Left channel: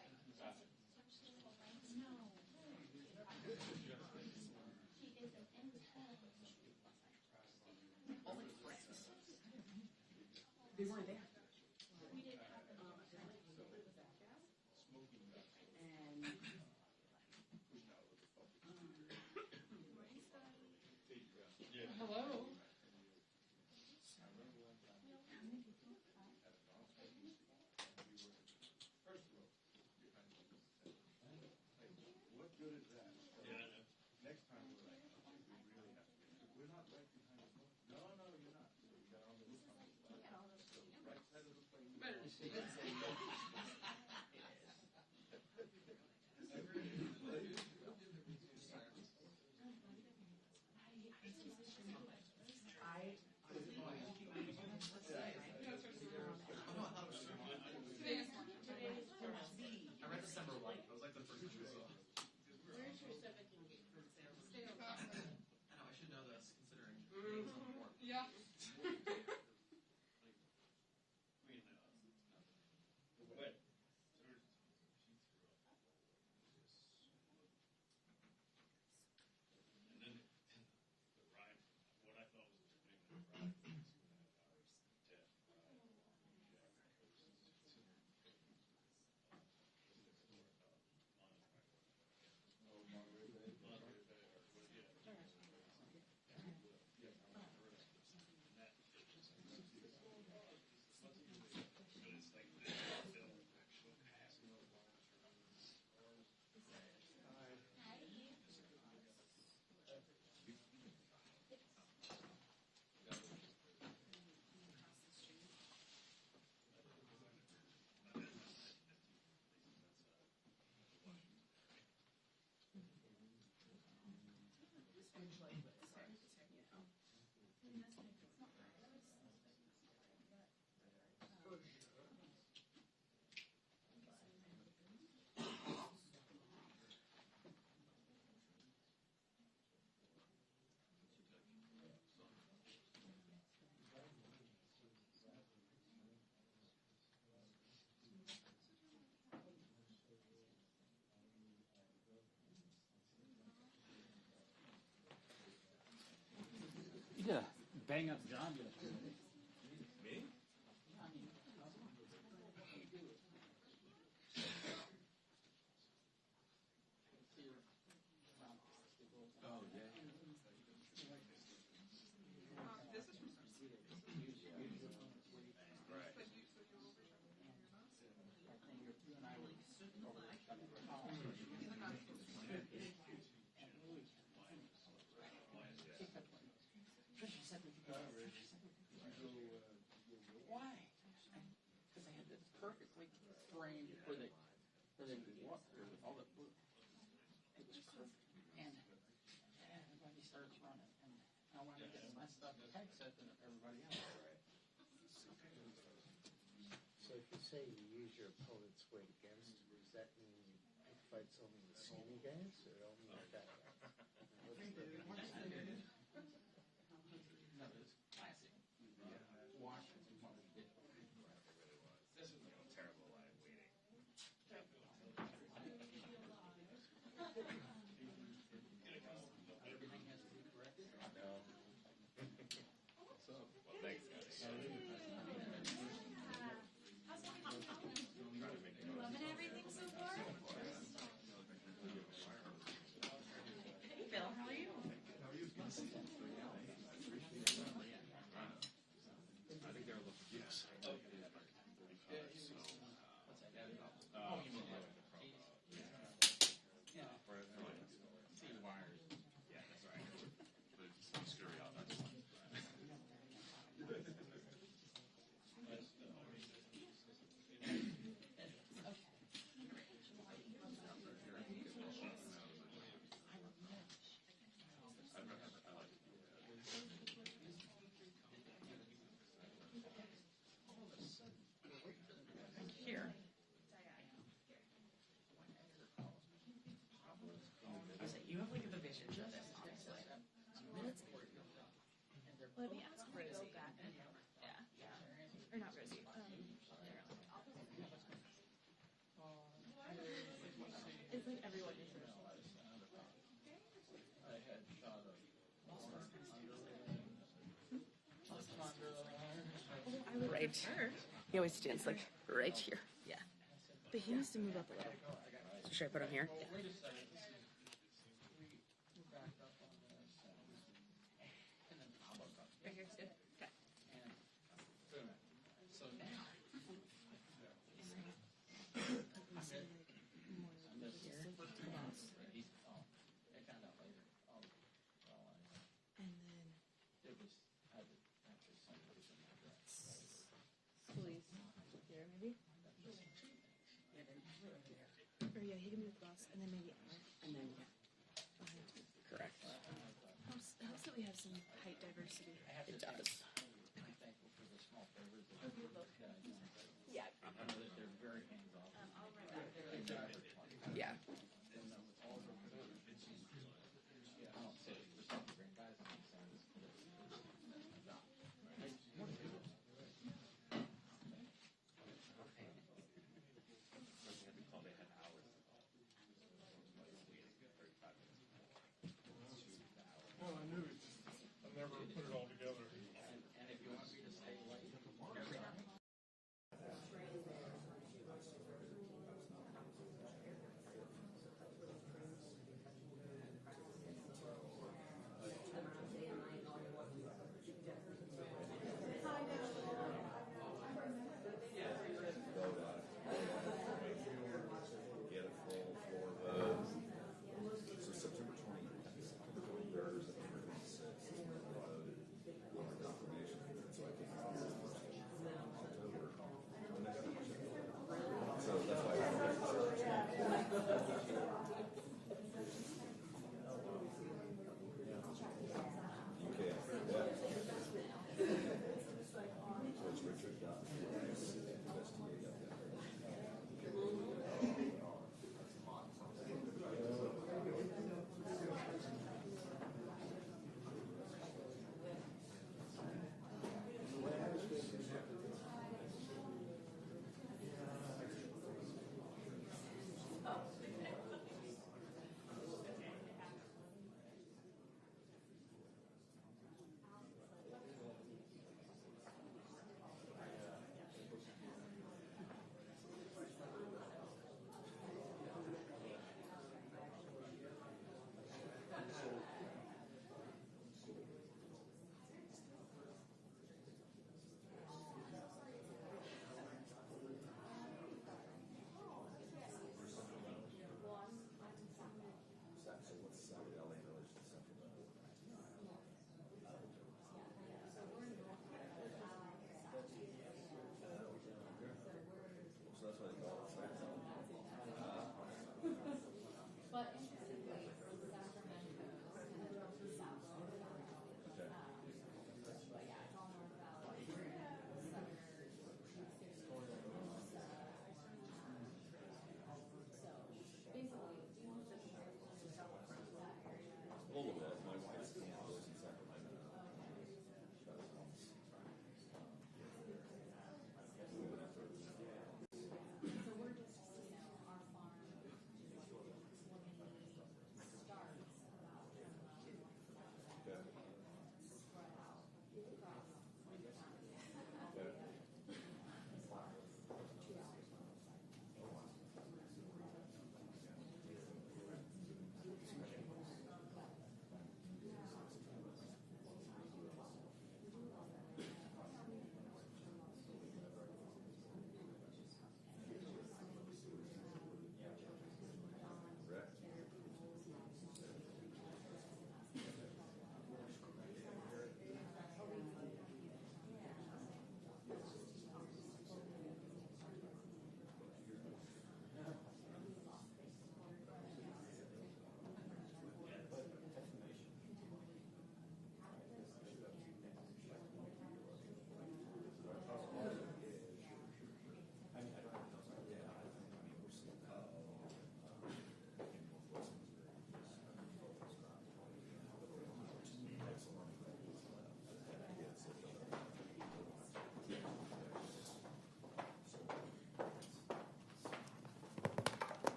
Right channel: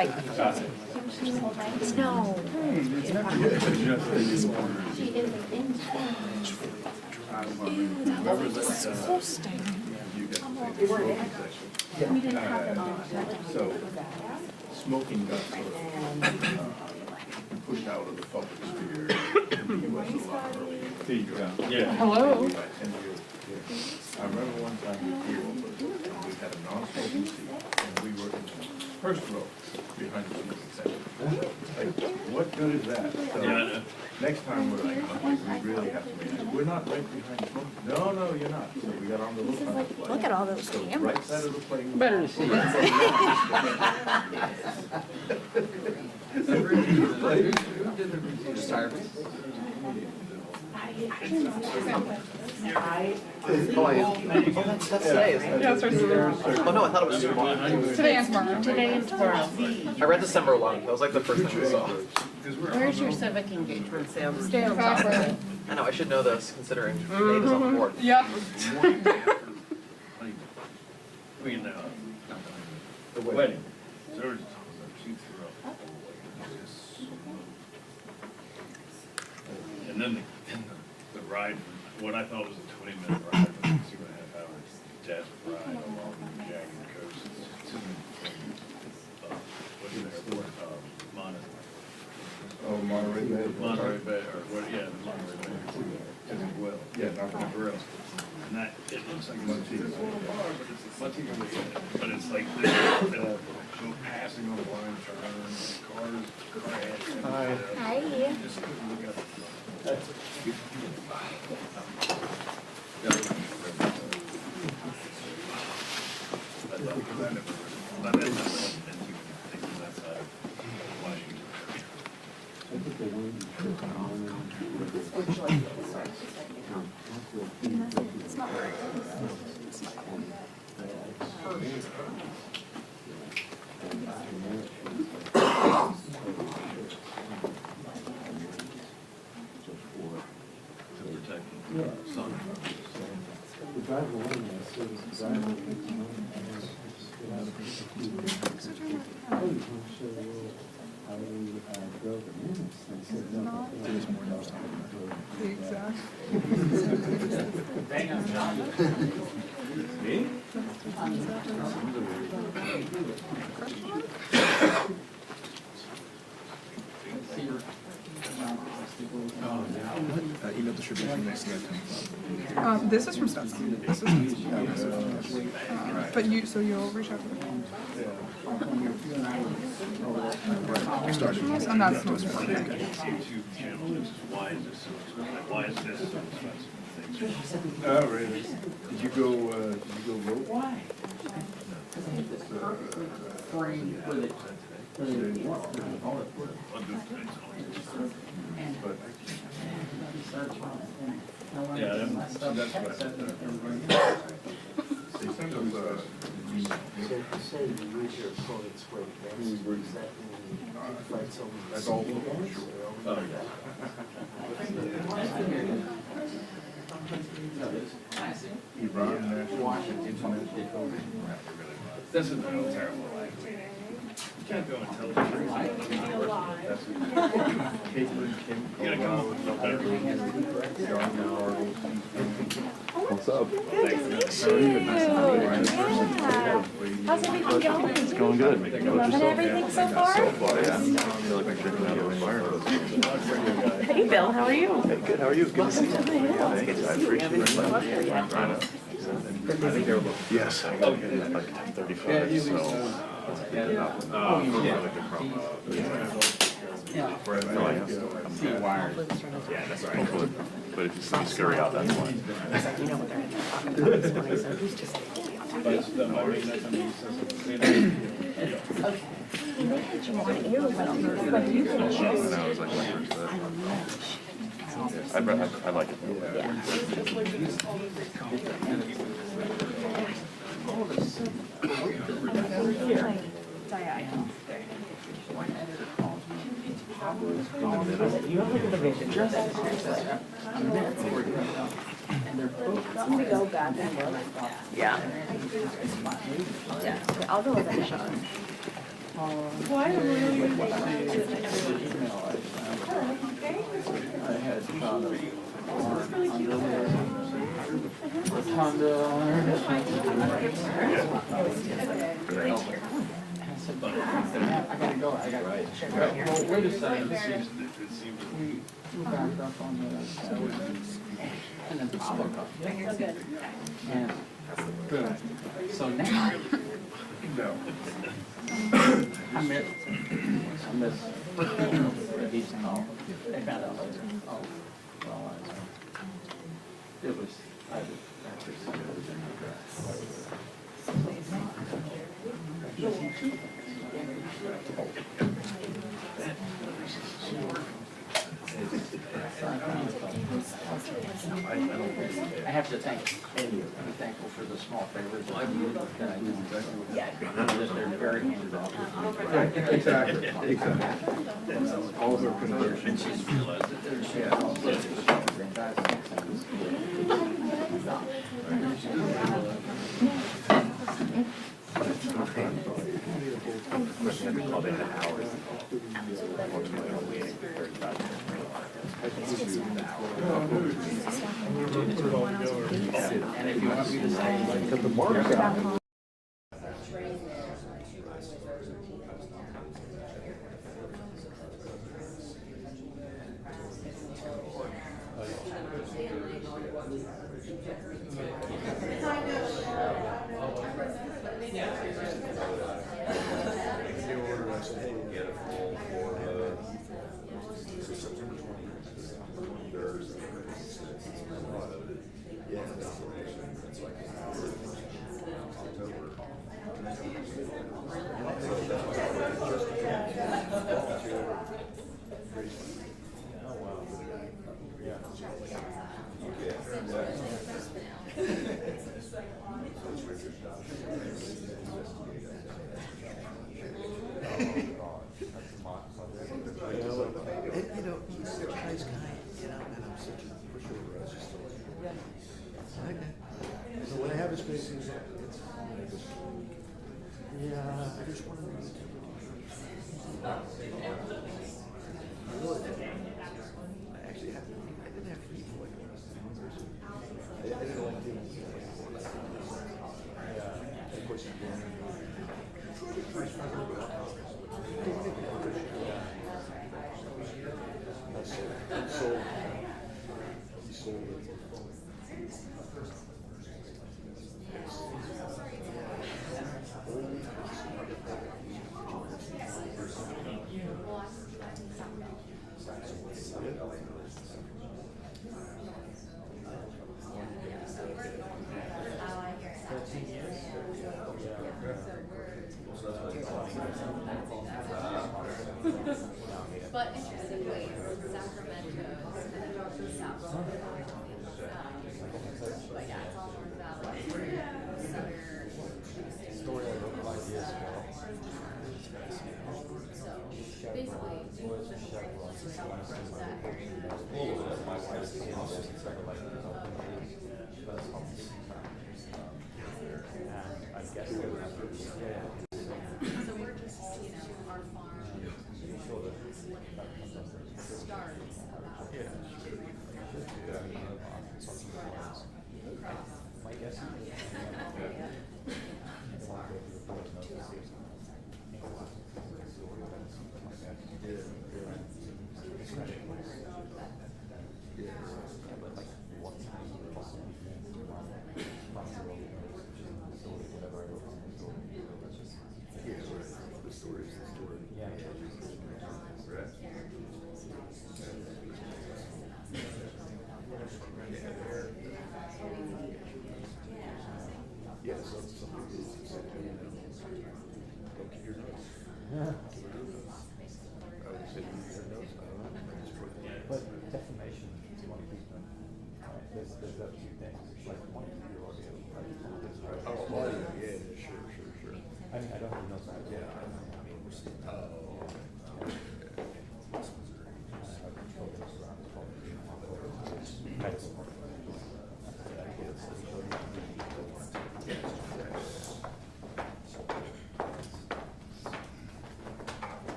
like, no. So, smoking got sort of pushed out of the public sphere in the U.S. a lot earlier. There you go. Yeah. Hello. I remember one time we had a non-smoking seat, and we were in the first row behind the smoking section. Like, what good is that? So, next time we're like, okay, we really have to make it. We're not right behind the smoking. No, you're not. So we got on the little side of the plane. Look at all those So cameras. right side of the plane. Better to see it. That's today, isn't it? Yeah, it starts today. Oh no, I thought it was tomorrow. Today and tomorrow. Today and tomorrow. I read December 11th. That was like the first thing I saw. Where's your civic engagement, Sam? Stay on top of it. I know, I should know this considering Dave is on the board. Yeah. I mean, the wedding. So she threw up. And then the ride, what I thought was a 20-minute ride, but 2.5 hours, death ride along the jagged coast to what's the airport? Monterey Bay. Monterey Bay, or what, yeah, the Monterey Bay. To the well. Yeah, not The grill. And that, it looks like Montego, but it's like they'll go passing on the line, turns, cars crash. Hi. Hi. Just couldn't look up. It's not right. To protect the sun. The driver went in there, so the driver went in there, and I was going to show you how we drove the minutes, and I said, no. The exact. Me? Email distribution next to that. This is from Stetson. This is but you, so you'll reach out to them. Started. And that's the most important thing. YouTube channel, this is why is this so expensive? Why is this so expensive? Oh, really? Did you go vote? Why? But Yeah, that's what I said. they send us, So if you say you use your opponent's weight, does that mean you fight someone? that's all for sure. Iran National Internet. This is real terrible. You can't go and tell the truth. That's Caitlin, Kim, You gotta come up with no better. What's up? Good to meet you. Yeah. How's everything going? It's going good. Loving everything so far? So far, yeah. I feel like I'm drinking out of a fire hose. Hey, Bill, how are you? Hey, good. How are you? Good to see you. Thanks. I appreciate it. Yes. I got like 35, so. Really good promo. Yeah. Yeah, that's right. Hopefully. But if you see me scurry out, that's why. You know what they're talking about this morning, so who's just But it's the Monday night when he says something. They had you on air when you And I was like, what is that? I like it though. Yeah. Yeah, I'll go with that shot. Why am I really? I had found a Honda on there. I gotta go, I gotta check out. Well, wait a second, we backed up on the, and then Pablo got. And, so now, I miss, he's called, they found out later, oh, well, it was, I just, after some of I have to thank, be thankful for the small favors that I do, that they're very hands off. Exactly. All of our conversions. And if you want me to say, Got the marks out.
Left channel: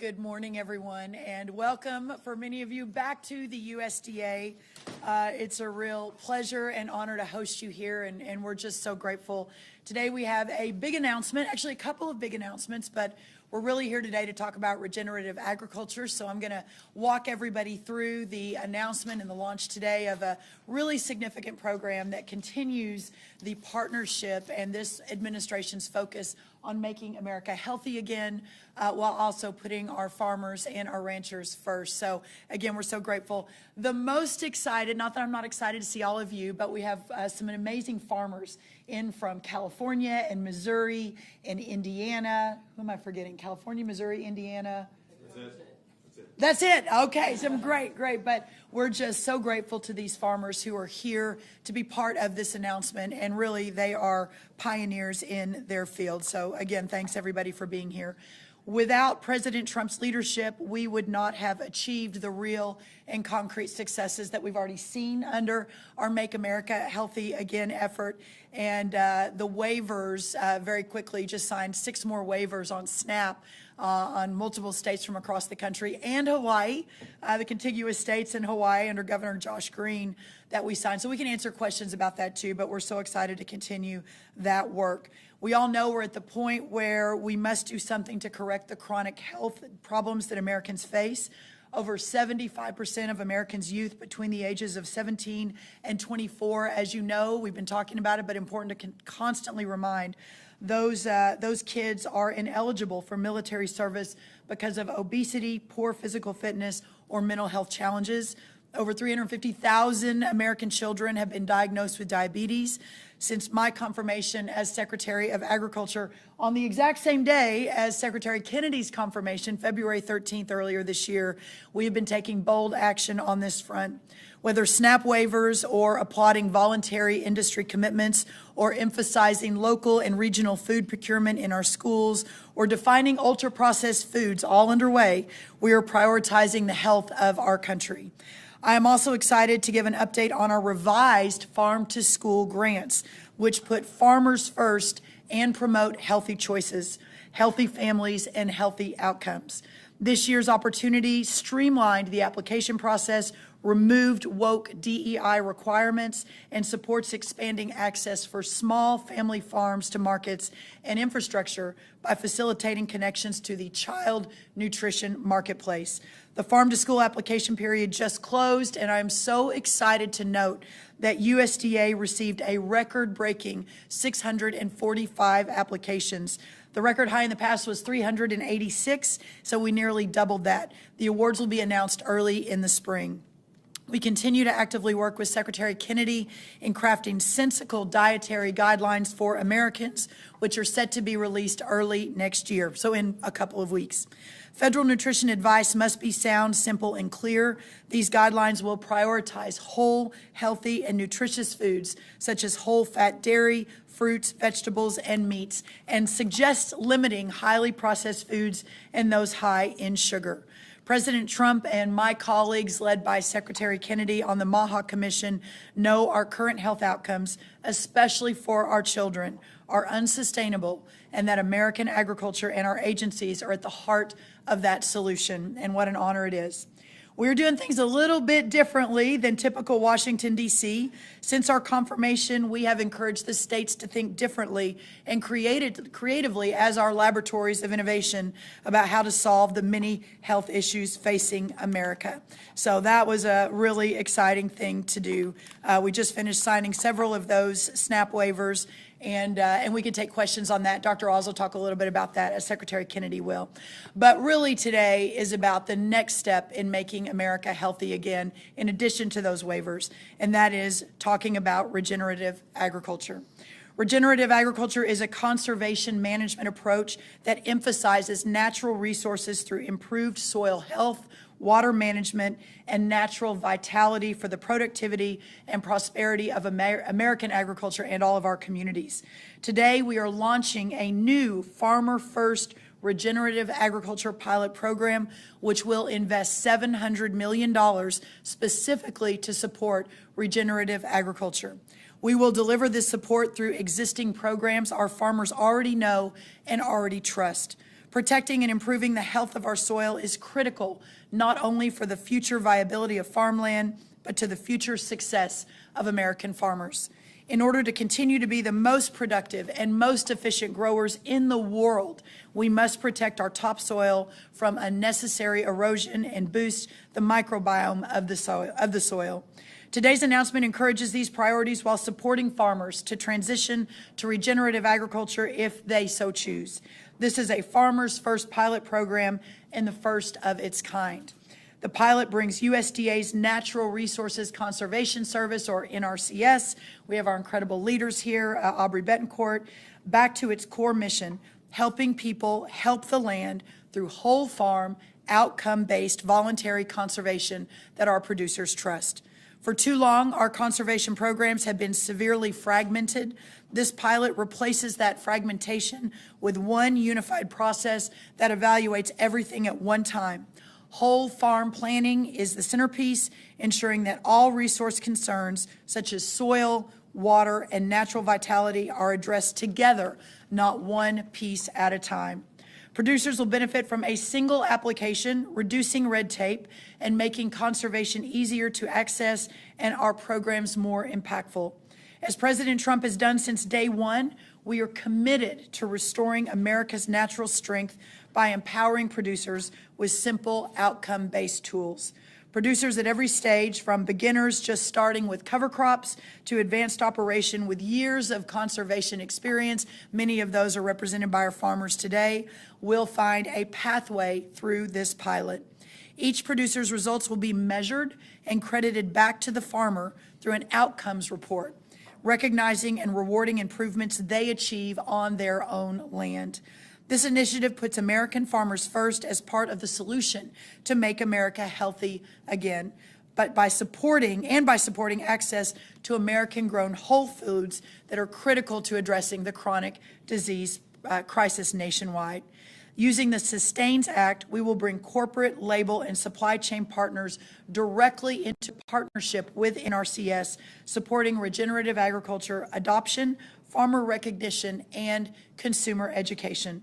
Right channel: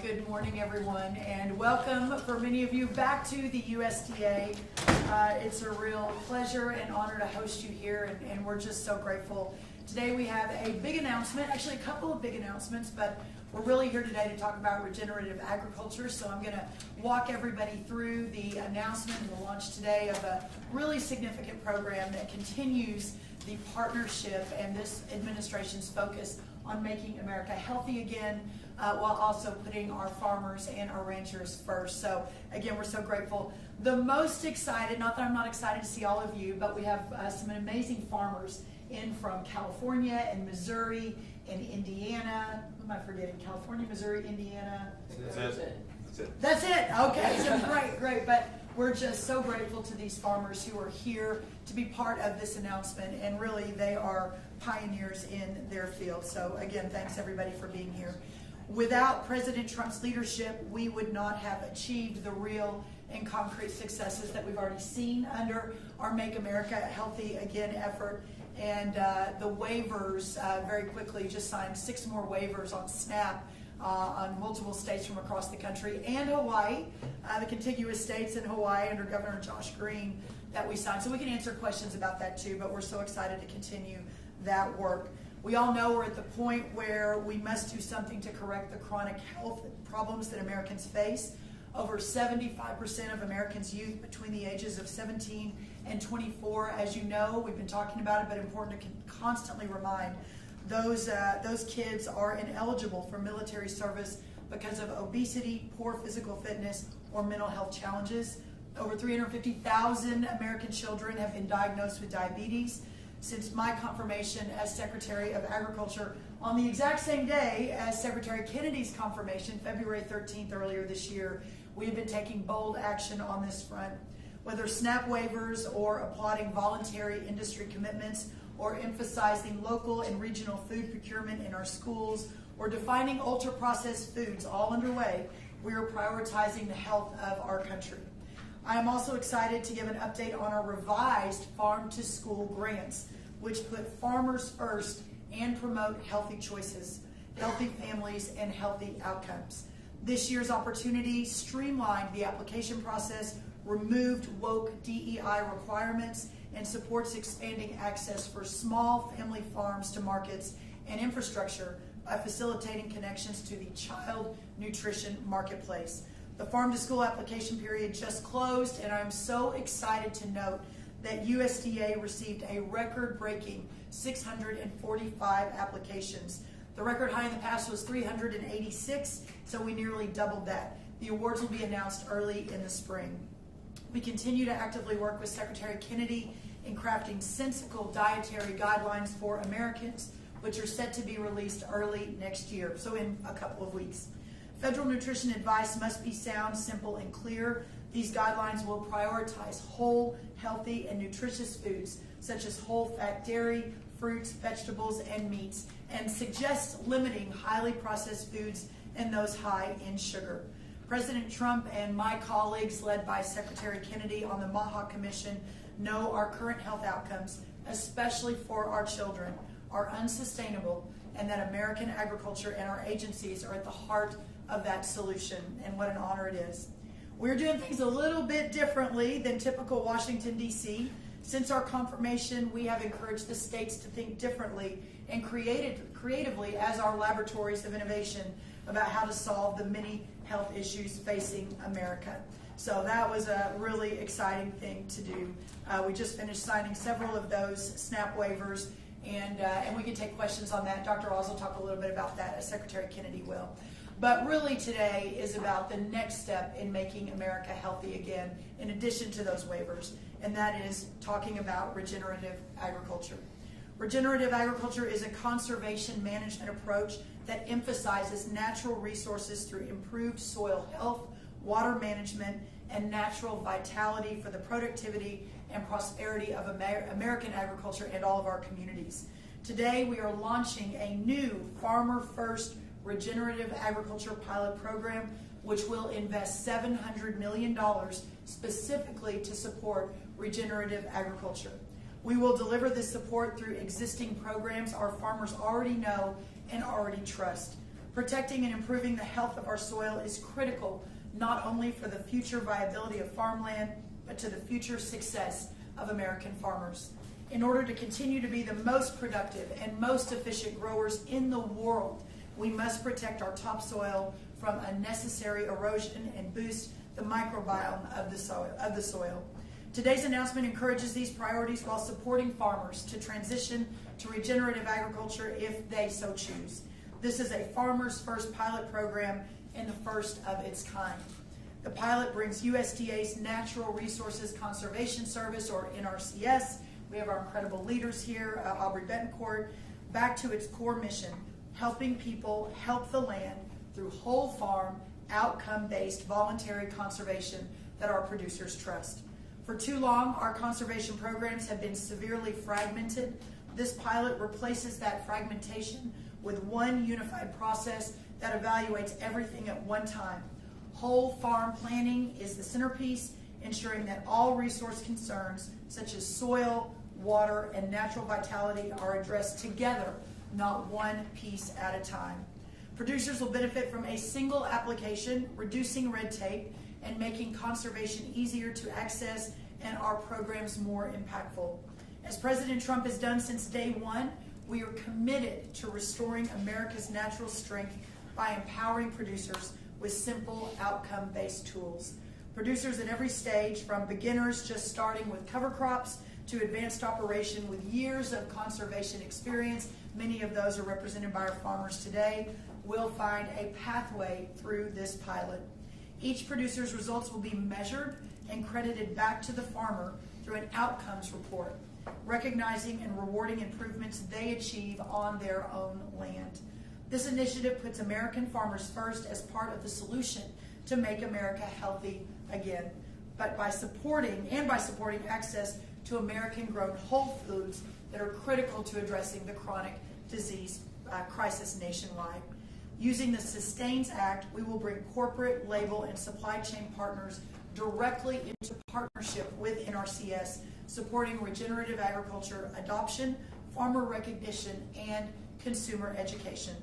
good morning, everyone, and welcome for many of you back to the USDA. It's a real pleasure and honor to host you here, and we're just so grateful. Today we have a big announcement, actually a couple of big announcements, but we're really here today to talk about regenerative agriculture. So I'm going to walk everybody through the announcement and the launch today of a really significant program that continues the partnership and this administration's focus on making America healthy again, while also putting our farmers and our ranchers first. So again, we're so grateful. The most excited, not that I'm not excited to see all of you, but we have some amazing farmers in from California and Missouri and Indiana. Who am I forgetting? California, Missouri, Indiana. That's it. Okay, so great. But we're just so grateful to these farmers who are here to be part of this announcement, and really they are pioneers in their field. So again, thanks everybody for being here. Without President Trump's leadership, we would not have achieved the real and concrete successes that we've already seen under our Make America Healthy Again effort. And the waivers, very quickly, just signed 6 more waivers on SNAP on multiple states from across the country, and Hawaii, the contiguous states in Hawaii under Governor Josh Green that we signed. So we can answer questions about that too, but we're so excited to continue that work. We all know we're at the point where we must do something to correct the chronic health problems that Americans face. Over 75% of Americans' youth between the ages of 17 and 24, as you know, we've been talking about it, but important to constantly remind, those kids are ineligible for military service because of obesity, poor physical fitness, or mental health challenges. Over 350,000 American children have been diagnosed with diabetes. Since my confirmation as Secretary of Agriculture on the exact same day as Secretary Kennedy's confirmation, February 13th earlier this year, we have been taking bold action on this front. Whether SNAP waivers or applauding voluntary industry commitments or emphasizing local and regional food procurement in our schools or defining ultra-processed foods all underway, we are prioritizing the health of our country. I am also excited to give an update on our revised farm-to-school grants, which put farmers first and promote healthy choices, healthy families, and healthy outcomes. This year's opportunity streamlined the application process, removed woke DEI requirements, and supports expanding access for small family farms to markets and infrastructure by facilitating connections to the child nutrition marketplace. The farm-to-school application period just closed, and I'm so excited to note that USDA received a record-breaking 645 applications. The record high in the past was 386, so we nearly doubled that. The awards will be announced early in the spring. We continue to actively work with Secretary Kennedy in crafting sensical dietary guidelines for Americans, which are set to be released early next year, so in a couple of weeks. Federal nutrition advice must be sound, simple, and clear. These guidelines will prioritize whole, healthy, and nutritious foods, such as whole-fat dairy, fruits, vegetables, and meats, and suggest limiting highly processed foods and those high in sugar. President Trump and my colleagues, led by Secretary Kennedy on the MAHA Commission, know our current health outcomes, especially for our children, are unsustainable, and that American agriculture and our agencies are at the heart of that solution, and what an honor it is. We're doing things a little bit differently than typical Washington, D.C. Since our confirmation, we have encouraged the states to think differently and creatively as our laboratories of innovation about how to solve the many health issues facing America. So that was a really exciting thing to do. We just finished signing several of those SNAP waivers, and we can take questions on that. Dr. Oz will talk a little bit about that, as Secretary Kennedy will. But really today is about the next step in making America healthy again, in addition to those waivers, and that is talking about regenerative agriculture. Regenerative agriculture is a conservation management approach that emphasizes natural resources through improved soil health, water management, and natural vitality for the productivity and prosperity of American agriculture and all of our communities. Today, we are launching a new Farmer First regenerative agriculture pilot program, which will invest $700 million specifically to support regenerative agriculture. We will deliver this support through existing programs our farmers already know and already trust. Protecting and improving the health of our soil is critical, not only for the future viability of farmland, but to the future success of American farmers. In order to continue to be the most productive and most efficient growers in the world, we must protect our topsoil from unnecessary erosion and boost the microbiome of the soil. Today's announcement encourages these priorities while supporting farmers to transition to regenerative agriculture if they so choose. This is a Farmers First pilot program and the first of its kind. The pilot brings USDA's Natural Resources Conservation Service, or NRCS, we have our incredible leaders here, Aubrey Betancourt, back to its core mission, helping people help the land through whole farm, outcome-based voluntary conservation that our producers trust. For too long, our conservation programs have been severely fragmented. This pilot replaces that fragmentation with one unified process that evaluates everything at one time. Whole farm planning is the centerpiece, ensuring that all resource concerns such as soil, water, and natural vitality are addressed together, not one piece at a time. Producers will benefit from a single application, reducing red tape and making conservation easier to access and our programs more impactful. As President Trump has done since day one, we are committed to restoring America's natural strength by empowering producers with simple outcome-based tools. Producers at every stage, from beginners just starting with cover crops to advanced operation with years of conservation experience, many of those are represented by our farmers today, will find a pathway through this pilot. Each producer's results will be measured and credited back to the farmer through an outcomes report, recognizing and rewarding improvements they achieve on their own land. This initiative puts American farmers first as part of the solution to make America healthy again, but by supporting access to American-grown whole foods that are critical to addressing the chronic disease crisis nationwide. Using the Sustains Act, we will bring corporate, label, and supply chain partners directly into partnership with NRCS, supporting regenerative agriculture adoption, farmer recognition, and consumer education.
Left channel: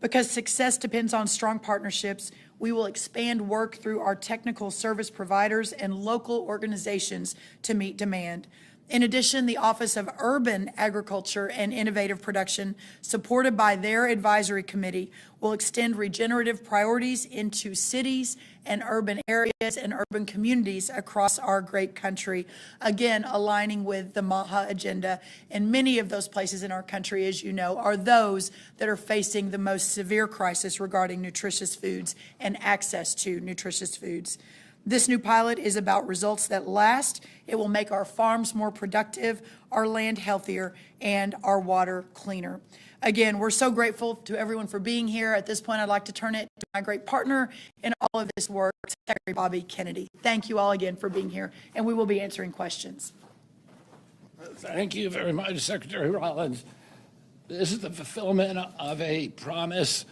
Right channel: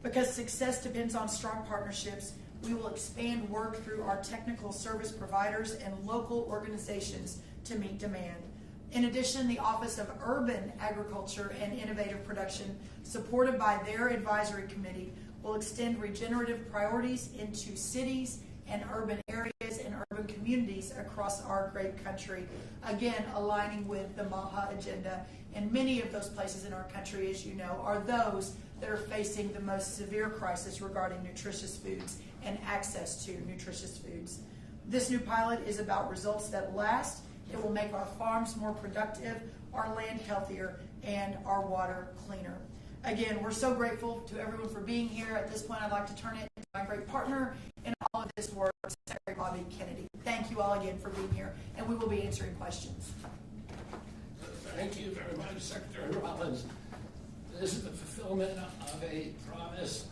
Because success depends on strong partnerships, we will expand work through our technical service providers and local organizations to meet demand. In addition, the Office of Urban Agriculture and Innovative Production, supported by their advisory committee, will extend regenerative priorities into cities and urban areas and urban communities across our great country, again aligning with the MAHA agenda. And many of those places in our country, as you know, are those that are facing the most severe crisis regarding nutritious foods and access to nutritious foods. This new pilot is about results that last. It will make our farms more productive, our land healthier, and our water cleaner. Again, we're so grateful to everyone for being here. At this point, I'd like to turn it to my great partner in all of this work, Secretary Bobby Kennedy. Thank you all again for being here, and we will be answering questions. Thank you very much, Secretary Rollins. This is the fulfillment of a promise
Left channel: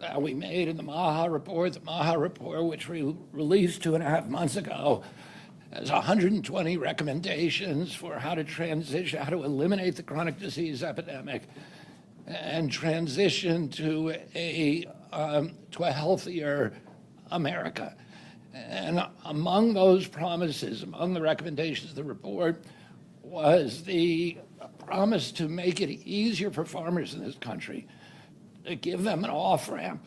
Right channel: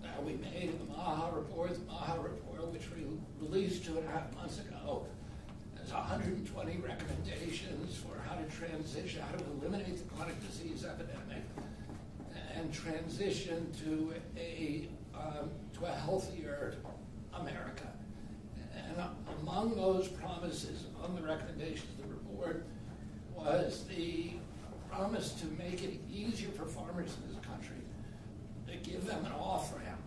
that we made in the MAHA report. The MAHA report, which we released 2.5 months ago, has 120 recommendations for how to transition, how to eliminate the chronic disease epidemic and transition to a healthier America. And among those promises, among the recommendations of the report, was the promise to make it easier for farmers in this country, to give them an off-ramp.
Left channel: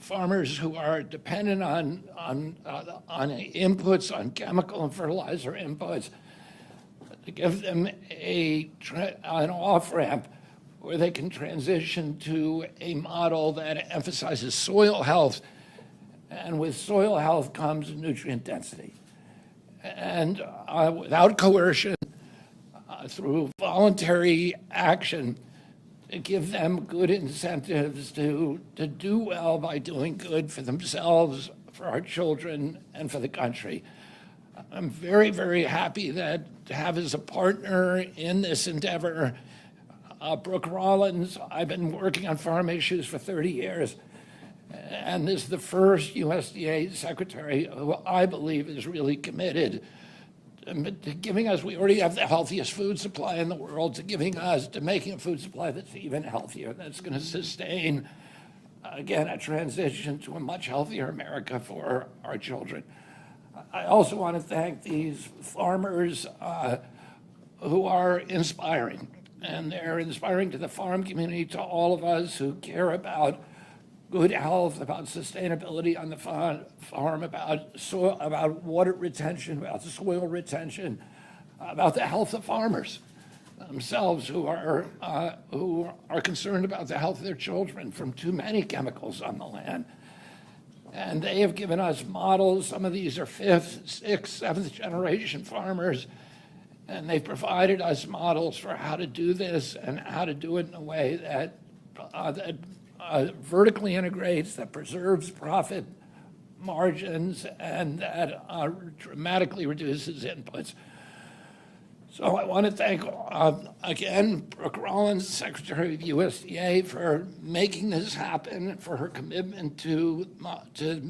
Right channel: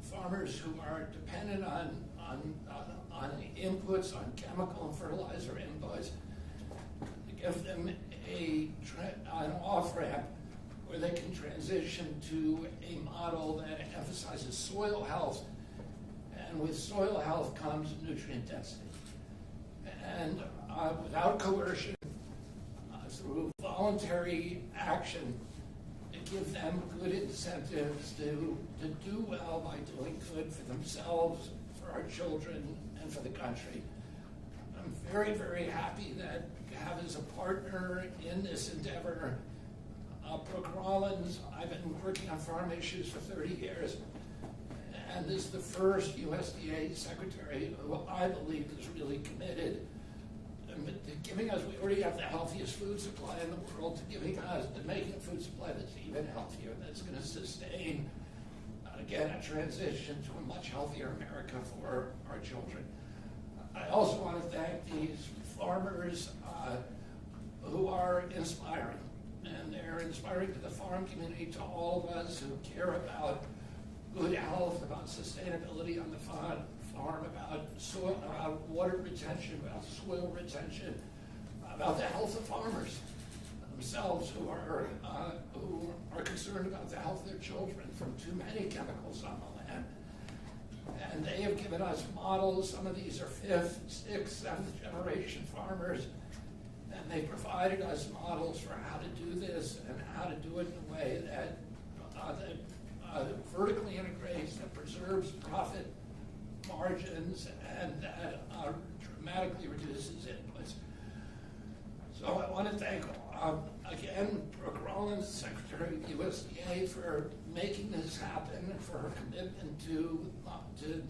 Farmers who are dependent on inputs, on chemical and fertilizer inputs, to give them an off-ramp where they can transition to a model that emphasizes soil health, and with soil health comes nutrient density. And without coercion, through voluntary action, to give them good incentives to do well by doing good for themselves, for our children, and for the country. I'm very, very happy to have as a partner in this endeavor Brooke Rollins. I've been working on farm issues for 30 years, and this is the first USDA secretary who I believe is really committed to giving us, we already have the healthiest food supply in the world, to making a food supply that's even healthier, that's going to sustain again, a transition to a much healthier America for our children. I also want to thank these farmers who are inspiring, and they're inspiring to the farm community, to all of us who care about good health, about sustainability on the farm, about soil, about water retention, about soil retention, about the health of farmers themselves who are concerned about the health of their children from too many chemicals on the land. And they have given us models. Some of these are 5th, 6th, 7th generation farmers, and they've provided us models for how to do this and how to do it in a way that vertically integrates, that preserves profit margins, and that dramatically reduces inputs. So I want to thank, again, Brooke Rollins, Secretary of USDA, for making this happen, for her commitment to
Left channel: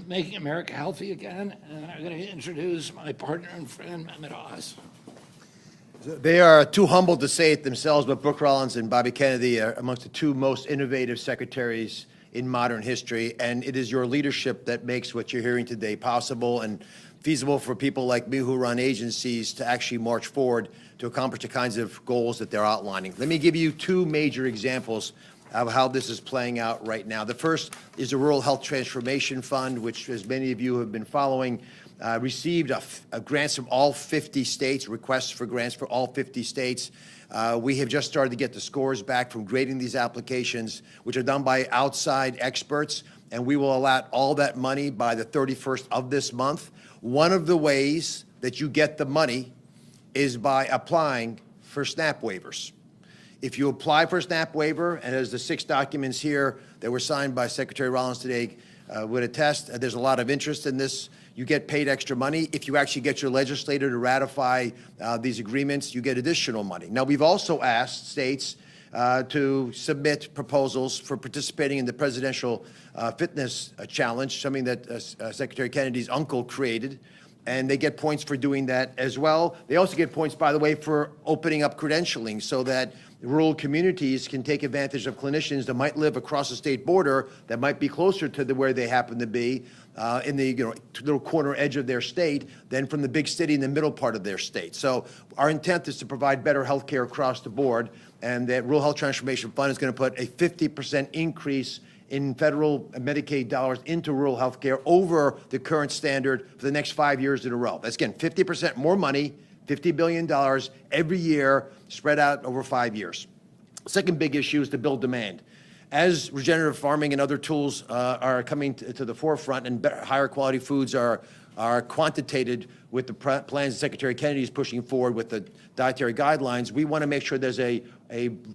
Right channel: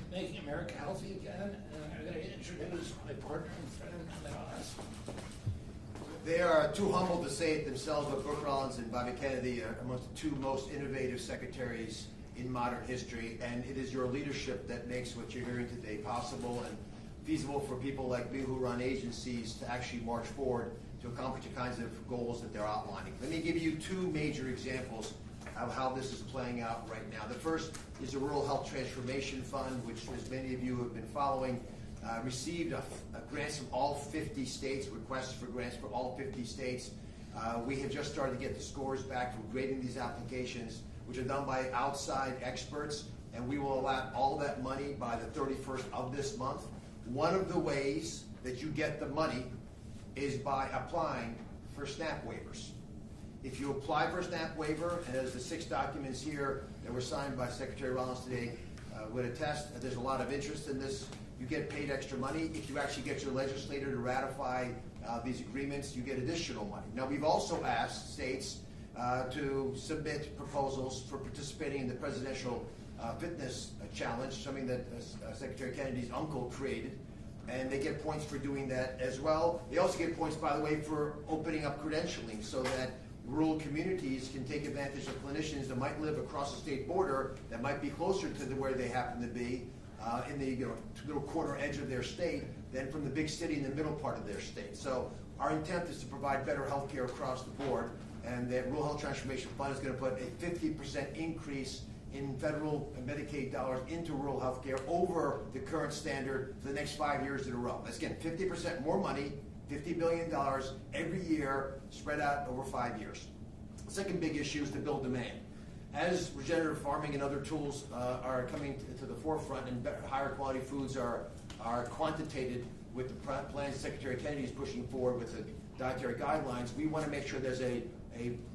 making America healthy again. And I'm going to introduce my partner and friend, Mehmet Oz. They are too humble to say it themselves, but Brooke Rollins and Bobby Kennedy are amongst the 2 most innovative secretaries in modern history, and it is your leadership that makes what you're hearing today possible and feasible for people like me who run agencies to actually march forward to accomplish the kinds of goals that they're outlining. Let me give you 2 major examples of how this is playing out right now. The first is the Rural Health Transformation Fund, which, as many of you have been following, received grants from all 50 states, requests for grants for all 50 states. We have just started to get the scores back from grading these applications, which are done by outside experts, and we will allot all that money by the 31st of this month. One of the ways that you get the money is by applying for SNAP waivers. If you apply for a SNAP waiver, and as the 6 documents here that were signed by Secretary Rollins today would attest, there's a lot of interest in this. You get paid extra money. If you actually get your legislator to ratify these agreements, you get additional money. Now, we've also asked states to submit proposals for participating in the Presidential Fitness Challenge, something that Secretary Kennedy's uncle created, and they get points for doing that as well. They also get points, by the way, for opening up credentialing so that rural communities can take advantage of clinicians that might live across the state border, that might be closer to where they happen to be, in the little corner edge of their state than from the big city in the middle part of their state. So our intent is to provide better health care across the board, and that Rural Health Transformation Fund is going to put a 50% increase in federal and Medicaid dollars into rural health care over the current standard for the next 5 years in a row. That's, again, 50% more money, $50 billion every year, spread out over 5 years. The second big issue is to build demand. As regenerative farming and other tools are coming to the forefront, and higher quality foods are quantitated with the plans that Secretary Kennedy is pushing forward with the dietary guidelines, we want to make sure there's a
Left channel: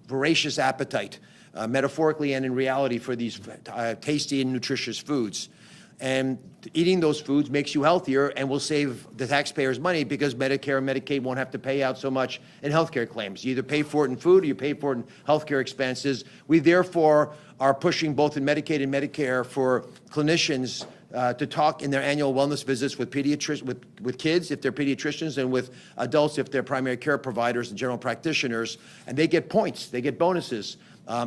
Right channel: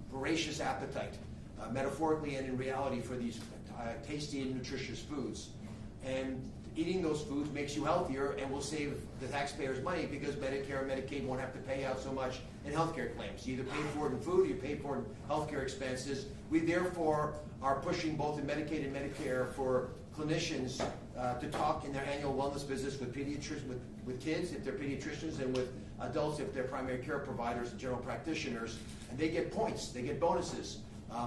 voracious appetite, metaphorically and in reality, for these tasty and nutritious foods. And eating those foods makes you healthier and will save the taxpayers money, because Medicare and Medicaid won't have to pay out so much in healthcare claims. You either pay for it in food or you pay for it in healthcare expenses. We therefore are pushing both in Medicaid and Medicare for clinicians to talk in their annual wellness visits with with kids if they're pediatricians, and with adults if they're primary care providers and general practitioners, and they get points, they get bonuses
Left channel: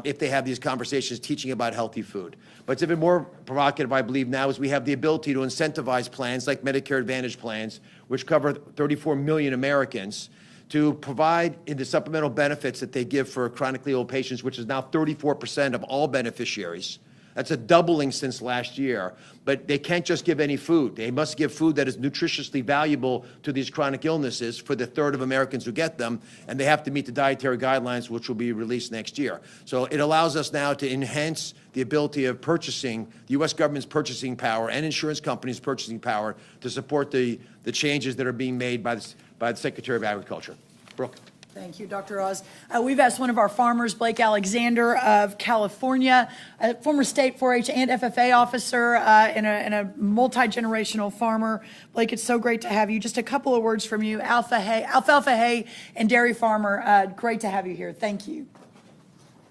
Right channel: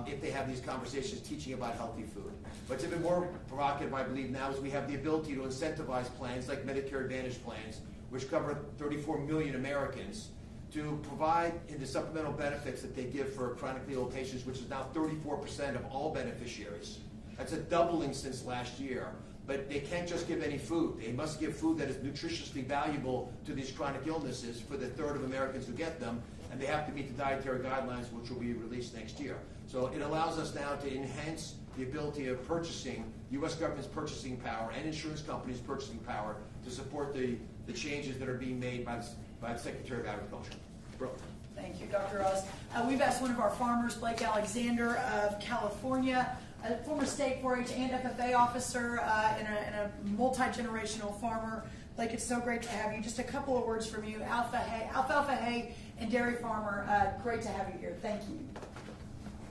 if they have these conversations teaching about healthy food. But it's even more provocative, I believe, now, is we have the ability to incentivize plans like Medicare Advantage plans, which cover 34 million Americans, to provide in the supplemental benefits that they give for chronically ill patients, which is now 34% of all beneficiaries. That's a doubling since last year. But they can't just give any food. They must give food that is nutritiously valuable to these chronic illnesses for the third of Americans who get them, and they have to meet the dietary guidelines, which will be released next year. So it allows us now to enhance the ability of purchasing, the U.S. government's purchasing power and insurance companies' purchasing power to support the changes that are being made by the Secretary of Agriculture. Brooke. Thank you, Dr. Oz. We've asked one of our farmers, Blake Alexander of California, a former state 4-H and FFA officer, and a multi-generational farmer. Blake, it's so great to have you. Just a couple of words from you. Alfalfa hay and dairy farmer, great to have you here. Thank you.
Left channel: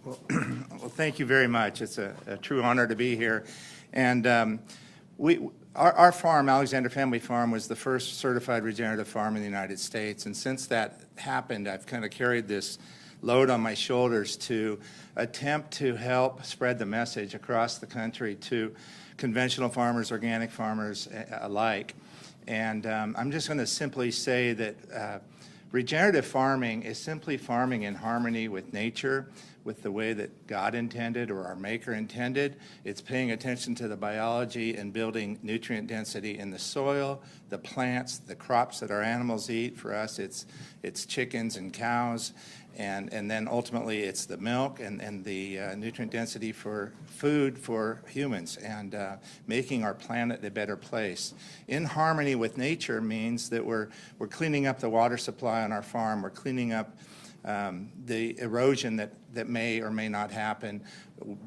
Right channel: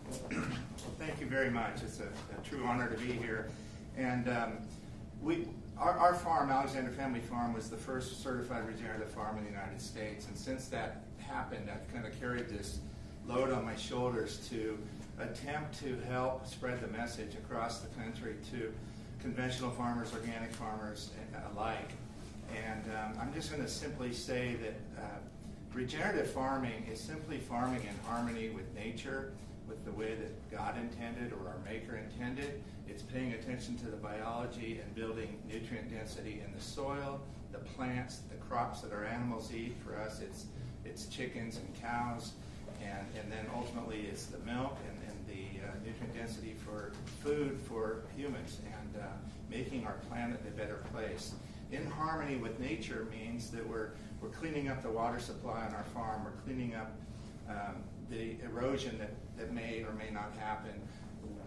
Well, thank you very much. It's a true honor to be here. And our farm, Alexander Family Farm, was the first certified regenerative farm in the United States. And since that happened, I've kind of carried this load on my shoulders to attempt to help spread the message across the country to conventional farmers, organic farmers alike. And I'm just going to simply say that regenerative farming is simply farming in harmony with nature, with the way that God intended or our Maker intended. It's paying attention to the biology and building nutrient density in the soil, the plants, the crops that our animals eat. For us, it's chickens and cows, and then ultimately it's the milk and the nutrient density for food for humans, and making our planet a better place. In harmony with nature means that we're cleaning up the water supply on our farm, we're cleaning up the erosion that may or may not happen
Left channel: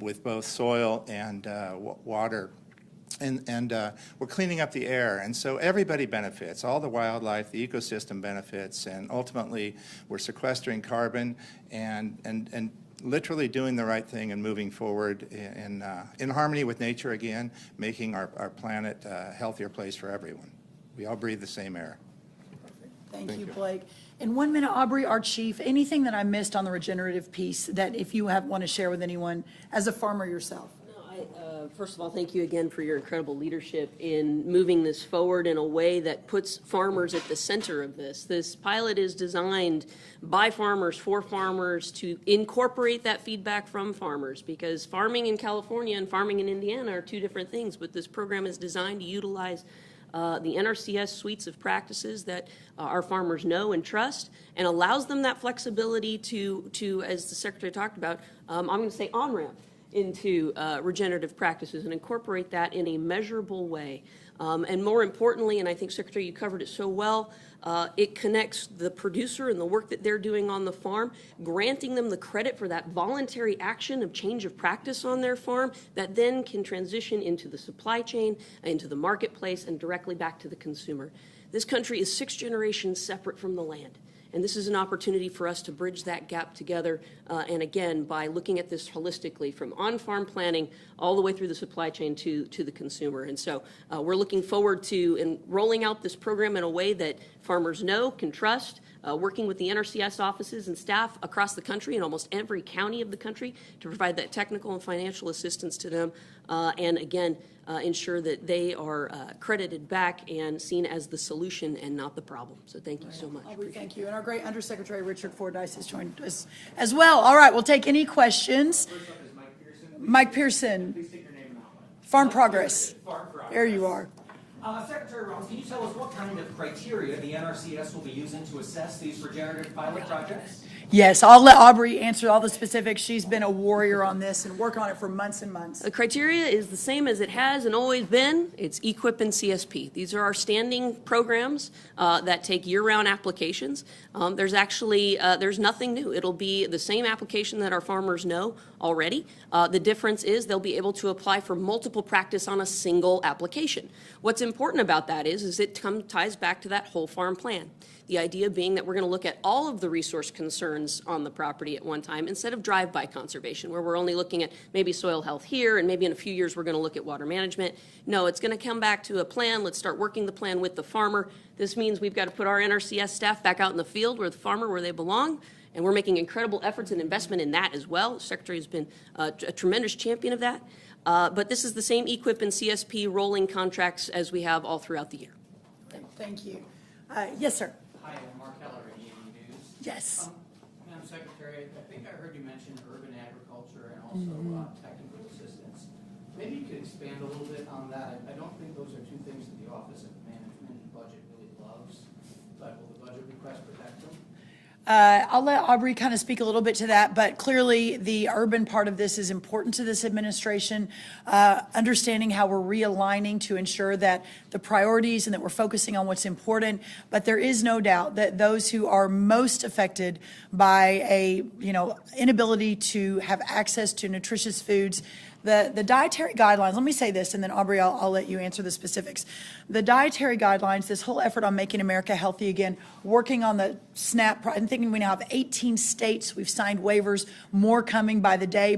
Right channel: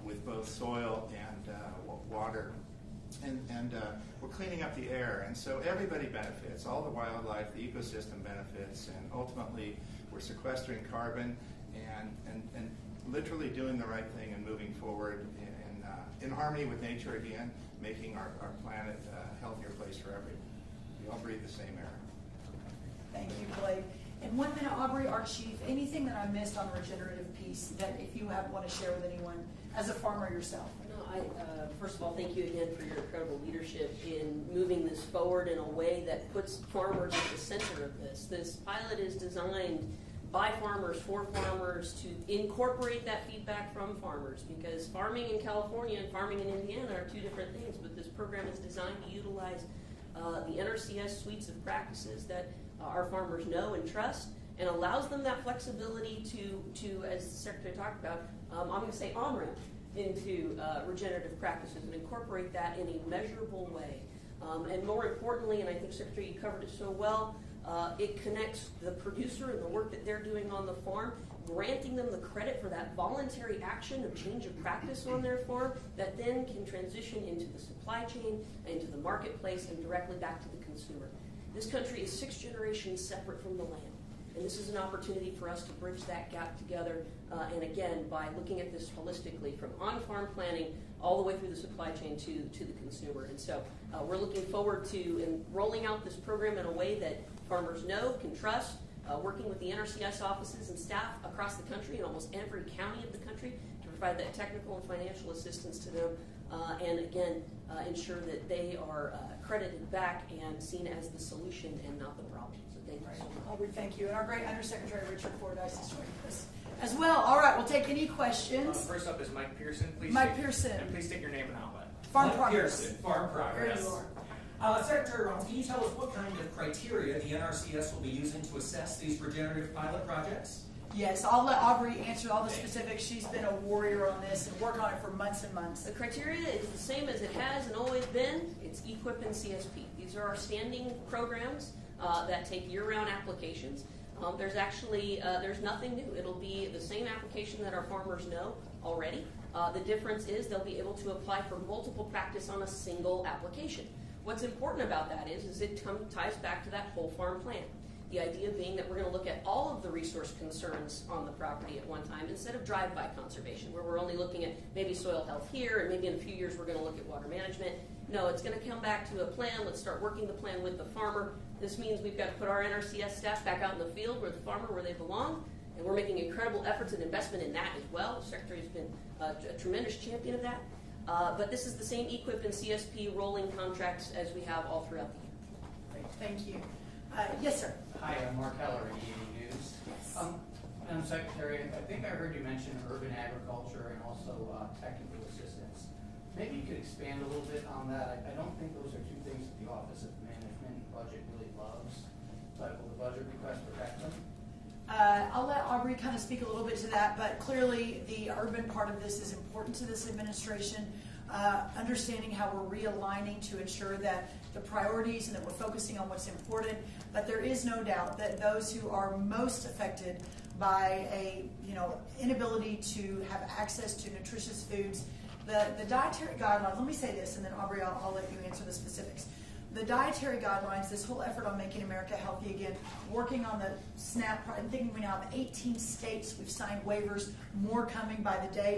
with both soil and water. And we're cleaning up the air, and so everybody benefits. All the wildlife, the ecosystem benefits, and ultimately we're sequestering carbon and literally doing the right thing and moving forward in harmony with nature again, making our planet a healthier place for everyone. We all breathe the same air. Thank you, Blake. In 1 minute, Aubrey, our chief, anything that I missed on the regenerative piece that if you want to share with anyone as a farmer yourself? First of all, thank you again for your incredible leadership in moving this forward in a way that puts farmers at the center of this. This pilot is designed by farmers, for farmers, to incorporate that feedback from farmers, because farming in California and farming in Indiana are two different things, but this program is designed to utilize the NRCS suites of practices that our farmers know and trust, and allows them that flexibility to as the Secretary talked about, I'm going to say on-ramp into regenerative practices and incorporate that in a measurable way. And more importantly, and I think, Secretary, you covered it so well, it connects the producer and the work that they're doing on the farm, granting them the credit for that voluntary action of change of practice on their farm that then can transition into the supply chain, into the marketplace, and directly back to the consumer. This country is 6 generations separate from the land. And this is an opportunity for us to bridge that gap together, and again, by looking at this holistically from on-farm planning all the way through the supply chain to the consumer. And so we're looking forward to rolling out this program in a way that farmers know, can trust, working with the NRCS offices and staff across the country in almost every county of the country to provide that technical and financial assistance to them, and again, ensure that they are credited back and seen as the solution and not the problem. So thank you so much. Aubrey, thank you. And our great Undersecretary Richard Fordyce has joined us as well. All right, we'll take any questions. First up is Mike Pearson. Mike Pearson. Please state your name and outlet. Farm Progress. Farm Progress. There you are. Secretary Rollins, can you tell us what kind of criteria the NRCS will be using to assess these regenerative pilot projects? Yes, I'll let Aubrey answer all the specifics. She's been a warrior on this and working on it for months and months. The criteria is the same as it has and always been. It's EQIP and CSP. These are our standing programs that take year-round applications. There's actually, there's nothing new. It'll be the same application that our farmers know already. The difference is they'll be able to apply for multiple practice on a single application. What's important about that is it ties back to that whole farm plan. The idea being that we're going to look at all of the resource concerns on the property at one time instead of drive-by conservation, where we're only looking at maybe soil health here and maybe in a few years we're going to look at water management. No, it's going to come back to a plan. Let's start working the plan with the farmer. This means we've got to put our NRCS staff back out in the field where the farmer, where they belong, and we're making incredible efforts and investment in that as well. The Secretary has been a tremendous champion of that. But this is the same EQIP and CSP rolling contracts as we have all throughout the year. Thank you. Yes, sir. Hi, I'm Mark Keller, EA News. Yes. Madam Secretary, I think I heard you mention urban agriculture and also technical assistance. Maybe you could expand a little bit on that. I don't think those are two things that the Office of Management and Budget really loves, but will the budget request protect them? I'll let Aubrey kind of speak a little bit to that, but clearly the urban part of this is important to this administration, understanding how we're realigning to ensure that the priorities and that we're focusing on what's important. But there is no doubt that those who are most affected by a inability to have access to nutritious foods, the dietary guidelines, let me say this, and then Aubrey, I'll let you answer the specifics. The dietary guidelines, this whole effort on making America healthy again, working on the SNAP, I'm thinking we now have 18 states, we've signed waivers, more coming by the day,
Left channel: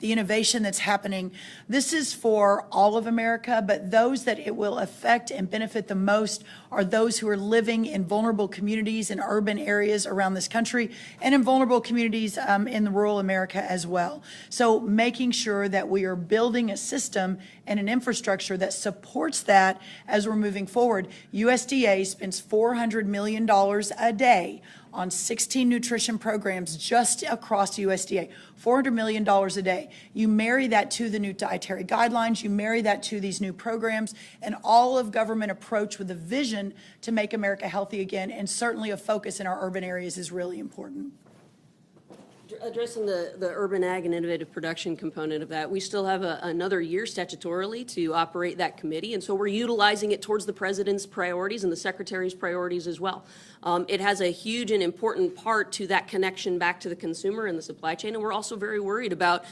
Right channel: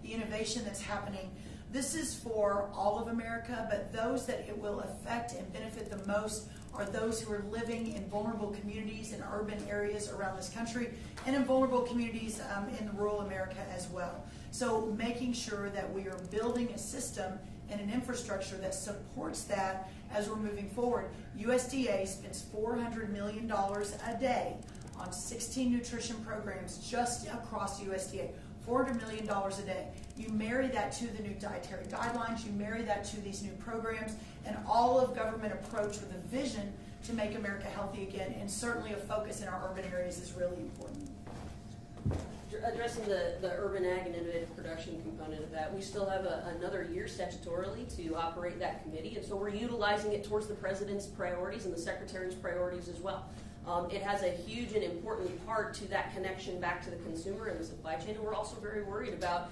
the innovation that's happening. This is for all of America, but those that it will affect and benefit the most are those who are living in vulnerable communities in urban areas around this country and in vulnerable communities in the rural America as well. So making sure that we are building a system and an infrastructure that supports that as we're moving forward. USDA spends $400 million a day on 16 nutrition programs just across USDA. $400 million a day. You marry that to the new dietary guidelines, you marry that to these new programs, and all of government approach with a vision to make America healthy again, and certainly a focus in our urban areas is really important. Addressing the urban ag and innovative production component of that, we still have another year statutorily to operate that committee, and so we're utilizing it towards the president's priorities and the secretary's priorities as well. It has a huge and important part to that connection back to the consumer and the supply chain, and we're also very worried about,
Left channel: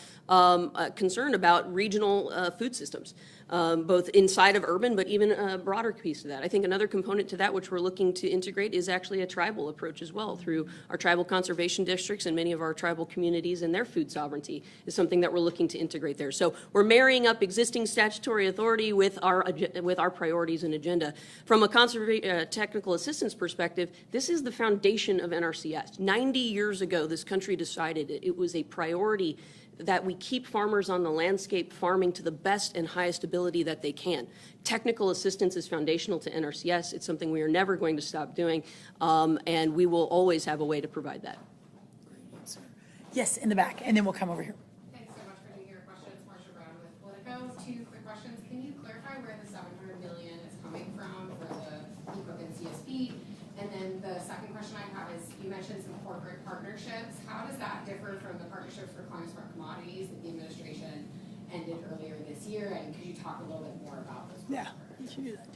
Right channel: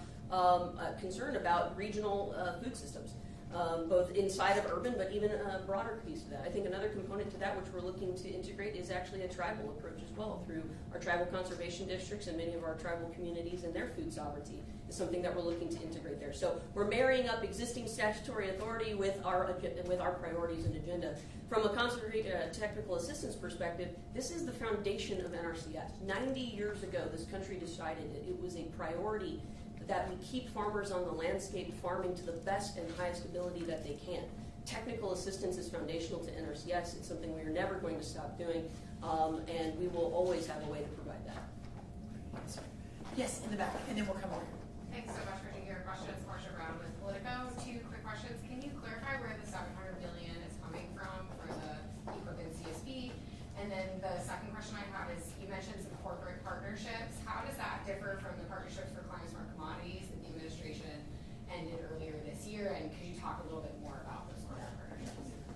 concerned about regional food systems. Both inside of urban, but even a broader piece of that. I think another component to that, which we're looking to integrate, is actually a tribal approach as well, through our tribal conservation districts and many of our tribal communities, and their food sovereignty is something that we're looking to integrate there. So we're marrying up existing statutory authority with our priorities and agenda. From a technical assistance perspective, this is the foundation of NRCS. 90 years ago, this country decided it was a priority that we keep farmers on the landscape farming to the best and highest ability that they can. Technical assistance is foundational to NRCS. It's something we are never going to stop doing, and we will always have a way to provide that. Yes, in the back, and then we'll come over here. Thanks so much for taking your questions. Marcia Brown with Politico. 2 quick questions. Can you clarify where the $700 million is coming from for the EQIP and CSP? And then the second question I have is, you mentioned some corporate partnerships. How does that differ from the partnerships for climate smart commodities that the administration ended earlier this year? And could you talk a little bit more about those corporate partnerships?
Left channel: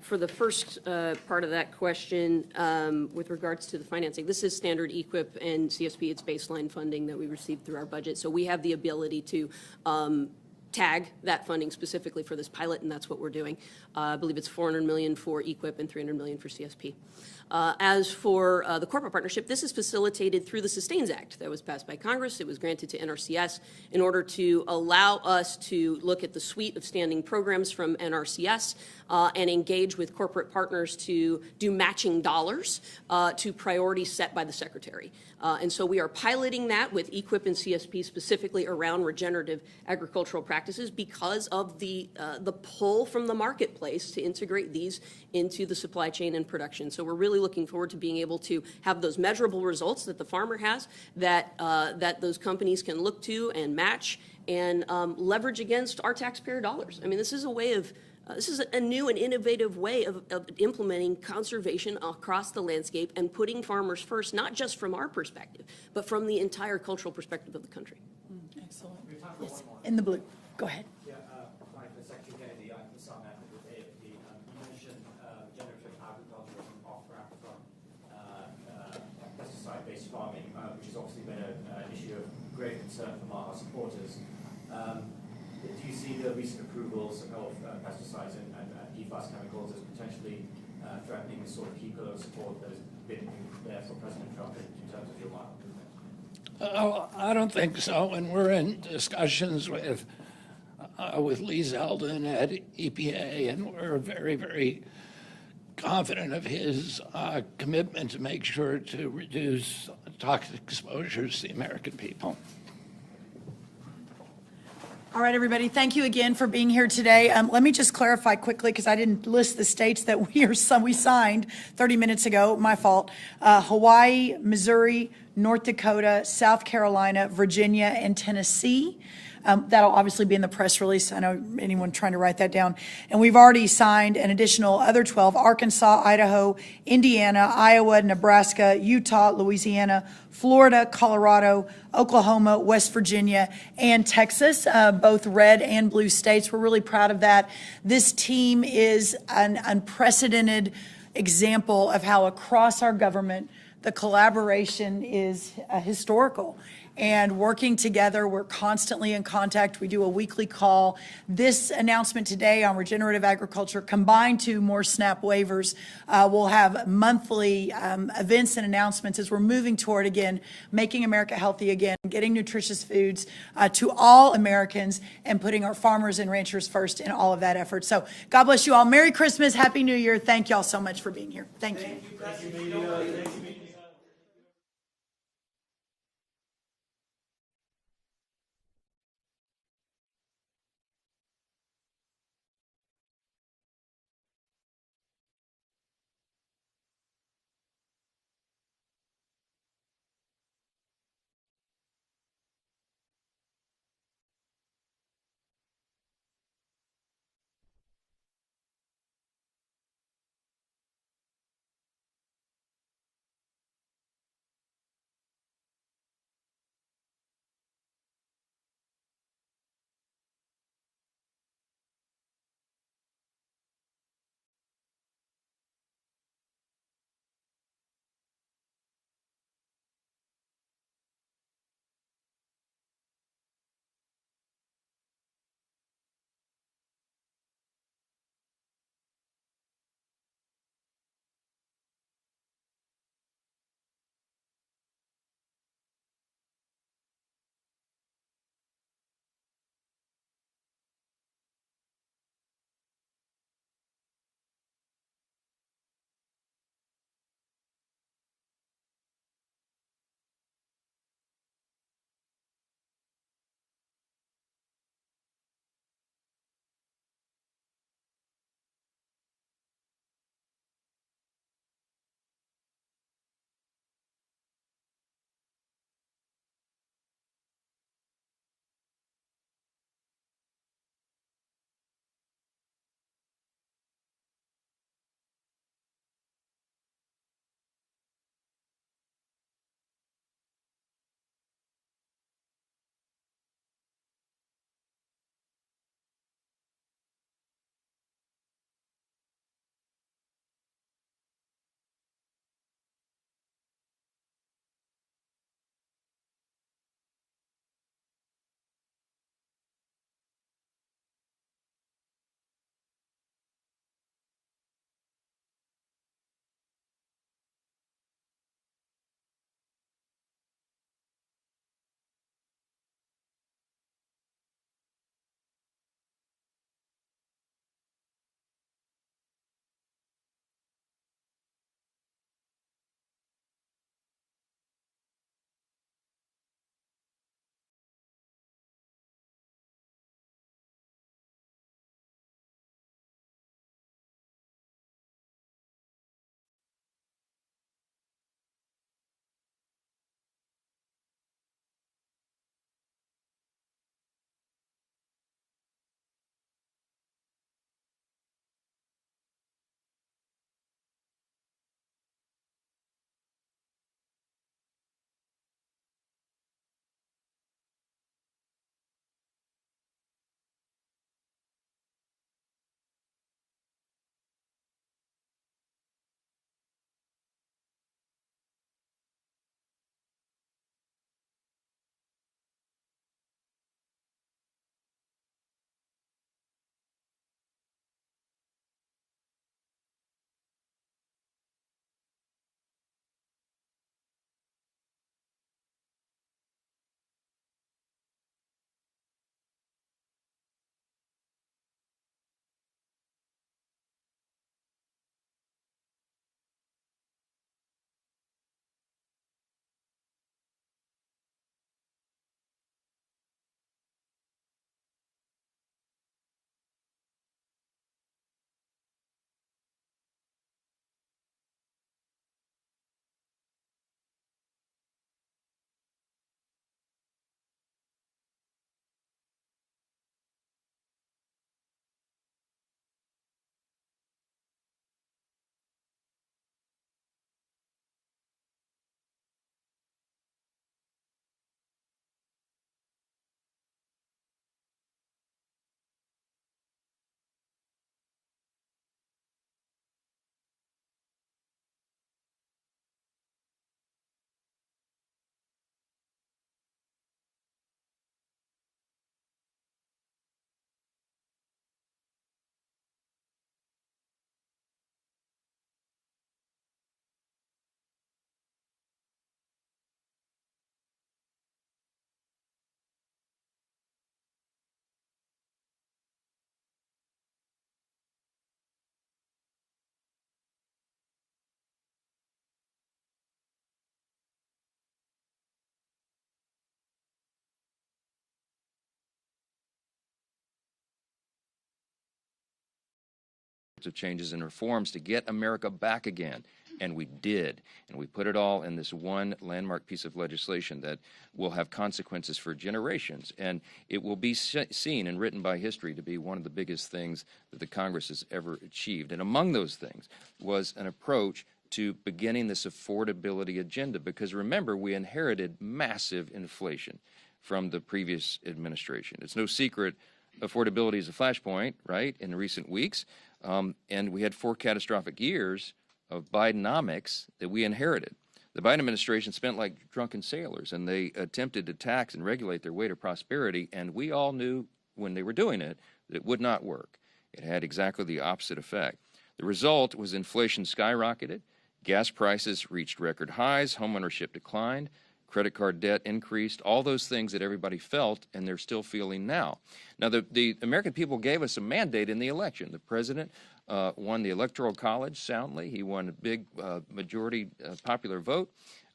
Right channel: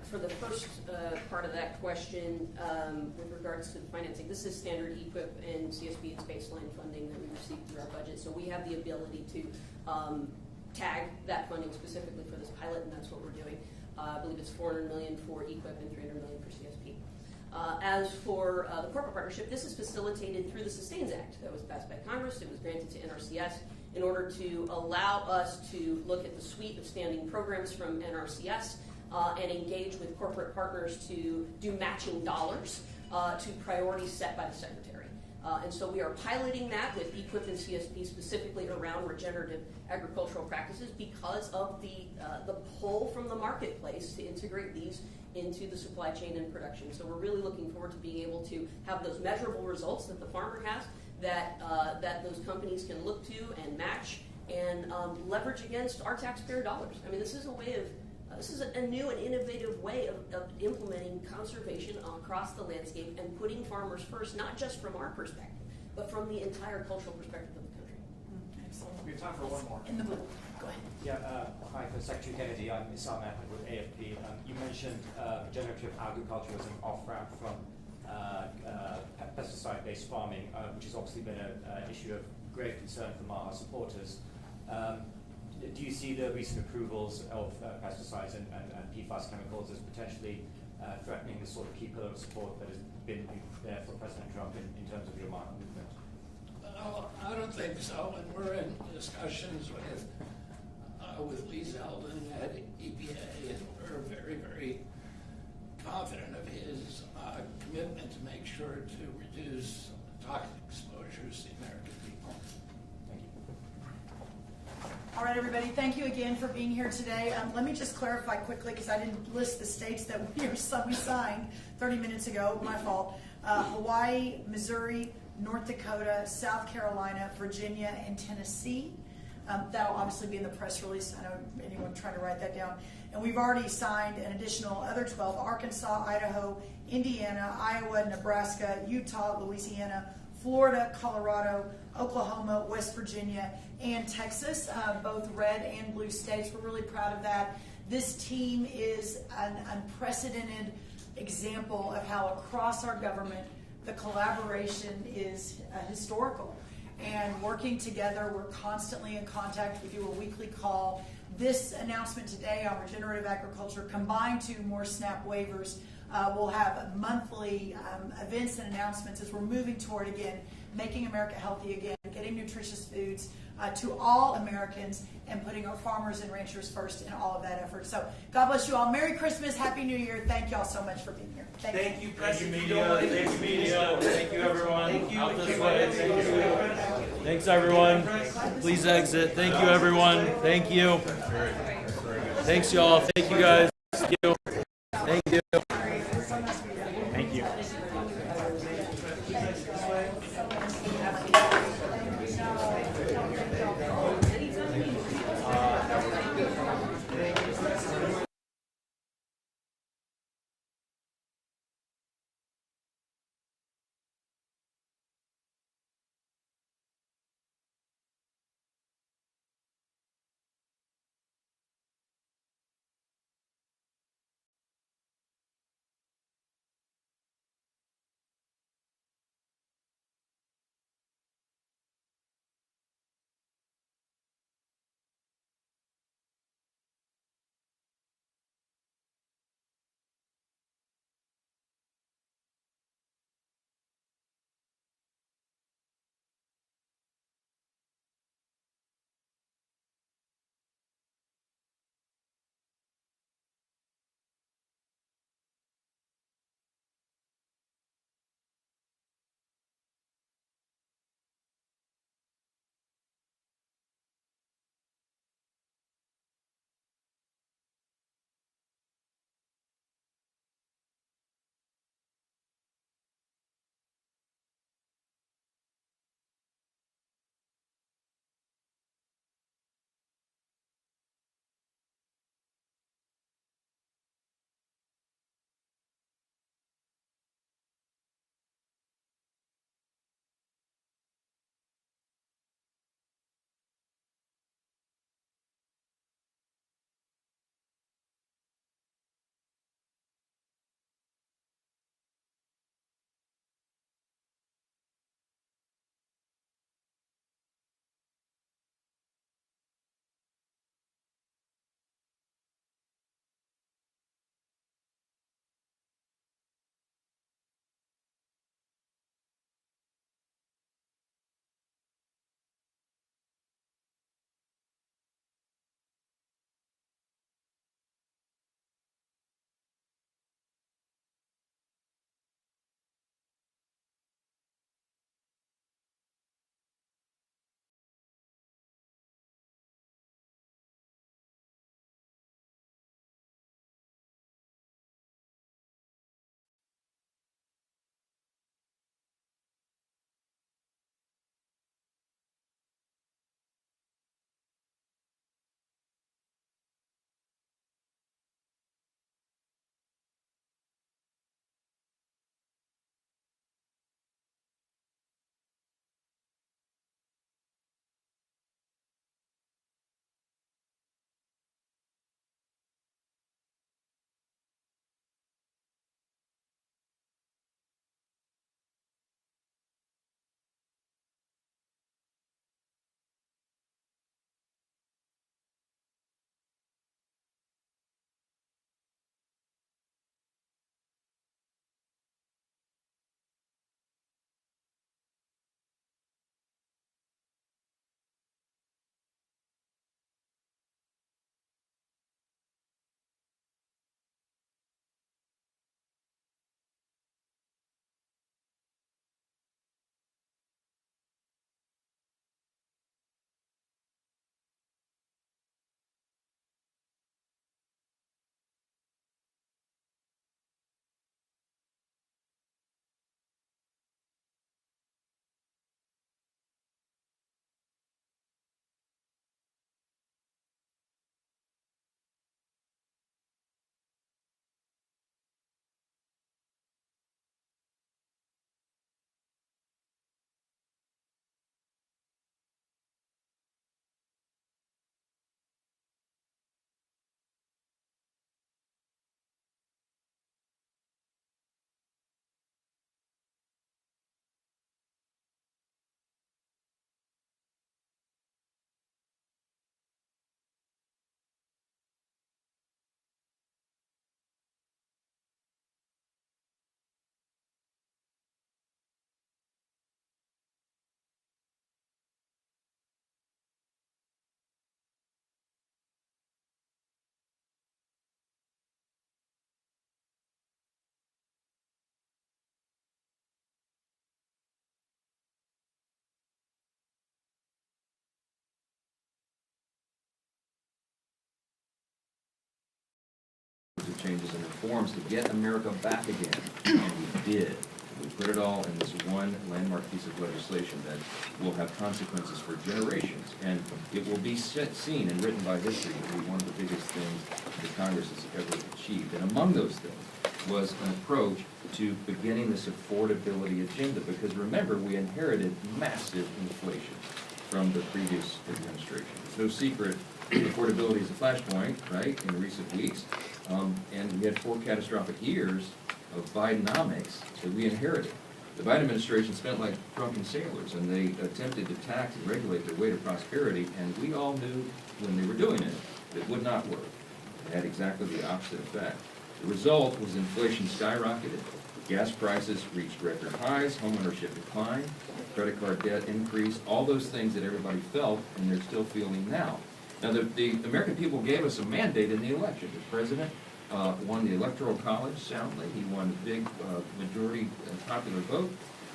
For the first part of that question, with regards to the financing, this is standard EQIP and CSP. It's baseline funding that we receive through our budget. So we have the ability to tag that funding specifically for this pilot, and that's what we're doing. I believe it's $400 million for EQIP and $300 million for CSP. As for the corporate partnership, this is facilitated through the Sustains Act that was passed by Congress. It was granted to NRCS in order to allow us to look at the suite of standing programs from NRCS and engage with corporate partners to do matching dollars to priorities set by the Secretary. And so we are piloting that with EQIP and CSP specifically around regenerative agricultural practices because of the pull from the marketplace to integrate these into the supply chain and production. So we're really looking forward to being able to have those measurable results that the farmer has, that those companies can look to and match and leverage against our taxpayer dollars. I mean, this is a way of this is a new and innovative way of implementing conservation across the landscape and putting farmers first, not just from our perspective, but from the entire cultural perspective of the country. Excellent. We have time for one more. In the blue. Go ahead. Yeah, hi, for Secretary Kennedy. I'm Isam Ahmed with AFP. You mentioned regenerative agriculture as an off-ramp from pesticide-based farming, which has obviously been an issue of great concern from our supporters. Do you see the recent approvals of pesticides and PFAS chemicals as potentially threatening the sort of key pillar of support that has been there for President Trump in terms of your market movement? I don't think so, and we're in discussions with Lee Zeldin at EPA, and we're very, very confident of his commitment to make sure to reduce toxic exposures to the American people. All right, everybody, thank you again for being here today. Let me just clarify quickly, because I didn't list the states that we signed 30 minutes ago, my fault. Hawaii, Missouri, North Dakota, South Carolina, Virginia, and Tennessee. That'll obviously be in the press release. I know anyone trying to write that down. And we've already signed an additional other 12, Arkansas, Idaho, Indiana, Iowa, Nebraska, Utah, Louisiana, Florida, Colorado, Oklahoma, West Virginia, and Texas, both red and blue states. We're really proud of that. This team is an unprecedented example of how across our government the collaboration is historical. and working together. We're constantly in contact. We do a weekly call. This announcement today on regenerative agriculture, combined to more SNAP waivers, we'll have monthly events and announcements as we're moving toward, again, making America healthy again, getting nutritious foods to all Americans, and putting our farmers and ranchers first in all of that effort. So God bless you all. Merry Christmas. Happy New Year. Thank you all so much for being here. Thank you. Thank you, media. Thank you, media. Thank you, everyone. Out this way. Thank you. Thanks, everyone. Please exit. Thank you, everyone. Thank you. Thanks, y'all. Thank you, guys. Thank you. Thank you. Thank you. of changes and reforms to get America back again, and we did. And we put it all in this one landmark piece of legislation that will have consequences for generations, and it will be seen and written by history to be one of the biggest things that Congress has ever achieved. And among those things was an approach to beginning this affordability agenda, because remember, we inherited massive inflation from the previous administration. It's no secret affordability is a flashpoint, right, in recent weeks, and we had 4 catastrophic years of Bidenomics that we inherited. The Biden administration spent like drunken sailors, and they attempted to tax and regulate their way to prosperity, and we all knew when they were doing it, it would not work. It had exactly the opposite effect. The result was inflation skyrocketed, gas prices reached record highs, homeownership declined, credit card debt increased, all those things that everybody felt, and they're still feeling now. Now, the American people gave us a mandate in the election. The president won the Electoral College soundly. He won a big majority popular vote.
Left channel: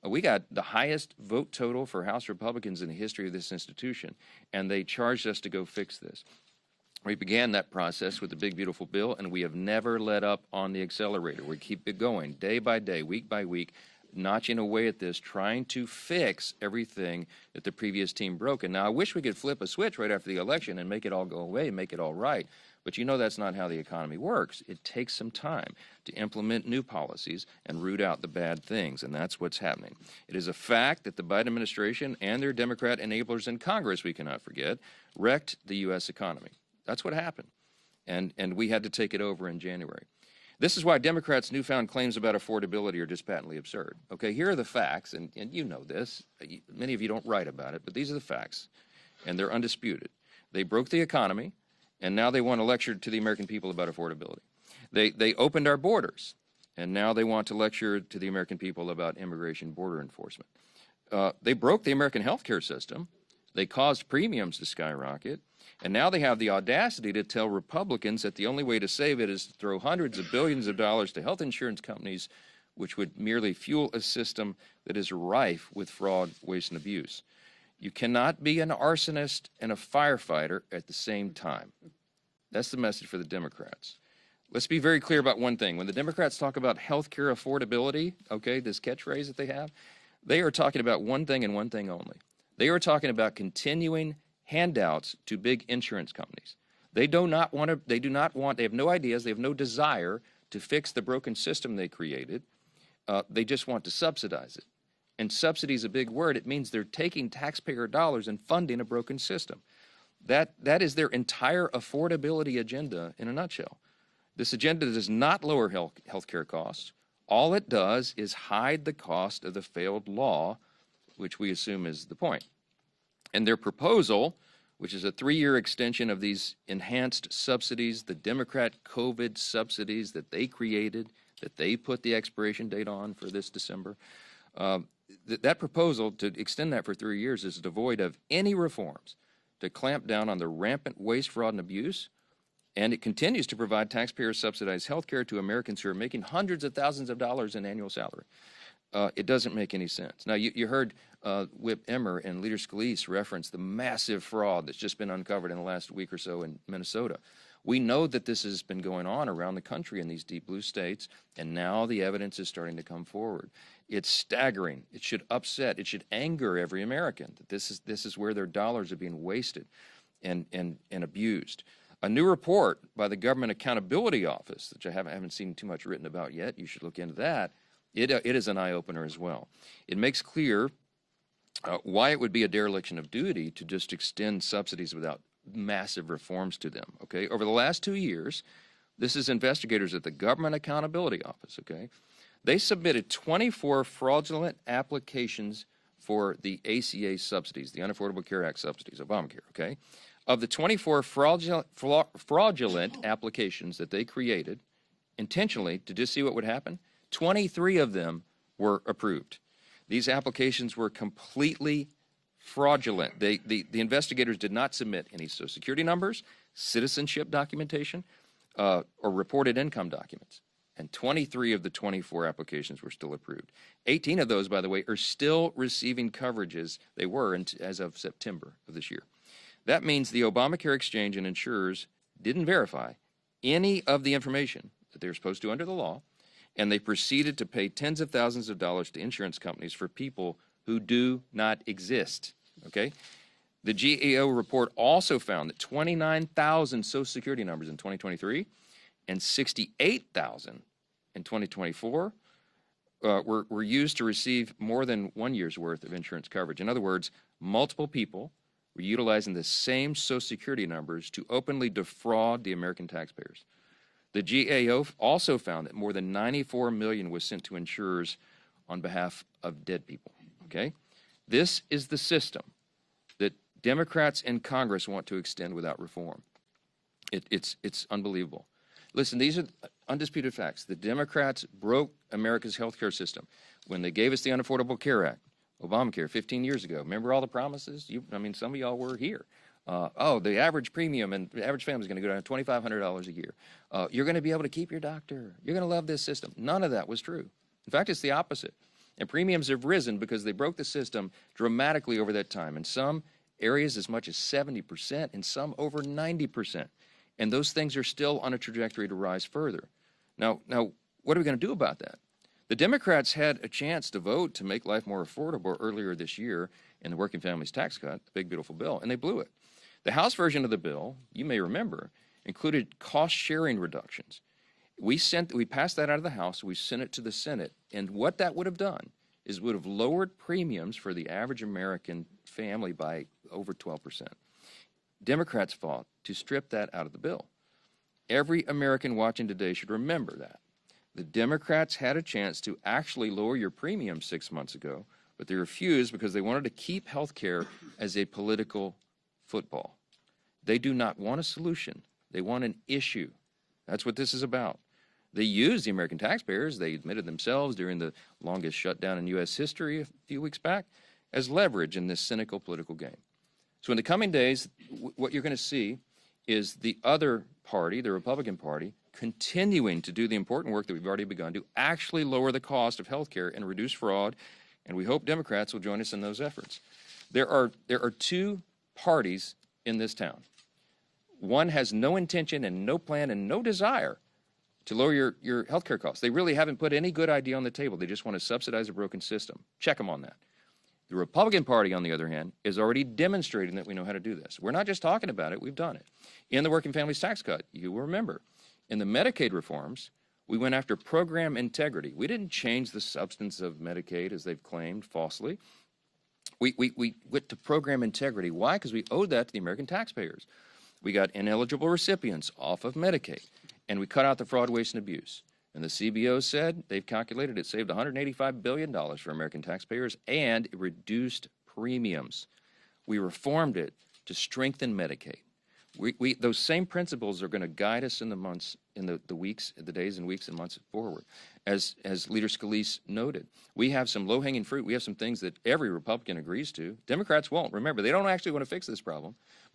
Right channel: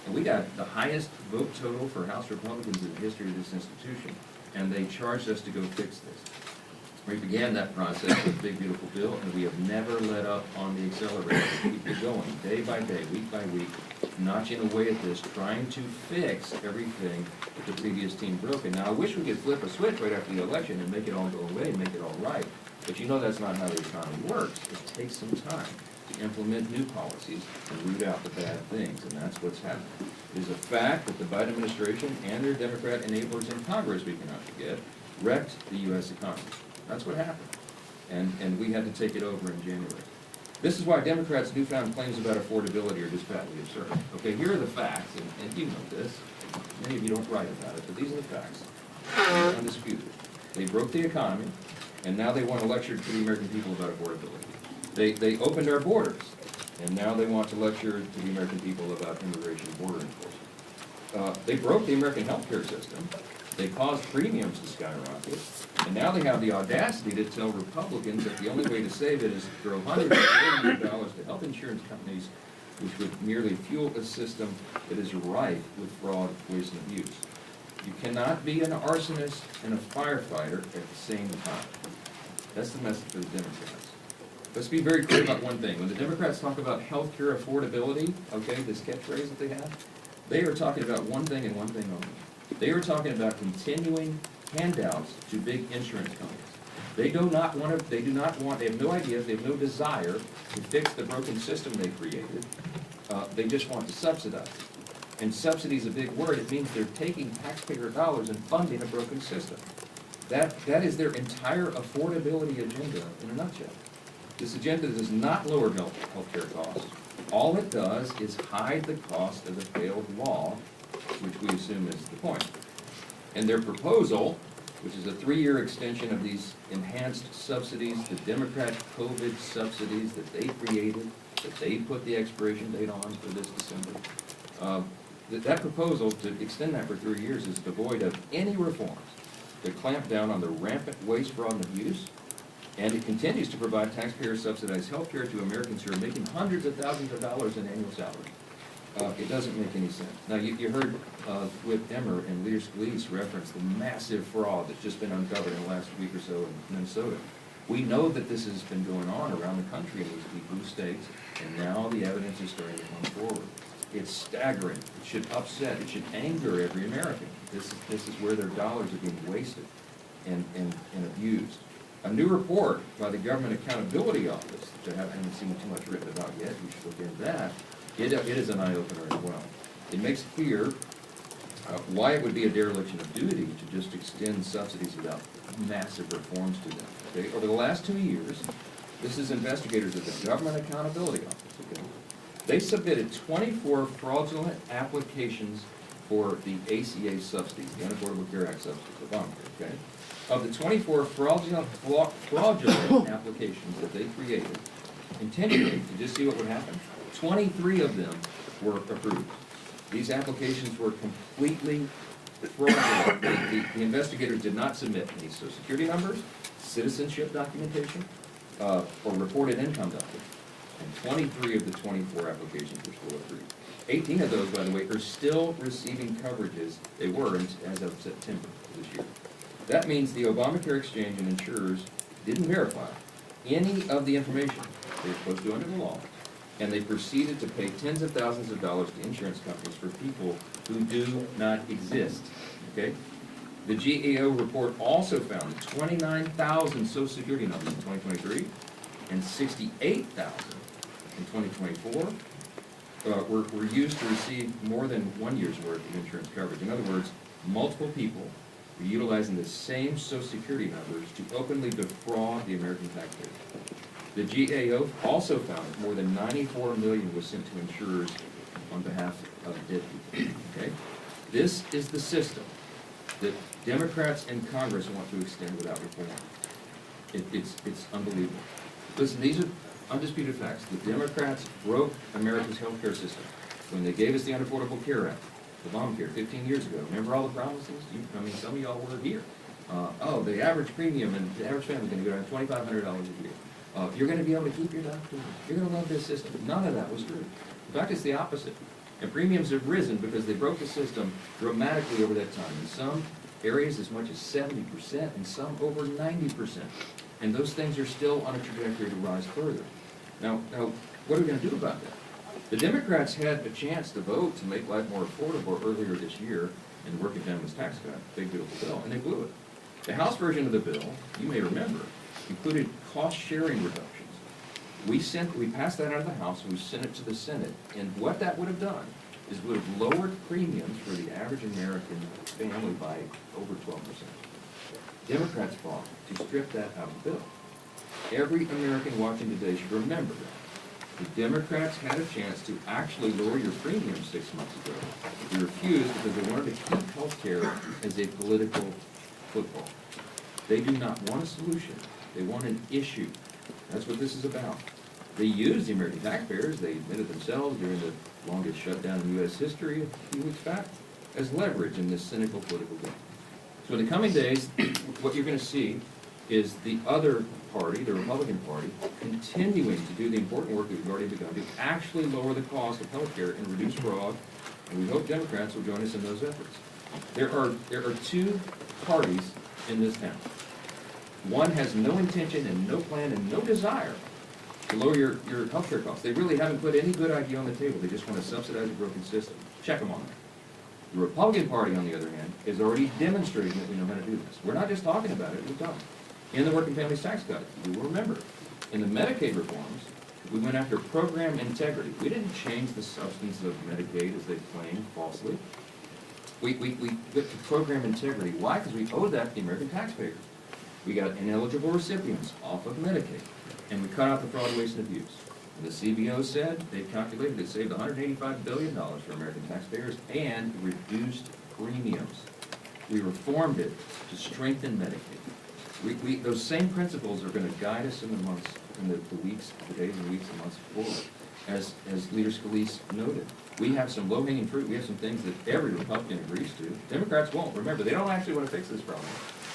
We got the highest vote total for House Republicans in the history of this institution, and they charged us to go fix this. We began that process with a big, beautiful bill, and we have never let up on the accelerator. We keep it going, day by day, week by week, notching away at this, trying to fix everything that the previous team broke. And now I wish we could flip a switch right after the election and make it all go away, make it all right. But you know that's not how the economy works. It takes some time to implement new policies and root out the bad things, and that's what's happening. It is a fact that the Biden administration and their Democrat enablers in Congress, we cannot forget, wrecked the U.S. economy. That's what happened. And we had to take it over in January. This is why Democrats' newfound claims about affordability are just patently absurd. Okay, here are the facts, and you know this. Many of you don't write about it, but these are the facts. They're undisputed. They broke the economy, and now they want to lecture to the American people about affordability. They opened our borders, and now they want to lecture to the American people about immigration and border enforcement. They broke the American health care system. They caused premiums to skyrocket, and now they have the audacity to tell Republicans that the only way to save it is to throw hundreds of billions of dollars to health insurance companies, which would merely fuel a system that is rife with fraud, waste, and abuse. You cannot be an arsonist and a firefighter at the same time. That's the message for the Democrats. Let's be very clear about one thing. When the Democrats talk about health care affordability, okay, this catchphrase that they have, they are talking about one thing and one thing only. They are talking about continuing handouts to big insurance companies. They have no ideas, they have no desire to fix the broken system they created. They just want to subsidize it. And subsidy is a big word. It means they're taking taxpayer dollars and funding a broken system. That is their entire affordability agenda in a nutshell. This agenda does not lower health care costs. All it does is hide the cost of the failed law, which we assume is the point. And their proposal, which is a 3-year extension of these enhanced subsidies, the Democrat COVID subsidies that they created, that they put the expiration date on for this December, that proposal to extend that for 3 years is devoid of any reforms to clamp down on the rampant waste, fraud, and abuse, and it continues to provide taxpayer-subsidized health care to Americans who are making hundreds of thousands of dollars in annual salary. It doesn't make any sense. Now, you heard Whip Emmer and Leader Scalise reference the massive fraud that's just been uncovered in the last week or so in Minnesota. We know that this has been going on around the country in these deep blue states, and now the evidence is starting to come forward. It's staggering. It should upset. It should anger every American. This is where their dollars are being wasted and abused. A new report by the Government Accountability Office, which I haven't seen too much written about yet, you should look into that. It is an eye-opener as well. It makes clear why it would be a dereliction of duty to just extend subsidies without massive reforms to them. Okay, over the last 2 years, this is investigators at the Government Accountability Office. Okay, they submitted 24 fraudulent applications for the ACA subsidies, the Unaffordable Care Act subsidies, Obamacare. Okay, of the 24 fraudulent applications that they created intentionally to just see what would happen, 23 of them were approved. These applications were completely fraudulent. The investigators did not submit any Social Security numbers, citizenship documentation, or reported income documents. And 23 of the 24 applications were still approved. 18 of those, by the way, are still receiving coverages they were as of September of this year. That means the Obamacare exchange and insurers didn't verify any of the information They're supposed to under the law. And they proceeded to pay tens of thousands of dollars to insurance companies for people who do not exist, okay? The GAO report also found that 29,000 Social Security numbers in 2023 and 68,000 in 2024 were used to receive more than 1 year's worth of insurance coverage. In other words, multiple people were utilizing the same Social Security numbers to openly defraud the American taxpayers. The GAO also found that more than $94 million was sent to insurers on behalf of dead people, okay? This is the system that Democrats in Congress want to extend without reform. It's unbelievable. Listen, these are undisputed facts. The Democrats broke America's health care system when they gave us the Unaffordable Care Act, Obamacare, 15 years ago. Remember all the promises? I mean, some of y'all were here. The average premium and the average family is going to go down $2,500 a year. You're going to be able to keep your doctor. You're going to love this system. None of that was true. In fact, it's the opposite. And premiums have risen because they broke the system dramatically over that time. In some areas as much as 70%, and some over 90%. And those things are still on a trajectory to rise further. Now, what are we going to do about that? The Democrats had a chance to vote to make life more affordable earlier this year in the Working Families Tax Cut, big beautiful bill, and they blew it. The House version of the bill, you may remember, included cost-sharing reductions. We passed that out of the House, and we sent it to the Senate, and what that would have done is would have lowered premiums for the average American family by over 12%. Democrats fought to strip that out of the bill. Every American watching today should remember that. The Democrats had a chance to actually lower your premium 6 months ago, but they refused because they wanted to keep health care as a political football. They do not want a solution. They want an issue. That's what this is about. They used the American taxpayers, they admitted themselves during the longest shutdown in U.S. history a few weeks back, as leverage in this cynical political game. So in the coming days, what you're going to see is the other party, the Republican Party, continuing to do the important work that we've already begun to actually lower the cost of health care and reduce fraud, and we hope Democrats will join us in those efforts. There are two parties in this town. One has no intention and no plan and no desire to lower your health care costs. They really haven't put any good idea on the table. They just want to subsidize a broken system. Check them on that. The Republican Party, on the other hand, is already demonstrating that we know how to do this. We're not just talking about it, we've done it. In the Working Families Tax Cut, you will remember, in the Medicaid reforms, we went after program integrity. We didn't change the substance of Medicaid, as they claimed falsely. We went to program integrity. Why? Because we owed that to the American taxpayers. We got ineligible recipients off of Medicaid, and we cut out the fraud, waste, and abuse. And the CBO said they've calculated it saved $185 billion for American taxpayers and reduced premiums. We reformed it to strengthen Medicaid. Those same principles are going to guide us in the months, in the weeks, the days and weeks and months forward. As Leader Scalise noted, we have some low-hanging fruit. We have some things that every Republican agrees to. Democrats won't. Remember, they don't actually want to fix this problem.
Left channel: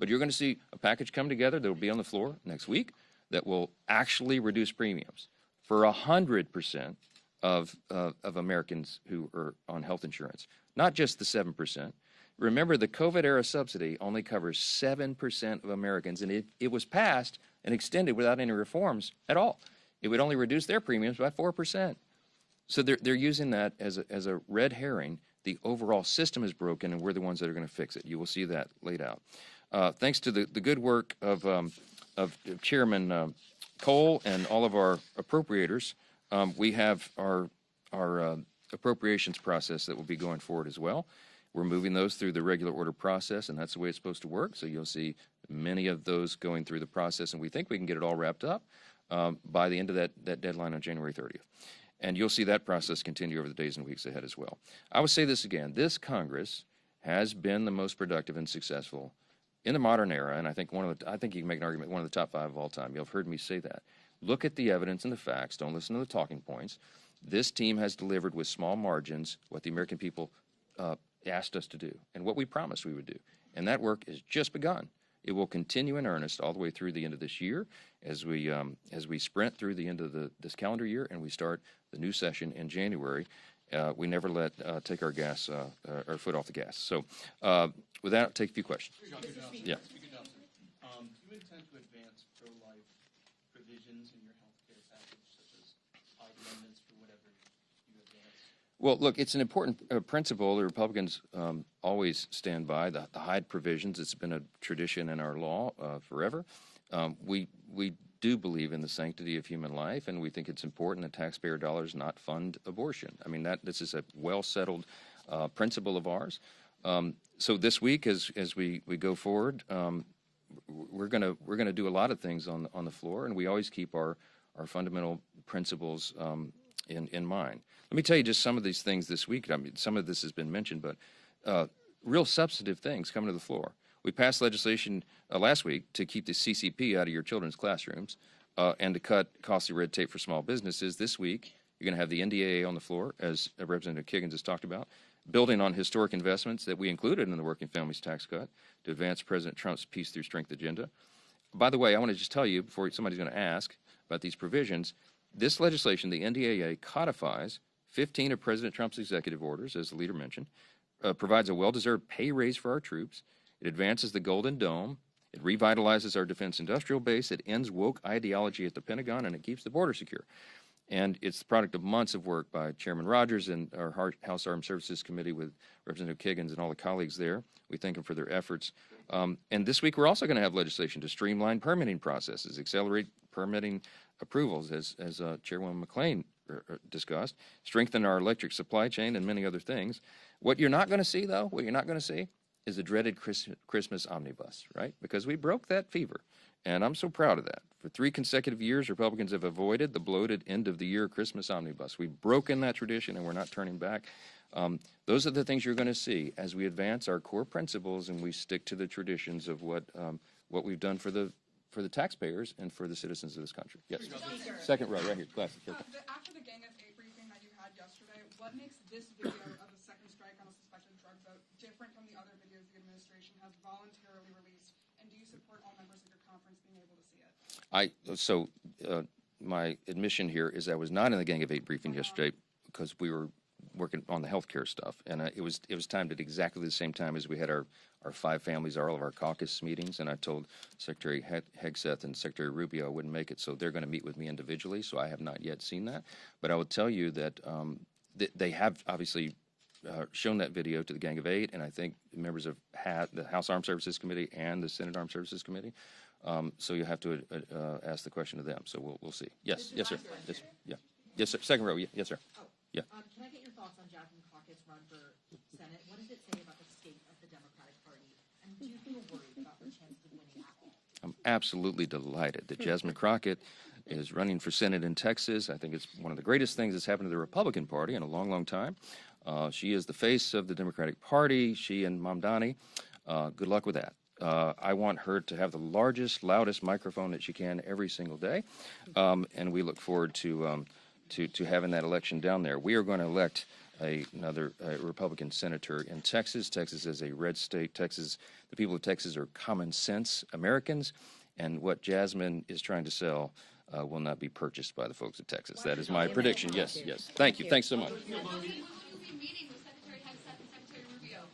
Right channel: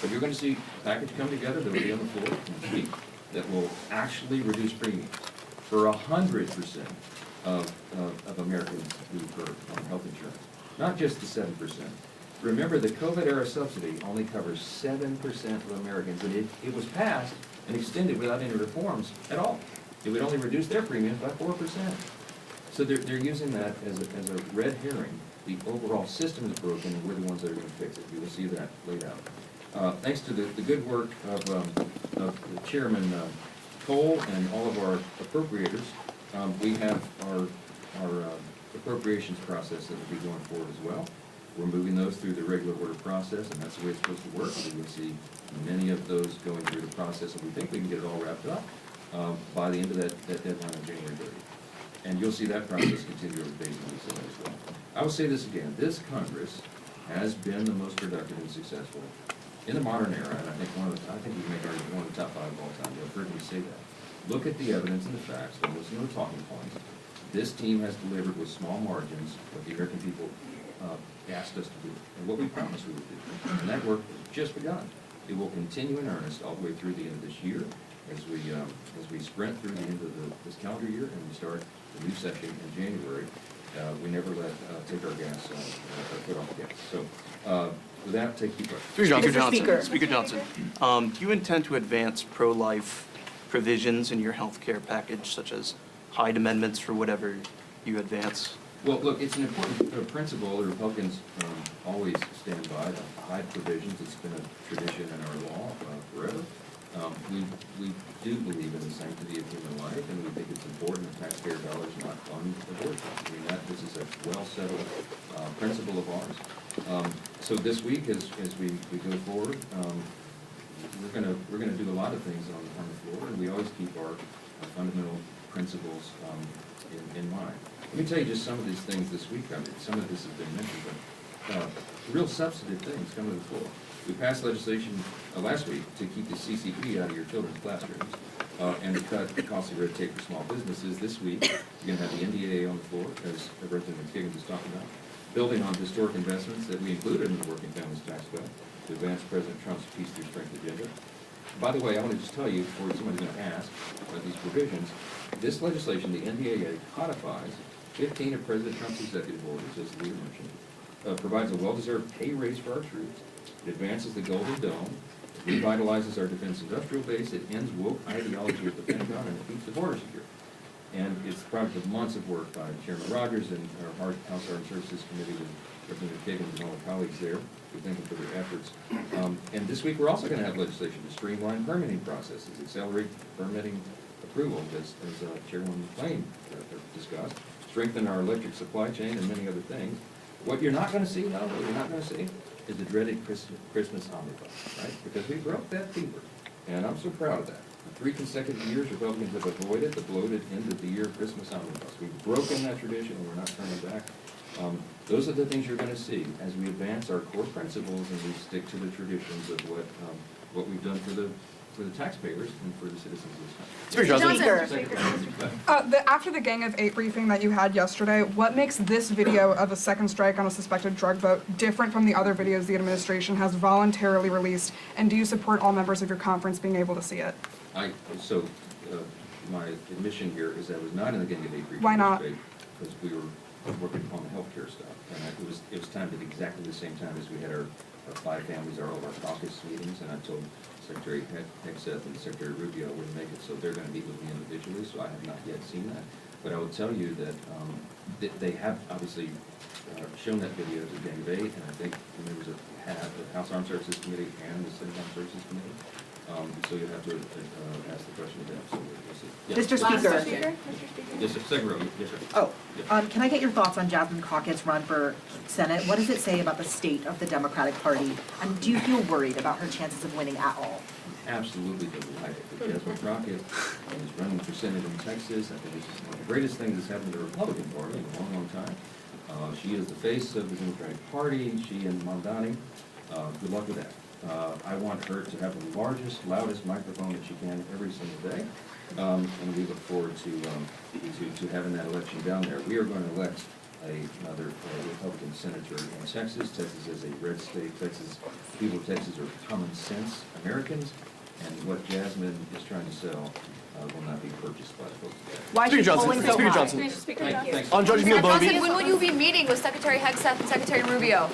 But you're going to see a package come together that will be on the floor next week that will actually reduce premiums for 100% of Americans who are on health insurance, not just the 7%. Remember, the COVID-era subsidy only covers 7% of Americans, and it was passed and extended without any reforms at all. It would only reduce their premiums by 4%. So they're using that as a red herring. The overall system is broken, and we're the ones that are going to fix it. You will see that laid out. Thanks to the good work of Chairman Cole and all of our appropriators, we have our appropriations process that will be going forward as well. We're moving those through the regular order process, and that's the way it's supposed to work. So you'll see many of those going through the process, and we think we can get it all wrapped up by the end of that deadline on January 30th. And you'll see that process continue over the days and weeks ahead as well. I will say this again. This Congress has been the most productive and successful in the modern era, and I think you can make an argument one of the top 5 of all time. You've heard me say that. Look at the evidence and the facts. Don't listen to the talking points. This team has delivered with small margins what the American people asked us to do and what we promised we would do. And that work has just begun. It will continue in earnest all the way through the end of this year as we sprint through the end of this calendar year and we start the new session in January. We never take our foot off the gas. So with that, take a few questions. Speaker Johnson, do you intend to advance pro-life provisions in your health care package, such as Hyde amendments for whatever you advance? Well, look, it's an important principle. The Republicans always stand by the Hyde provisions. It's been a tradition in our law forever. We do believe in the sanctity of human life, and we think it's important that taxpayer dollars not fund abortion. I mean, this is a well-settled principle of ours. So this week, as we go forward, we're gonna do a lot of things on the floor, and we always keep our fundamental principles in mind. Let me tell you just some of these things this week. I mean, some of this has been mentioned, but real substantive things coming to the floor. We passed legislation last week to keep the CCP out of your children's classrooms and to cut costly red tape for small businesses. This week, you're going to have the NDAA on the floor, as Representative Kiggins has talked about, building on historic investments that we included in the Working Families Tax Cut to advance President Trump's Peace Through Strength agenda. By the way, I want to just tell you, before somebody's going to ask about these provisions, this legislation, the NDAA, codifies 15 of President Trump's executive orders, as the leader mentioned, provides a well-deserved pay raise for our troops. It advances the Golden Dome. It revitalizes our defense industrial base. It ends woke ideology at the Pentagon, and it keeps the border secure. And it's the product of months of work by Chairman Rogers and our House Armed Services Committee with Representative Kiggins and all the colleagues there. We thank them for their efforts. And this week we're also going to have legislation to streamline permitting processes, accelerate permitting approvals, as Chairwoman McClain discussed, strengthen our electric supply chain, and many other things. What you're not going to see, though, is the dreaded Christmas omnibus, right? Because we broke that fever, and I'm so proud of that. For 3 consecutive years, Republicans have avoided the bloated end-of-the-year Christmas omnibus. We've broken that tradition, and we're not turning back. Those are the things you're going to see as we advance our core principles and we stick to the traditions of what we've done for the taxpayers and for the citizens of this country. After the Gang of 8 briefing that you had yesterday, what makes this video of a second strike on a suspected drug vote different from the other videos the administration has voluntarily released? And do you support all members of your conference being able to see it? My admission here is I was not in the Gang of 8 briefing Why not? yesterday because we were working on the healthcare stuff, and it was timed at exactly the same time as we had our 5 families, all of our caucus meetings, and I told Secretary Hegseth and Secretary Rubio wouldn't make it, so they're going to meet with me individually, so I have not yet seen that. But I will tell you that they have obviously shown that video to the Gang of 8, and I think members have the House Armed Services Committee and the Senate Armed Services Committee. So you have to ask the question to them, so we'll see. Yes. Mr. Speaker. Yes, sir. Second row. Yes, sir. Oh, Yep. can I get your thoughts on Jasmine Crockett's run for Senate? What does it say about the state of the Democratic Party? And do you feel worried about her chances of winning at all? Absolutely delighted that Jasmine Crockett is running for Senate in Texas. I think it's one of the greatest things that's happened to the Republican Party in a long, long time. She is the face of the Democratic Party, she and Mamdani. Good luck with that. I want her to have the largest, loudest microphone that she can every single day, and we look forward to having that election down there. We are going to elect another Republican senator in Texas. Texas is a red state. People of Texas are common sense Americans, and what Jasmine is trying to sell will not be purchased by the folks of Texas. Speaker Johnson. Speaker Johnson. Thanks. On Judge Neil Bovee. When will you be meeting with Secretary Hegseth and Secretary Rubio?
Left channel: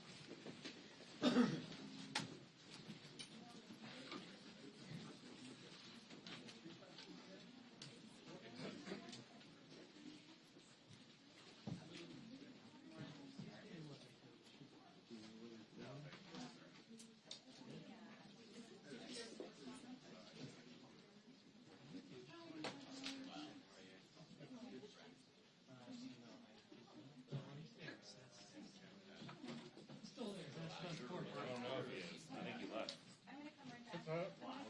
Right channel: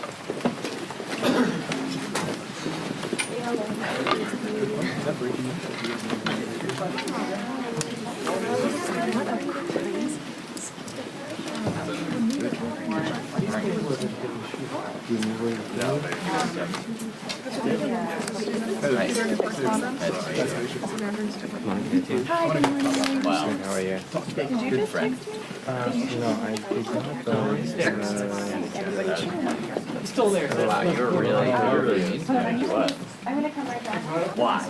Wow. How are you? Good friend. No, I did not. I'm still there. Wow, you're really mean to me. What? I'm gonna come right back. Why?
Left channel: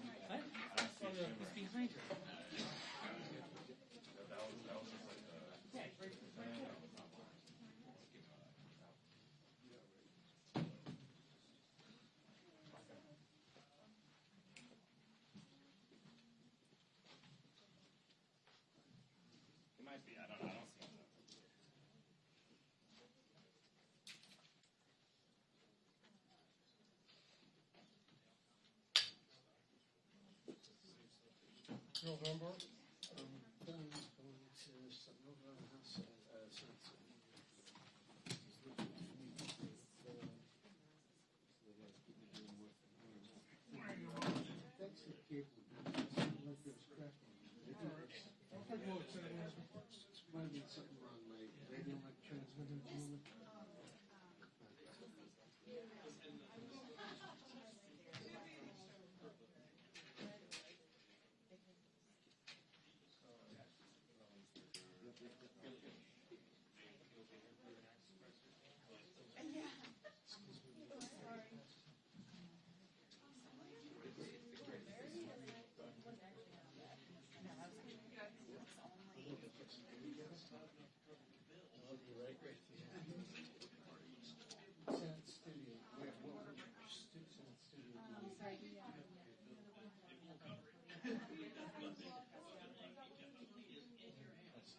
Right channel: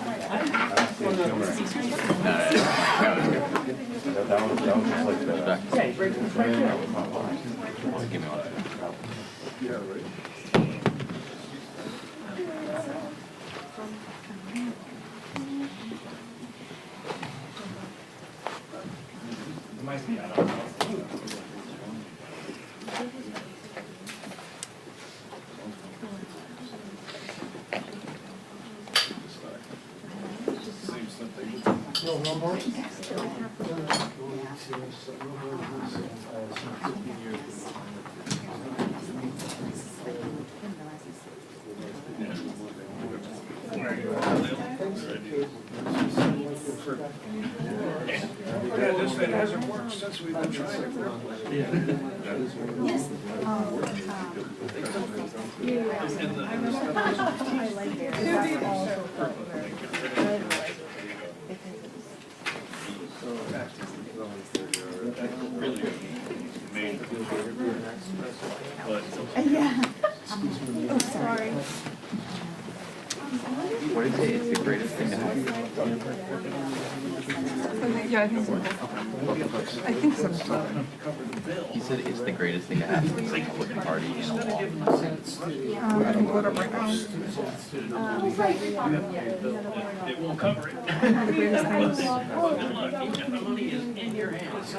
No more? hasn't worked since we've been trying it. Yes. Yeah. Oh, sorry. What did he say? It's the greatest thing to happen. Yeah, I think so. I think so. He said it's the greatest thing to happen to the Republican Party in a long time. I can pull it up right now. It won't cover it. The greatest things. The money is in your hands.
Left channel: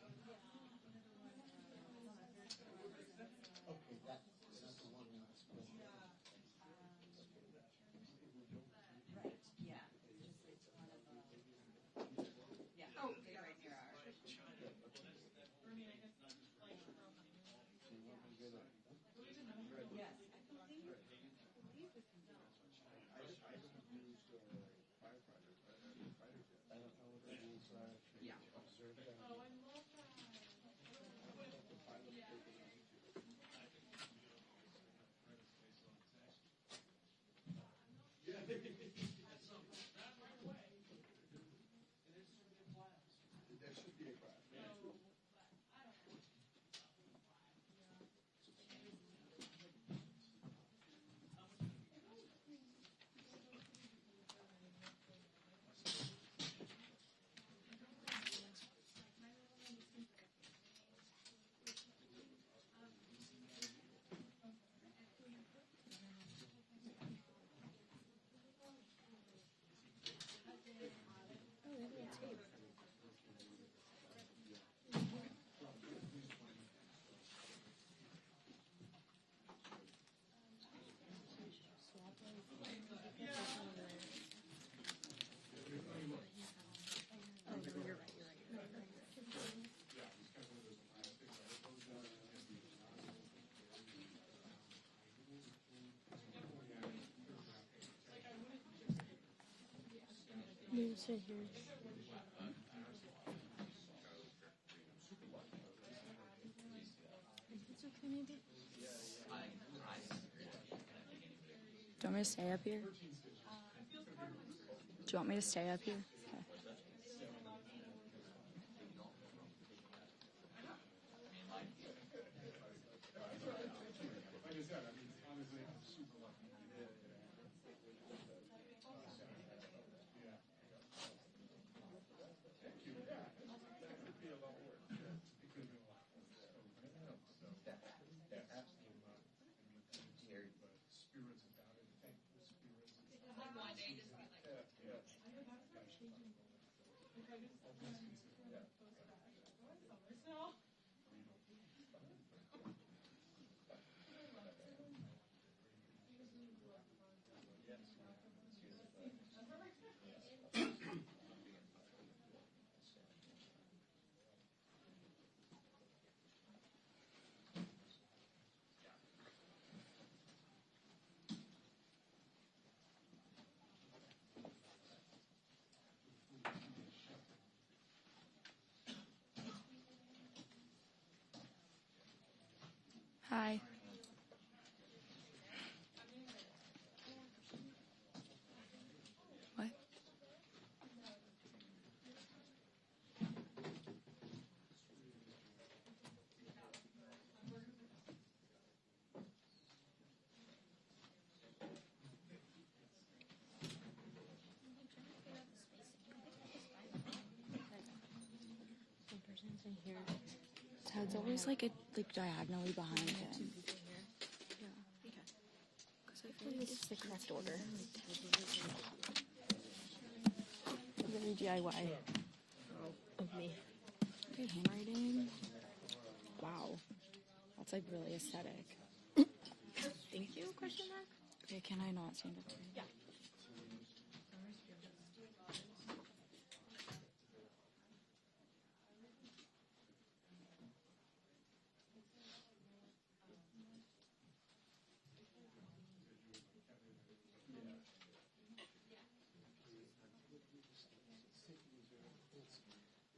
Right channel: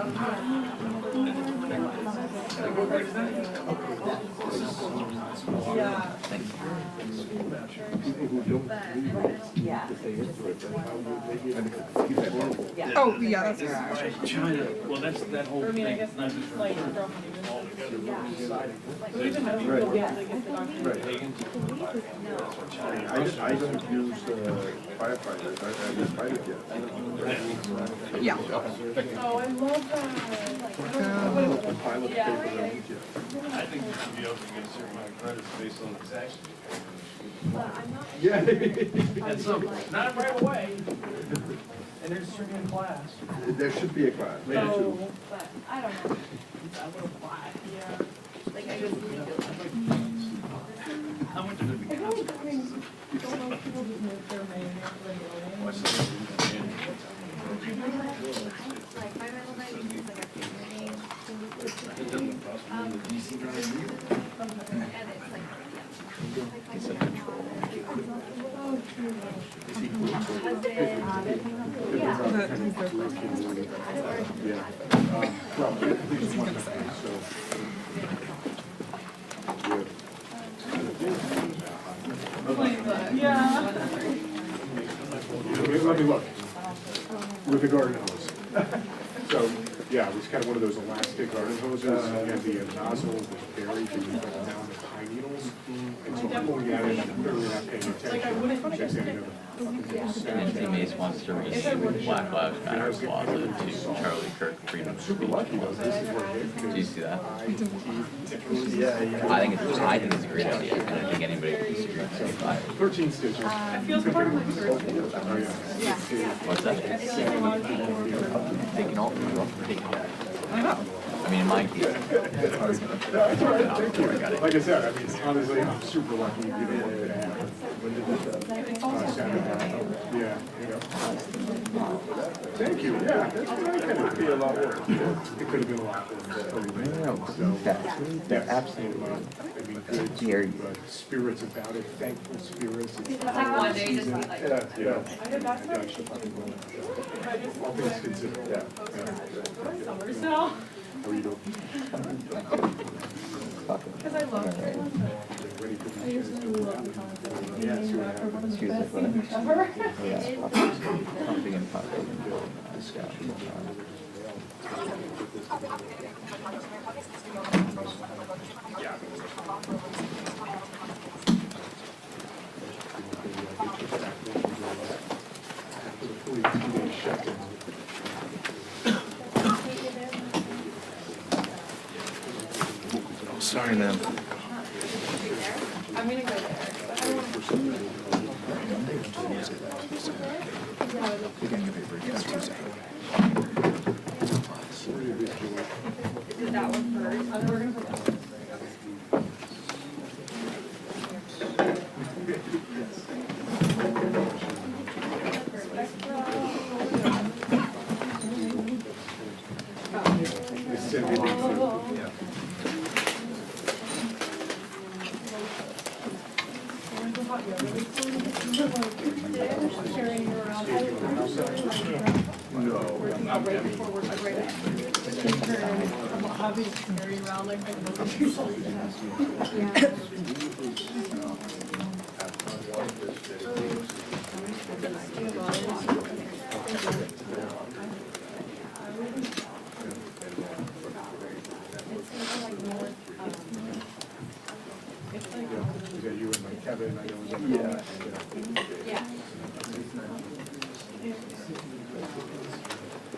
Oh, yeah, that's China, well, that's that whole thing. Not just Like, I don't use firefighters, I use fighter jets. Yeah. Oh, I love that. The pilots pay for their own jet. I think you should be able to get a certain amount of credits based on its action. Yeah. And some, not right away. And there's certain class. There should be a class, maybe two. But I don't know. A little quiet, yeah. Like I just need to. How much of it becomes? Like my middle name is like a family name. It doesn't cost me the DC drive either. And it's like, He's in control. Yeah. Let me look. With the garden hose. So, yeah, it was kind of one of those elastic garden hoses, and the nozzle was buried beneath the mound of pine needles. And so I'm pulling it out and clearly not paying attention. Just saying, Nancy Mace wants to rename Black Lives Matter Plaza to Charlie Kirk Freedom Speech Plaza. Do you see that? I think it's a great idea. I don't think anybody would disagree with that. 13 stitches. It feels part of my first. Yeah. What's that? Taking all the rough for taking it. I mean, in my case. That's all right, thank you. Like I said, I mean, honestly, I'm super lucky to be the one that happened. Saturday. Yeah, Thank you, yeah, that's what I kind of feel a lot worse. It could have been a lot worse. They're absolutely, I mean, good, but spirits about it, thankful spirits. It's like one day just be like. Yeah. All things considered, Summers now. How are you doing? Because I love it. I just really love the concept. Excuse me, but Ever. pumping and pumping and scout. Sorry, ma'am. I'm gonna go there. But I don't want Did that one first? We're gonna put that one.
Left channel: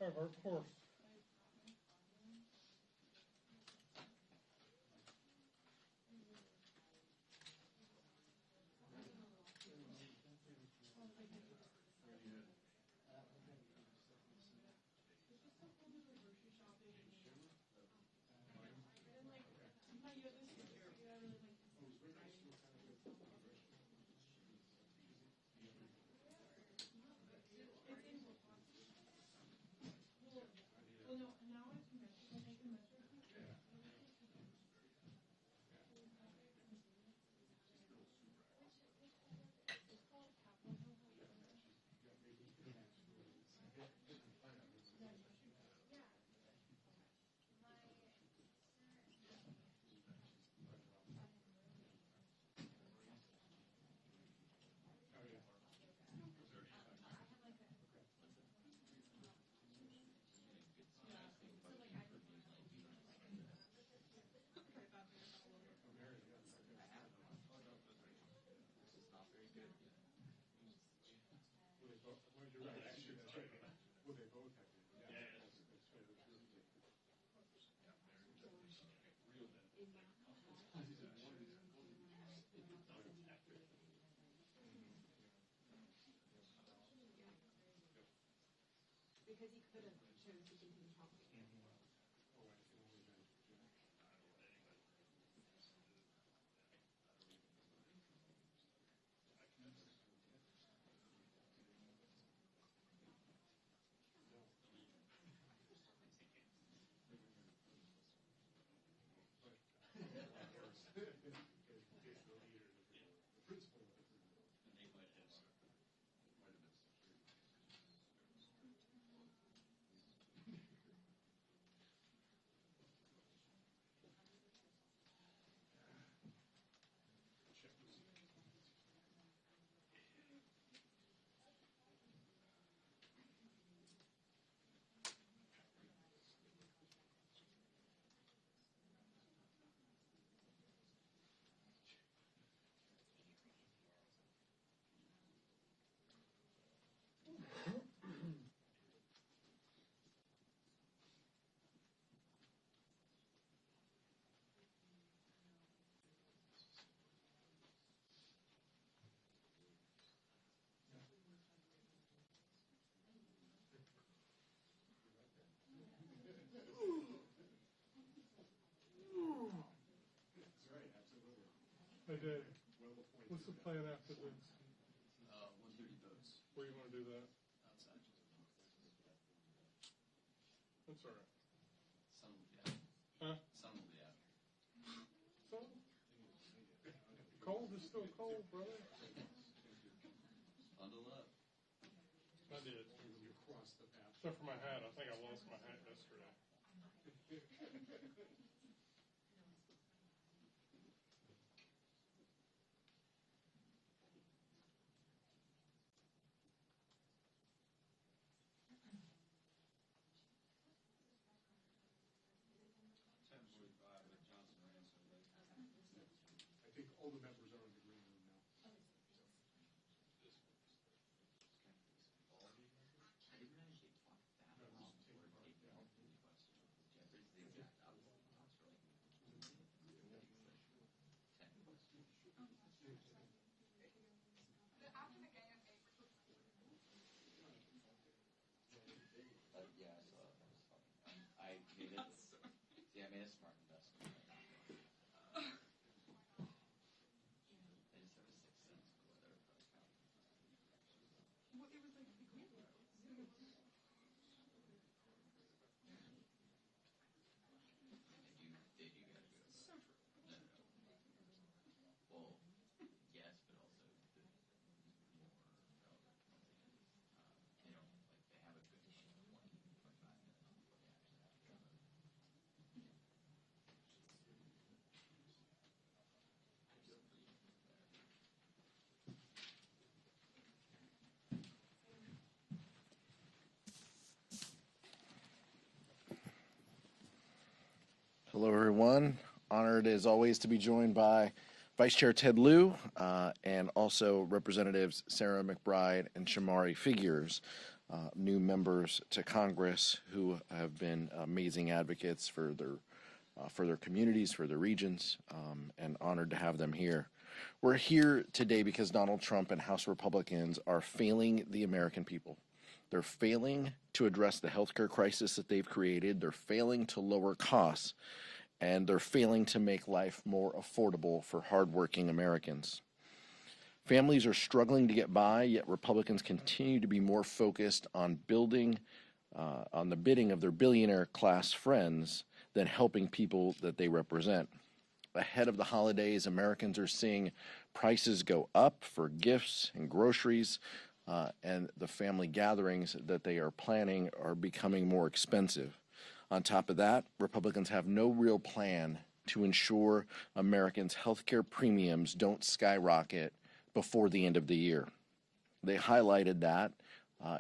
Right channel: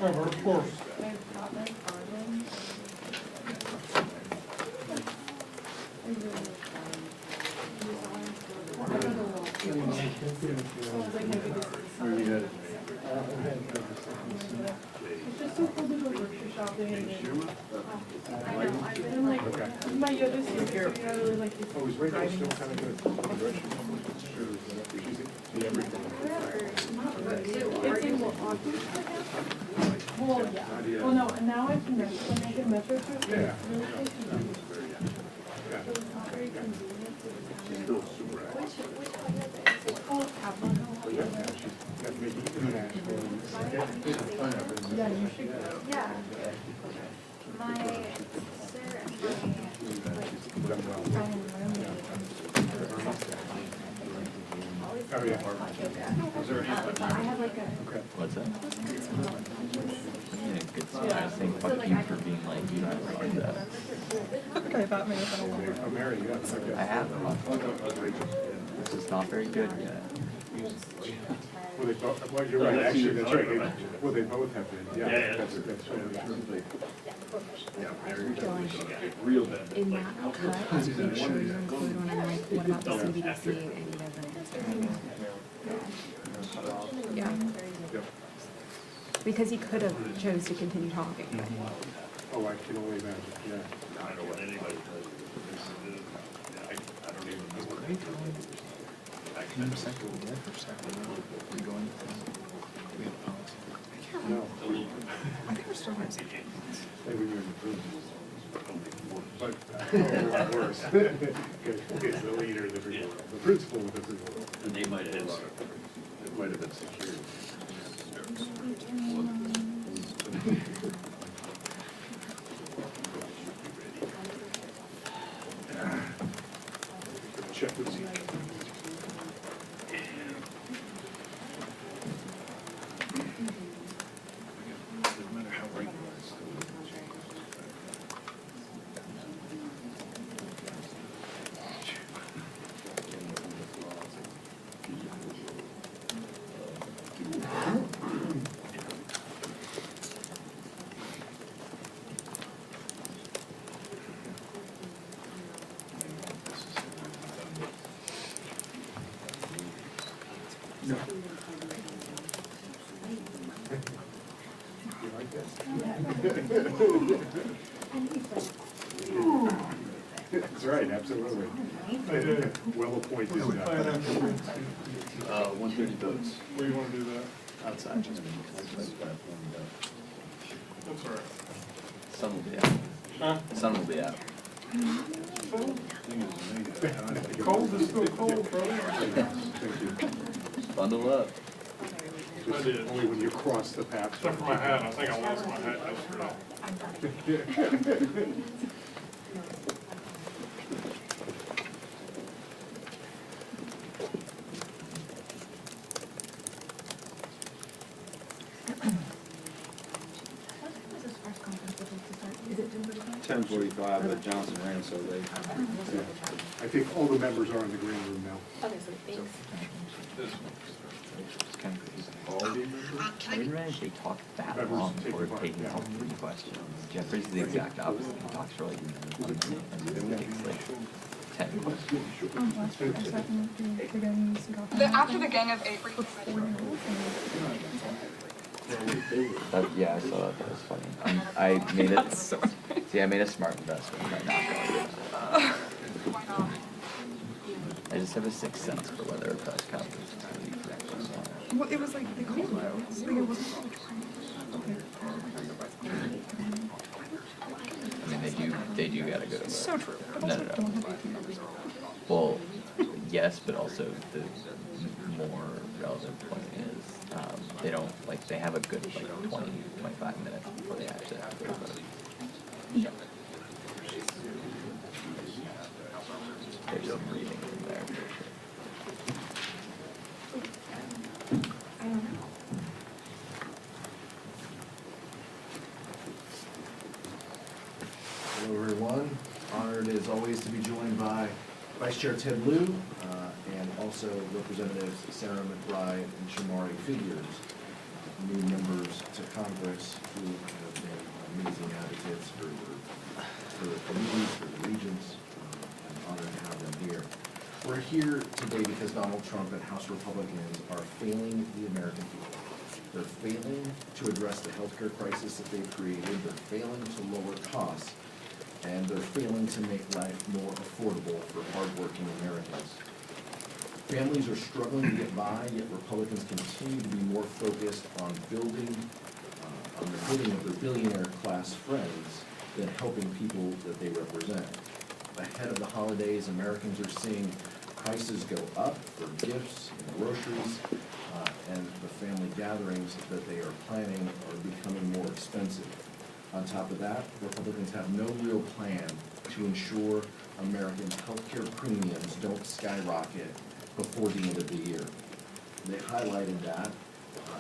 Of course. like maybe this is it's just so cool to go grocery shopping and then, I know, and like, my yoga's here, so I really like this. Oh, is Rachel still kind of good? It's in Milwaukee. Well, yeah. Well, no, and now I can when I get metro to it, it's really close to me. So it's not very convenient. It's called Kaplan. Yeah, you should go. Yeah. My sister and my Oh, yeah. I have like a. What's that? Yeah, good stuff. I was saying, fuck you for being like, you don't like that. Okay, that may have been a little. I'm married, yeah. I have. This is not very good yet. Well, they both, well, you're right, actually, that's right. Well, they both have been, yeah, that's right. Real bad. In that cut, make sure you include when I'm like, what about the CBDC, and he doesn't answer. Yeah. Because he could have chose to continue talking. Oh, I can only imagine, yeah. I don't know what anybody does. I don't even know what they do. No. I think we're still going to maybe we're in the room. But, a lot worse. It's the leader, the principal of the group. And they might have, it might have been secured. Check with you. No. You like this? That's right, absolutely. Well appointed. 130 votes. Where do you want to do that? Outside. That's all right. Sun will be out. Huh? Sun will be out. Cold is still cold, brother. Thank you. Bundle up. Just only when you cross the path. Except for my hat, I think I lost my hat yesterday. Is it 10:45, but Johnson ran so late. I think all the members are in the green room now. Okay, so thanks. It's kind of crazy. All the members? I didn't realize they talked that Members long take before the taking yeah. all 3 questions. Jeffrey's the exact opposite. He talks for like 1 minute and then takes like 10 questions. After the gang of 8, were you before you Yeah, I saw that. That was funny. I made it. See, I made a smart investment by not going to that. I just have a 6th sense for whether a press conference is going to be correct or not. Well, it was like, they called though. Like, it wasn't. I mean, they do gotta go to. So true. But No, also no, no. don't have 18 members. Well, yes, but also the more relevant point is, they don't, like, they have a good, like, 20, 25 minutes before they actually have to vote. Yeah. There's some reading in there for sure. I don't know. Hello, everyone. Honored, as always, to be joined by Vice Chair Ted Lieu and also Representatives Sarah McBride and Shamari Figures, new members to Congress who have been amazing advocates for their communities, for the regions, and honored to have them here. We're here today because Donald Trump and House Republicans are failing the American people. They're failing to address the healthcare crisis that they've created, they're failing to lower costs, and they're failing to make life more affordable for hardworking Americans. Families are struggling to get by, yet Republicans continue to be more focused on building, on the bidding of their billionaire class friends than helping people that they represent. Ahead of the holidays, Americans are seeing prices go up for gifts and groceries, and the family gatherings that they are planning are becoming more expensive. On top of that, Republicans have no real plan to ensure Americans' healthcare premiums don't skyrocket before the end of the year. They highlighted that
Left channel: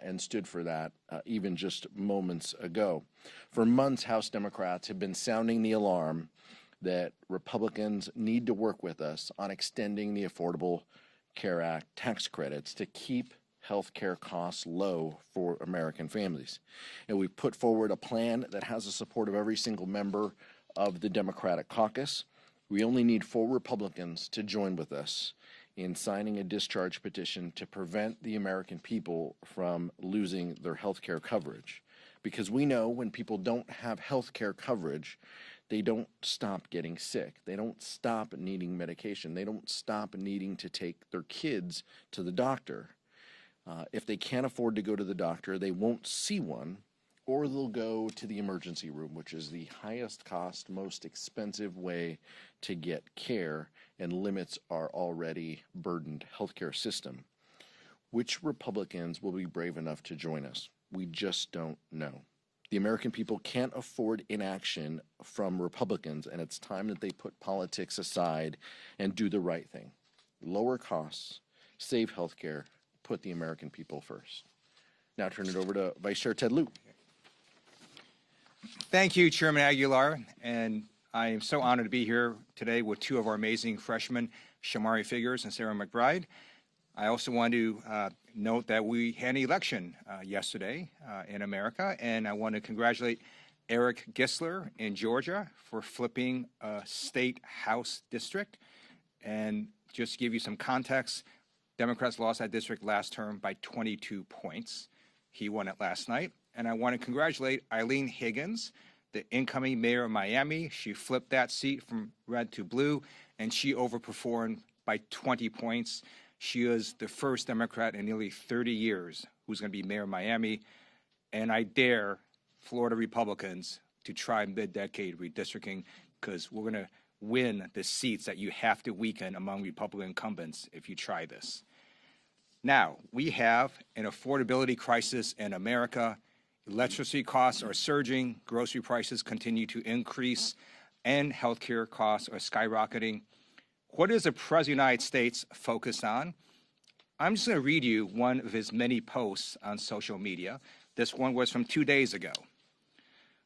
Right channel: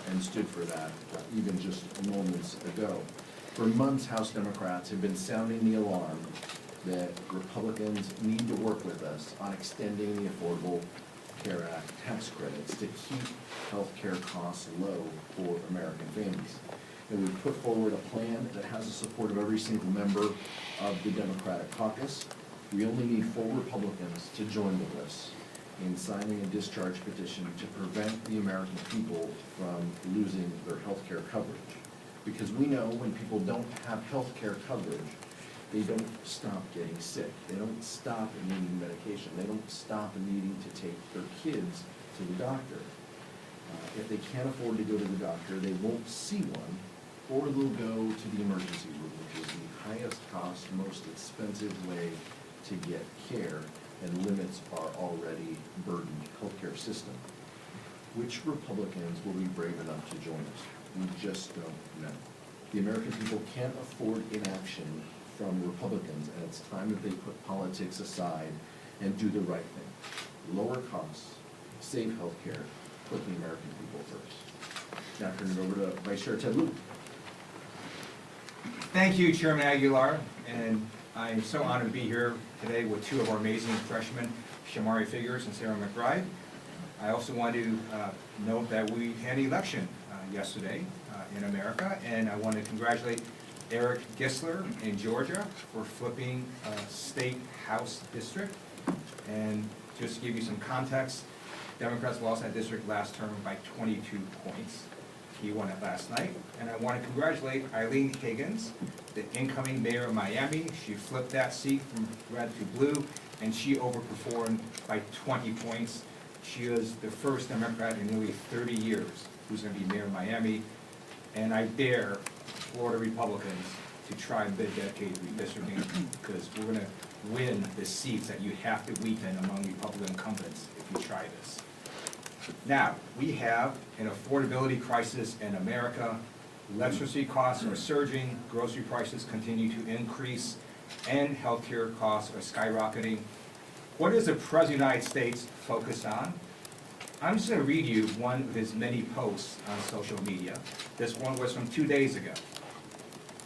and stood for that even just moments ago. For months, House Democrats have been sounding the alarm that Republicans need to work with us on extending the Affordable Care Act tax credits to keep health care costs low for American families. And we've put forward a plan that has the support of every single member of the Democratic caucus. We only need 4 Republicans to join with us in signing a discharge petition to prevent the American people from losing their health care coverage. Because we know when people don't have health care coverage, they don't stop getting sick. They don't stop needing medication. They don't stop needing to take their kids to the doctor. If they can't afford to go to the doctor, they won't see one, or they'll go to the emergency room, which is the highest cost, most expensive way to get care and limits our already burdened healthcare system. Which Republicans will be brave enough to join us? We just don't know. The American people can't afford inaction from Republicans, and it's time that they put politics aside and do the right thing. Lower costs, save healthcare, put the American people first. Now I turn it over to Vice Chair Ted Lieu. Thank you, Chairman Aguilar, and I am so honored to be here today with 2 of our amazing freshmen, Shamari Figures and Sarah McBride. I also want to note that we had an election yesterday in America, and I want to congratulate Eric Gisler in Georgia for flipping a state house district. And just to give you some context, Democrats lost that district last term by 22 points. He won it last night. And I want to congratulate Eileen Higgins, the incoming mayor of Miami. She flipped that seat from red to blue, and she overperformed by 20 points. She is the first Democrat in nearly 30 years who's going to be mayor of Miami. And I dare Florida Republicans to try mid-decade redistricting, because we're going to win the seats that you have to weaken among Republican incumbents if you try this. Now, we have an affordability crisis in America. Electricity costs are surging, grocery prices continue to increase, and healthcare costs are skyrocketing. What is the President of the United States focused on? I'm just going to read you one of his many posts on social media. This one was from 2 days ago.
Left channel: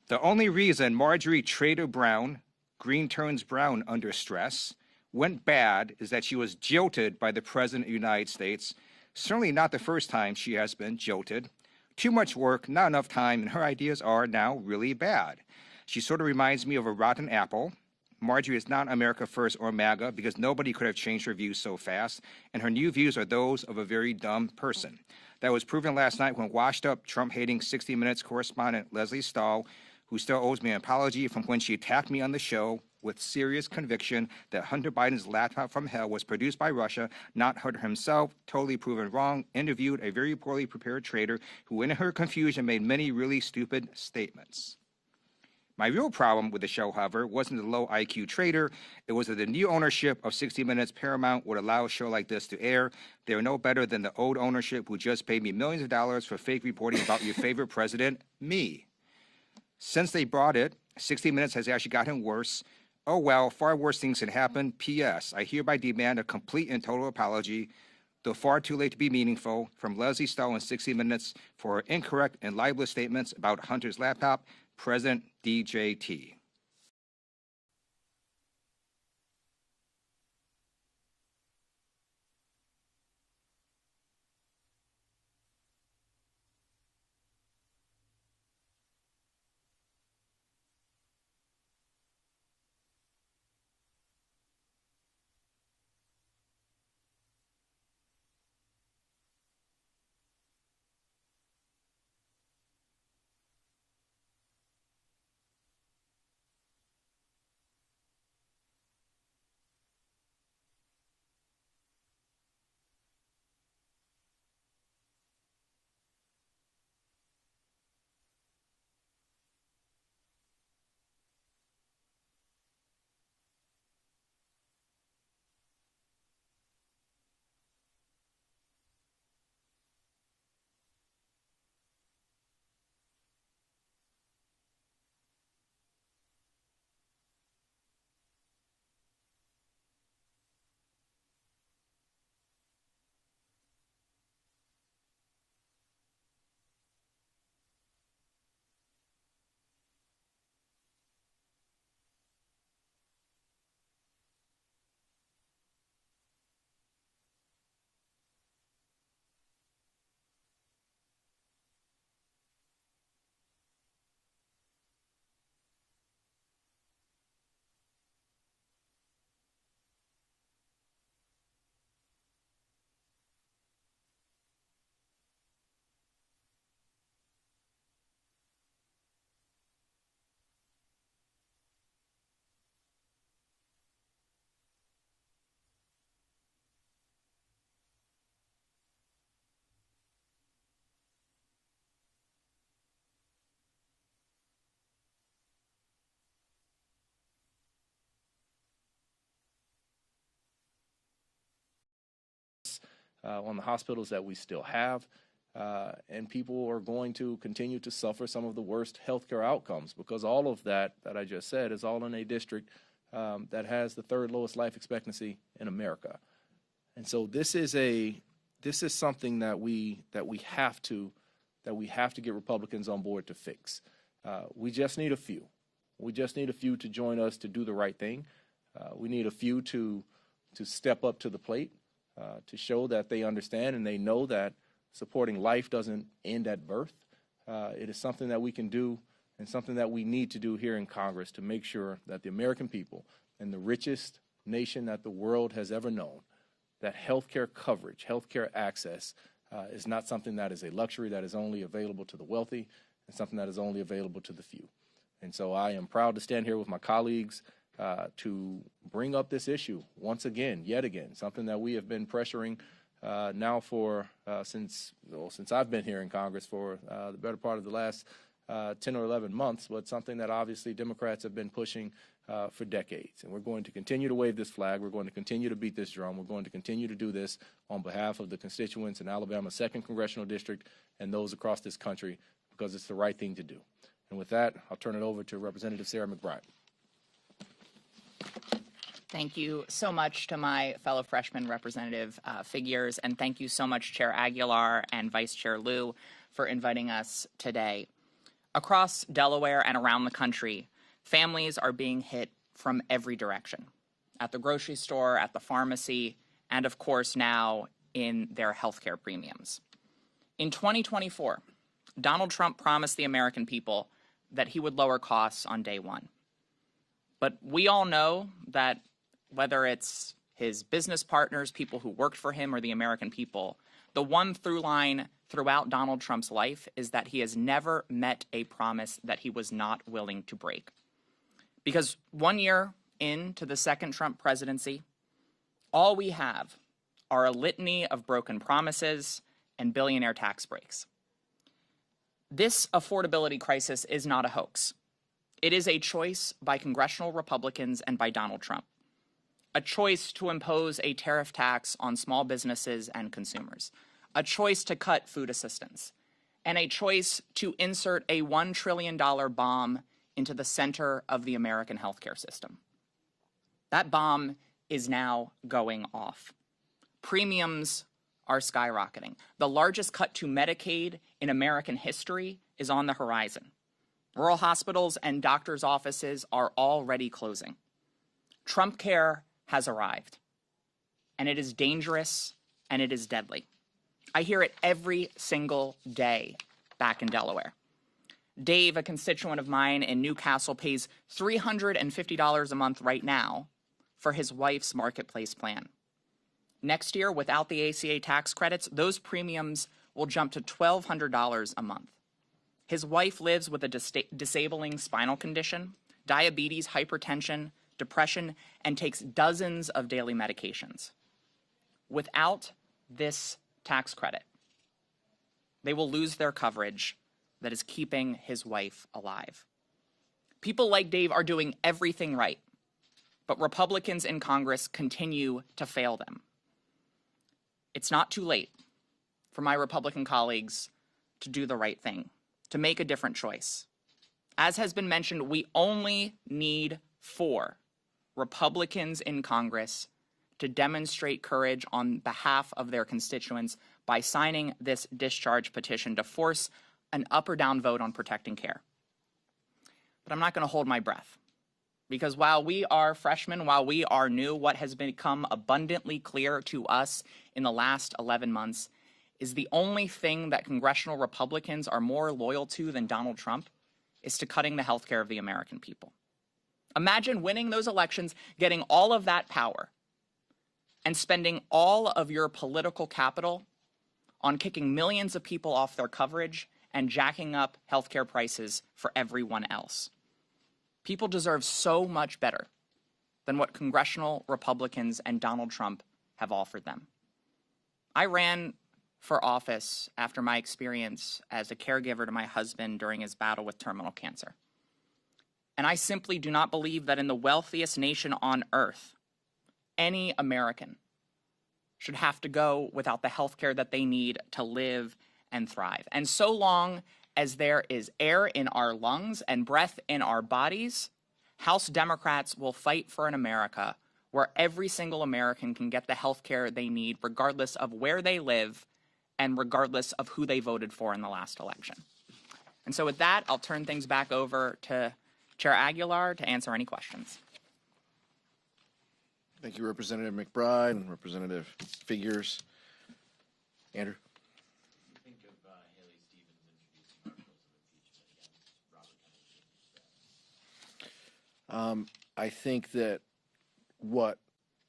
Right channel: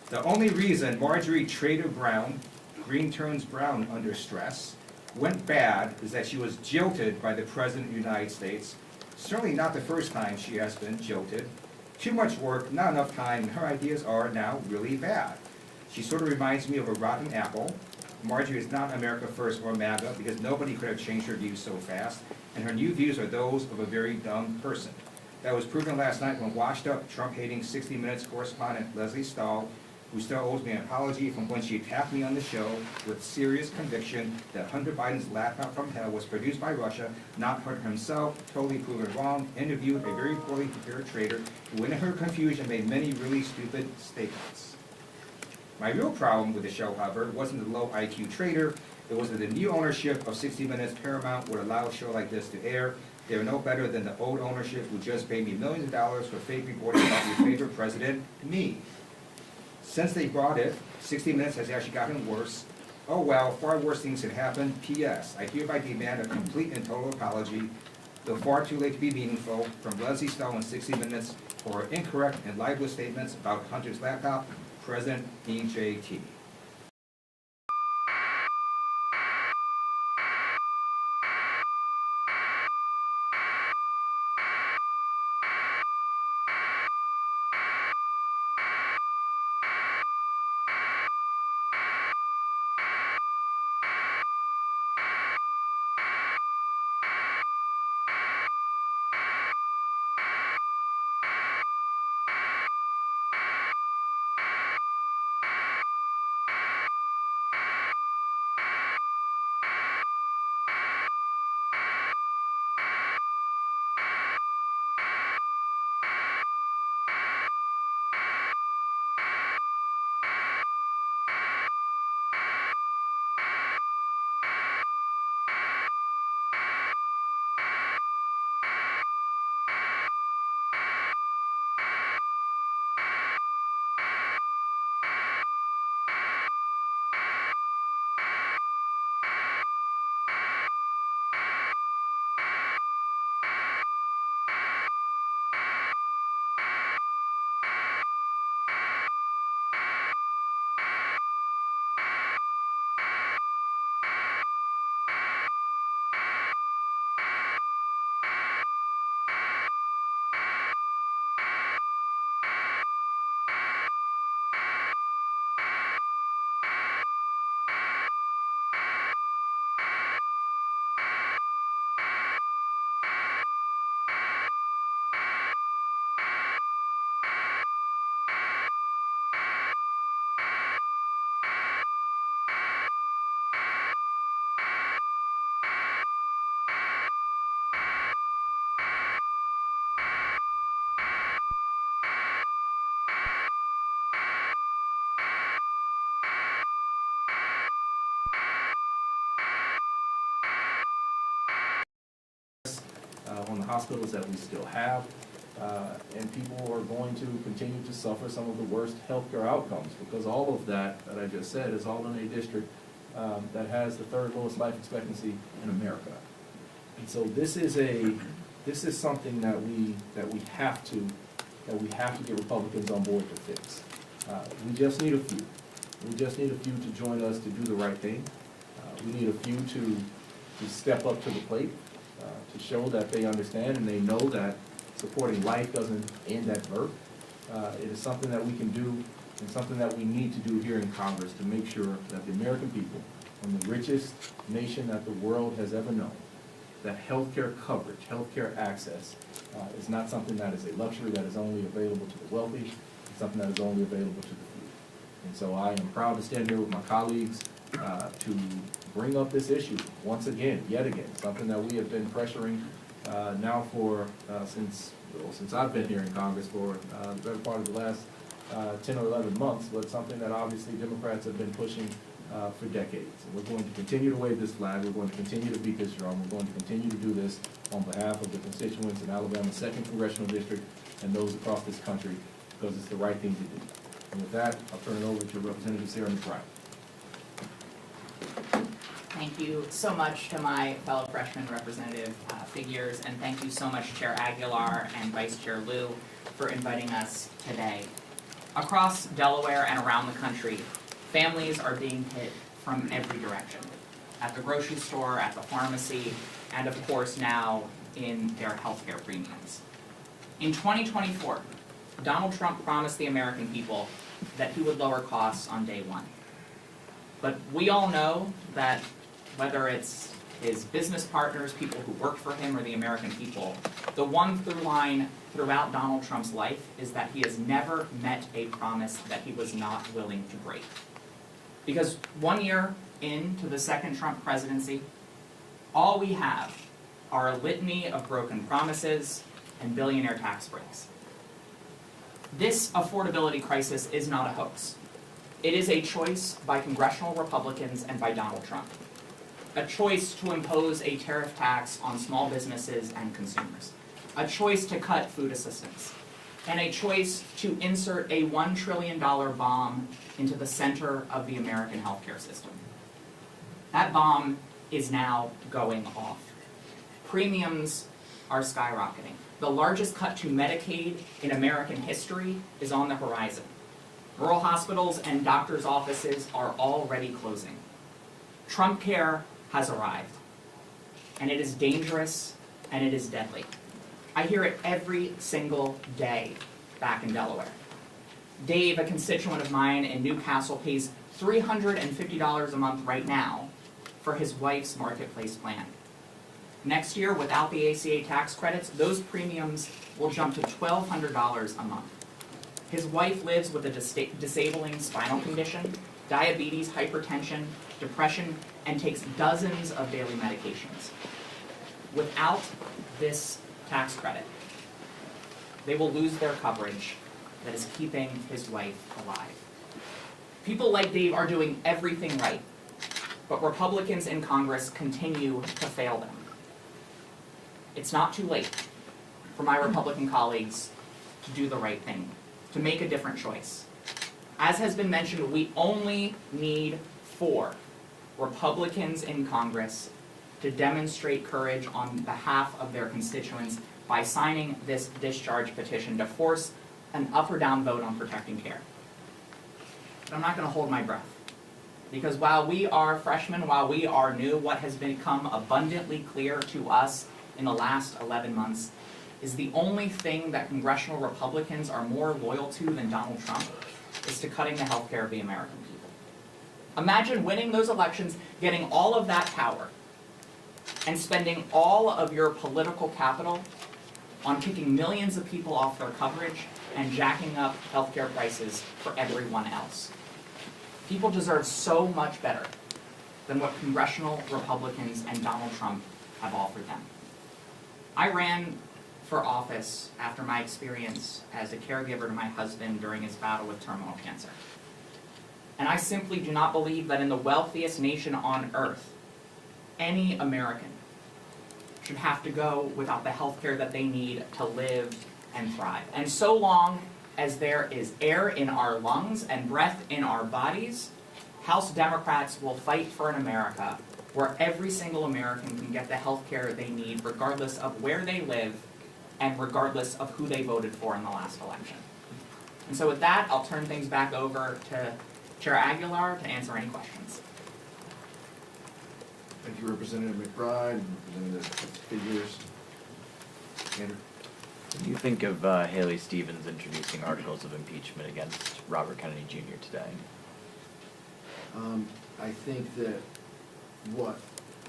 The only reason Marjorie Trader Brown, green turns brown under stress, went bad is that she was jilted by the President of the United States. Certainly not the first time she has been jilted. Too much work, not enough time, and her ideas are now really bad. She sort of reminds me of a rotten apple. Marjorie is not America First or MAGA because nobody could have changed her views so fast, and her new views are those of a very dumb person. That was proven last night when washed-up, Trump-hating 60 Minutes correspondent Leslie Stahl, who still owes me an apology from when she attacked me on the show with serious conviction that Hunter Biden's laptop from hell was produced by Russia, not Hunter himself, totally proven wrong, interviewed a very poorly prepared traitor who in her confusion made many really stupid statements. My real problem with the show, however, wasn't the low IQ traitor. It was that the new ownership of 60 Minutes Paramount would allow a show like this to air. They were no better than the old ownership who just paid me millions of dollars for fake reporting about your favorite president, me. Since they bought it, 60 Minutes has actually gotten worse. Oh well, far worse things had happened. P.S. I hereby demand a complete and total apology, though far too late to be meaningful, from Leslie Stahl in 60 Minutes for incorrect and libelous statements about Hunter's laptop, President DJT. hospitals that we still have. And people are going to continue to suffer some of the worst healthcare outcomes, because all of that I just said is all in a district that has the third lowest life expectancy in America. And so this is something that we have to get Republicans on board to fix. We just need a few. We just need a few to join us to do the right thing. We need a few to step up to the plate, to show that they understand and they know that supporting life doesn't end at birth. It is something that we can do and something that we need to do here in Congress to make sure that the American people, in the richest nation that the world has ever known, that healthcare coverage, healthcare access is not something that is a luxury that is only available to the wealthy. It's something that is only available to the few. And so I am proud to stand here with my colleagues to bring up this issue once again, yet again, something that we have been pressuring now for since I've been here in Congress for the better part of the last 10 or 11 months, but something that obviously Democrats have been pushing for decades. And we're going to continue to wave this flag. We're going to continue to beat this drum. We're going to continue to do this on behalf of the constituents in Alabama's 2nd Congressional District and those across this country, because it's the right thing to do. And with that, I'll turn it over to Representative Sarah McBride. Thank you so much to my fellow freshman representative figures, and thank you so much Chair Aguilar and Vice Chair Liu for inviting us today. Across Delaware and around the country, families are being hit from every direction. At the grocery store, at the pharmacy, and of course now in their healthcare premiums. In 2024, Donald Trump promised the American people that he would lower costs on day one. But we all know that whether it's his business partners, people who worked for him, or the American people, the one through line throughout Donald Trump's life is that he has never met a promise that he was not willing to break. Because 1 year into the second Trump presidency, all we have are a litany of broken promises and billionaire tax breaks. This affordability crisis is not a hoax. It is a choice by congressional Republicans and by Donald Trump. A choice to impose a tariff tax on small businesses and consumers. A choice to cut food assistance. And a choice to insert a $1 trillion bomb into the center of the American healthcare system. That bomb is now going off. Premiums are skyrocketing. The largest cut to Medicaid in American history is on the horizon. Rural hospitals and doctors' offices are already closing. Trump Care has arrived, and it is dangerous and it is deadly. I hear it every single day back in Delaware. Dave, a constituent of mine in Newcastle, pays $350 a month right now for his wife's Marketplace plan. Next year, without the ACA tax credits, those premiums will jump to $1,200 a month. His wife lives with a disabling spinal condition, diabetes, hypertension, depression, and takes dozens of daily medications. Without this tax credit, they will lose their coverage that is keeping his wife alive. People like Dave are doing everything right, but Republicans in Congress continue to fail them. It's not too late for my Republican colleagues to do the right thing, to make a different choice. As has been mentioned, we only need 4 Republicans in Congress to demonstrate courage on behalf of their constituents by signing this discharge petition to force an up or down vote on protecting care. But I'm not going to hold my breath. Because while we are freshmen, while we are new, what has become abundantly clear to us in the last 11 months is the only thing that congressional Republicans are more loyal to than Donald Trump is to cutting the health care of the American people. Imagine winning those elections, getting all of that power, and spending all of your political capital on kicking millions of people off their coverage and jacking up healthcare prices for everyone else. People deserve so much better than what congressional Republicans and Donald Trump have offered them. I ran for office after my experience as a caregiver to my husband during his battle with terminal cancer. And I simply do not believe that in the wealthiest nation on earth, any American should have to go without the health care that they need to live and thrive. And so long as there is air in our lungs and breath in our bodies, House Democrats will fight for an America where every single American can get the health care they need regardless of where they live and regardless of who they voted for in the last election. And so with that, I'll turn things back over to Chair Aguilar to answer any questions. Thank you, Representative McBride and Representative Figures. Andrew? What do you think of Haley Stevens introducing articles of impeachment against Robert Kennedy Jr. today? I think that what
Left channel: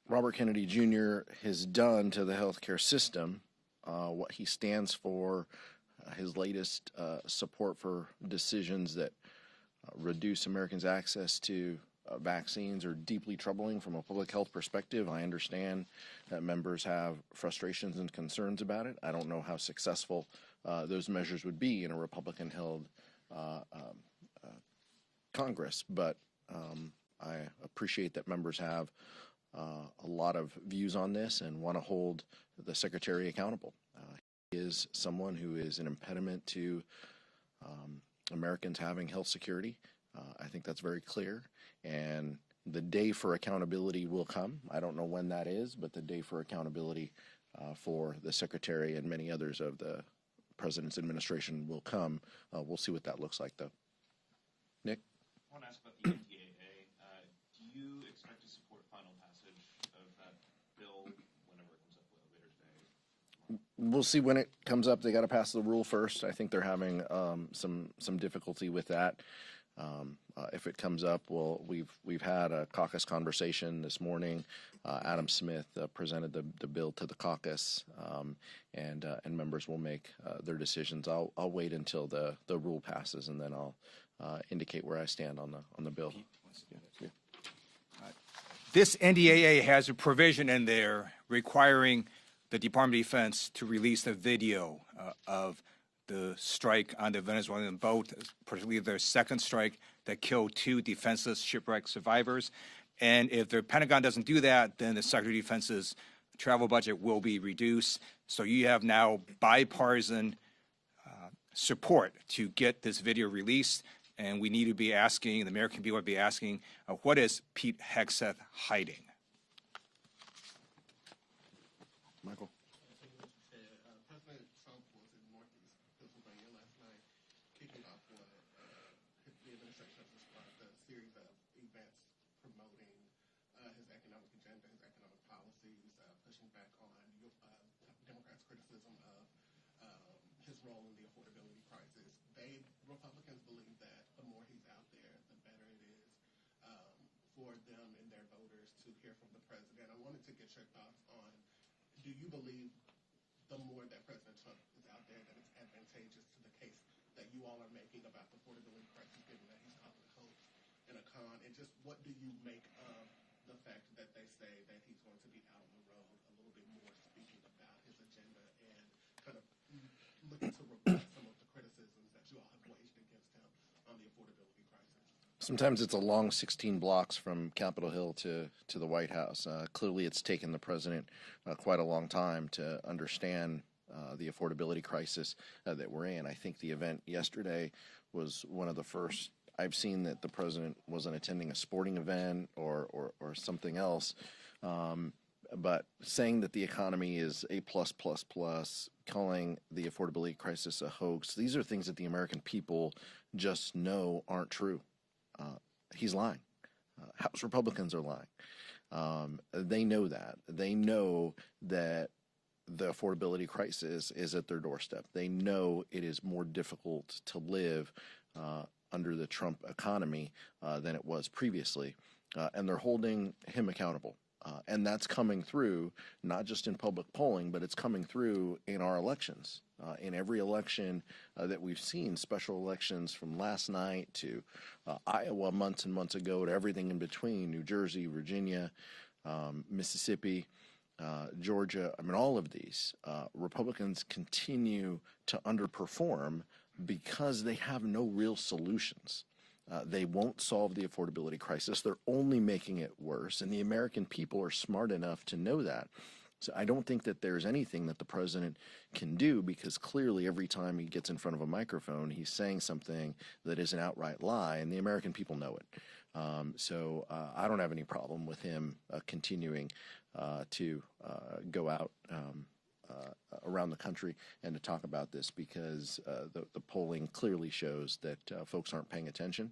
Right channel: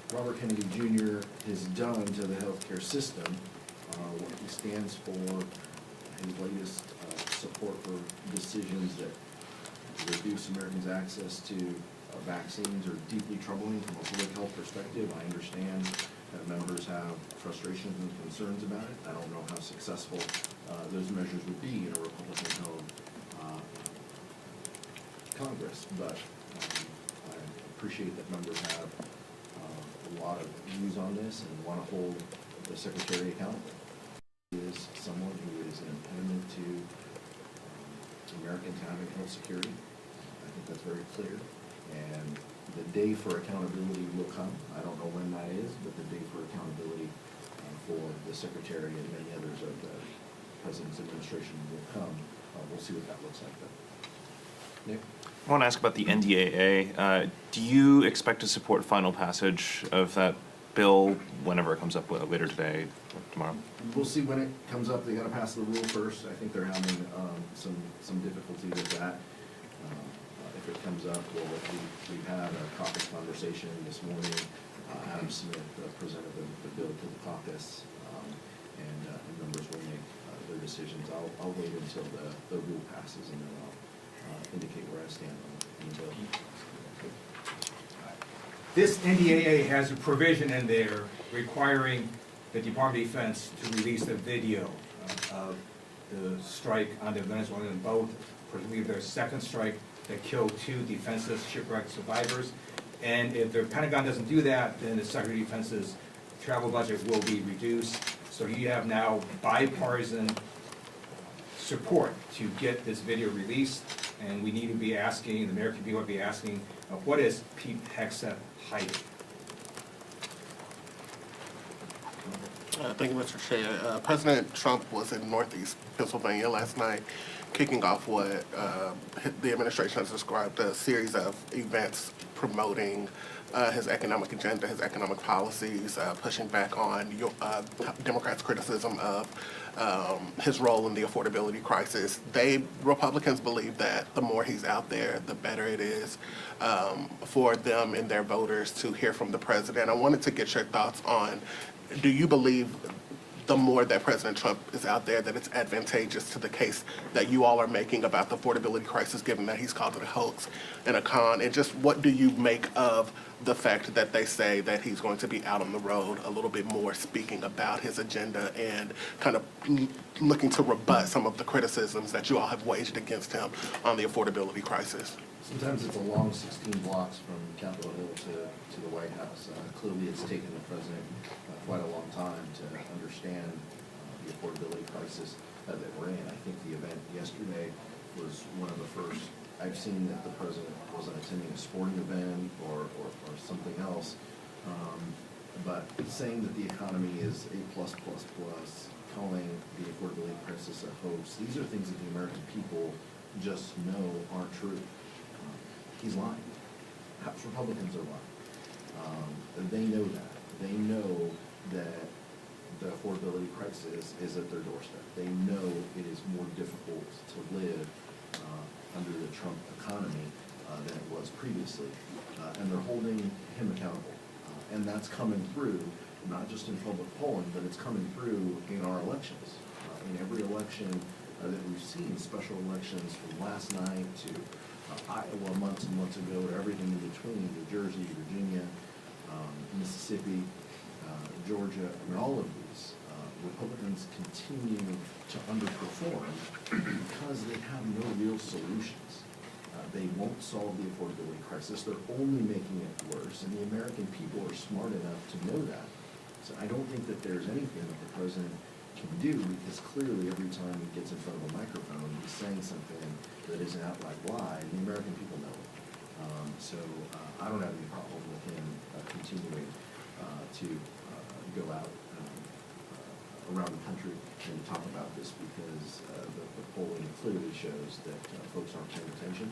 Robert Kennedy Jr. has done to the healthcare system, what he stands for, his latest support for decisions that reduce Americans' access to vaccines are deeply troubling from a public health perspective. I understand that members have frustrations and concerns about it. I don't know how successful those measures would be in a Republican-held Congress, but I appreciate that members have a lot of views on this and want to hold the Secretary accountable. He is someone who is an impediment to Americans having health security. I think that's very clear. And the day for accountability will come. I don't know when that is, but the day for accountability for the Secretary and many others of the President's administration will come. We'll see what that looks like, though. Nick? I want to ask about the NDAA. Do you expect to support final passage of that bill whenever it comes up later today or tomorrow? We'll see when it comes up. They got to pass the rule first. I think they're having some difficulty with that. If it comes up, we've had a caucus conversation this morning. Adam Smith presented the bill to the caucus, and members will make their decisions. I'll wait until the rule passes, and then I'll indicate where I stand on the bill. This NDAA has a provision in there requiring the Department of Defense to release the video of the strike on the Venezuelan boat, particularly their second strike that killed 2 defenseless shipwreck survivors. And if the Pentagon doesn't do that, then the Secretary of Defense's travel budget will be reduced. So you have now bipartisan support to get this video released, and we need to be asking, the American people will be asking, what is Pete Hegseth hiding? Thank you, Mr. Chair. President Trump was in Northeast Pennsylvania last night, kicking off what the administration has described a series of events promoting his economic agenda, his economic policies, pushing back on Democrats' criticism of his role in the affordability crisis. Republicans believe that the more he's out there, the better it is for them and their voters to hear from the president. I wanted to get your thoughts on, do you believe the more that President Trump is out there, that it's advantageous to the case that you all are making about the affordability crisis, given that he's called it a hoax and a con? And just what do you make of the fact that they say that he's going to be out on the road a little bit more, speaking about his agenda and kind of looking to rebut some of the criticisms that you all have waged against him on the affordability crisis? Sometimes it's a long 16 blocks from Capitol Hill to the White House. Clearly, it's taken the president quite a long time to understand the affordability crisis that we're in. I think the event yesterday was one of the first I've seen that the president wasn't attending a sporting event or something else. But saying that the economy is A+++, calling the affordability crisis a hoax, these are things that the American people just know aren't true. He's lying. House Republicans are lying. They know that. They know that the affordability crisis is at their doorstep. They know it is more difficult to live under the Trump economy than it was previously. And they're holding him accountable. And that's coming through, not just in public polling, but it's coming through in our elections. In every election that we've seen, special elections from last night to Iowa months and months ago to everything in between, New Jersey, Virginia, Mississippi, Georgia, I mean, all of these, Republicans continue to underperform because they have no real solutions. They won't solve the affordability crisis. They're only making it worse, and the American people are smart enough to know that. So I don't think that there's anything that the president can do, because clearly every time he gets in front of a microphone, he's saying something that is an outright lie, and the American people know it. So I don't have any problem with him continuing to go out around the country and to talk about this, because the polling clearly shows that folks aren't paying attention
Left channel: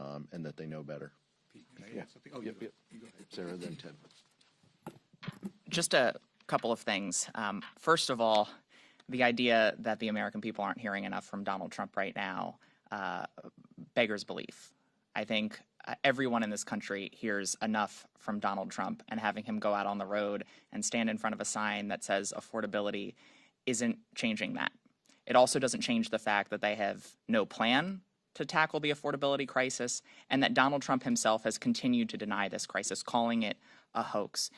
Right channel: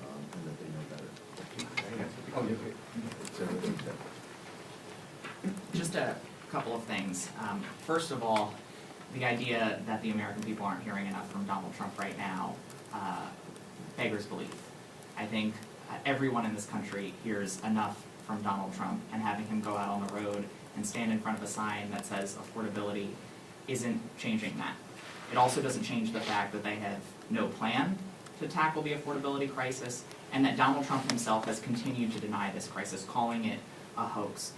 and that they know better. Just a couple of things. First of all, the idea that the American people aren't hearing enough from Donald Trump right now beggars belief. I think everyone in this country hears enough from Donald Trump, and having him go out on the road and stand in front of a sign that says affordability isn't changing that. It also doesn't change the fact that they have no plan to tackle the affordability crisis, and that Donald Trump himself has continued to deny this crisis, calling it a hoax.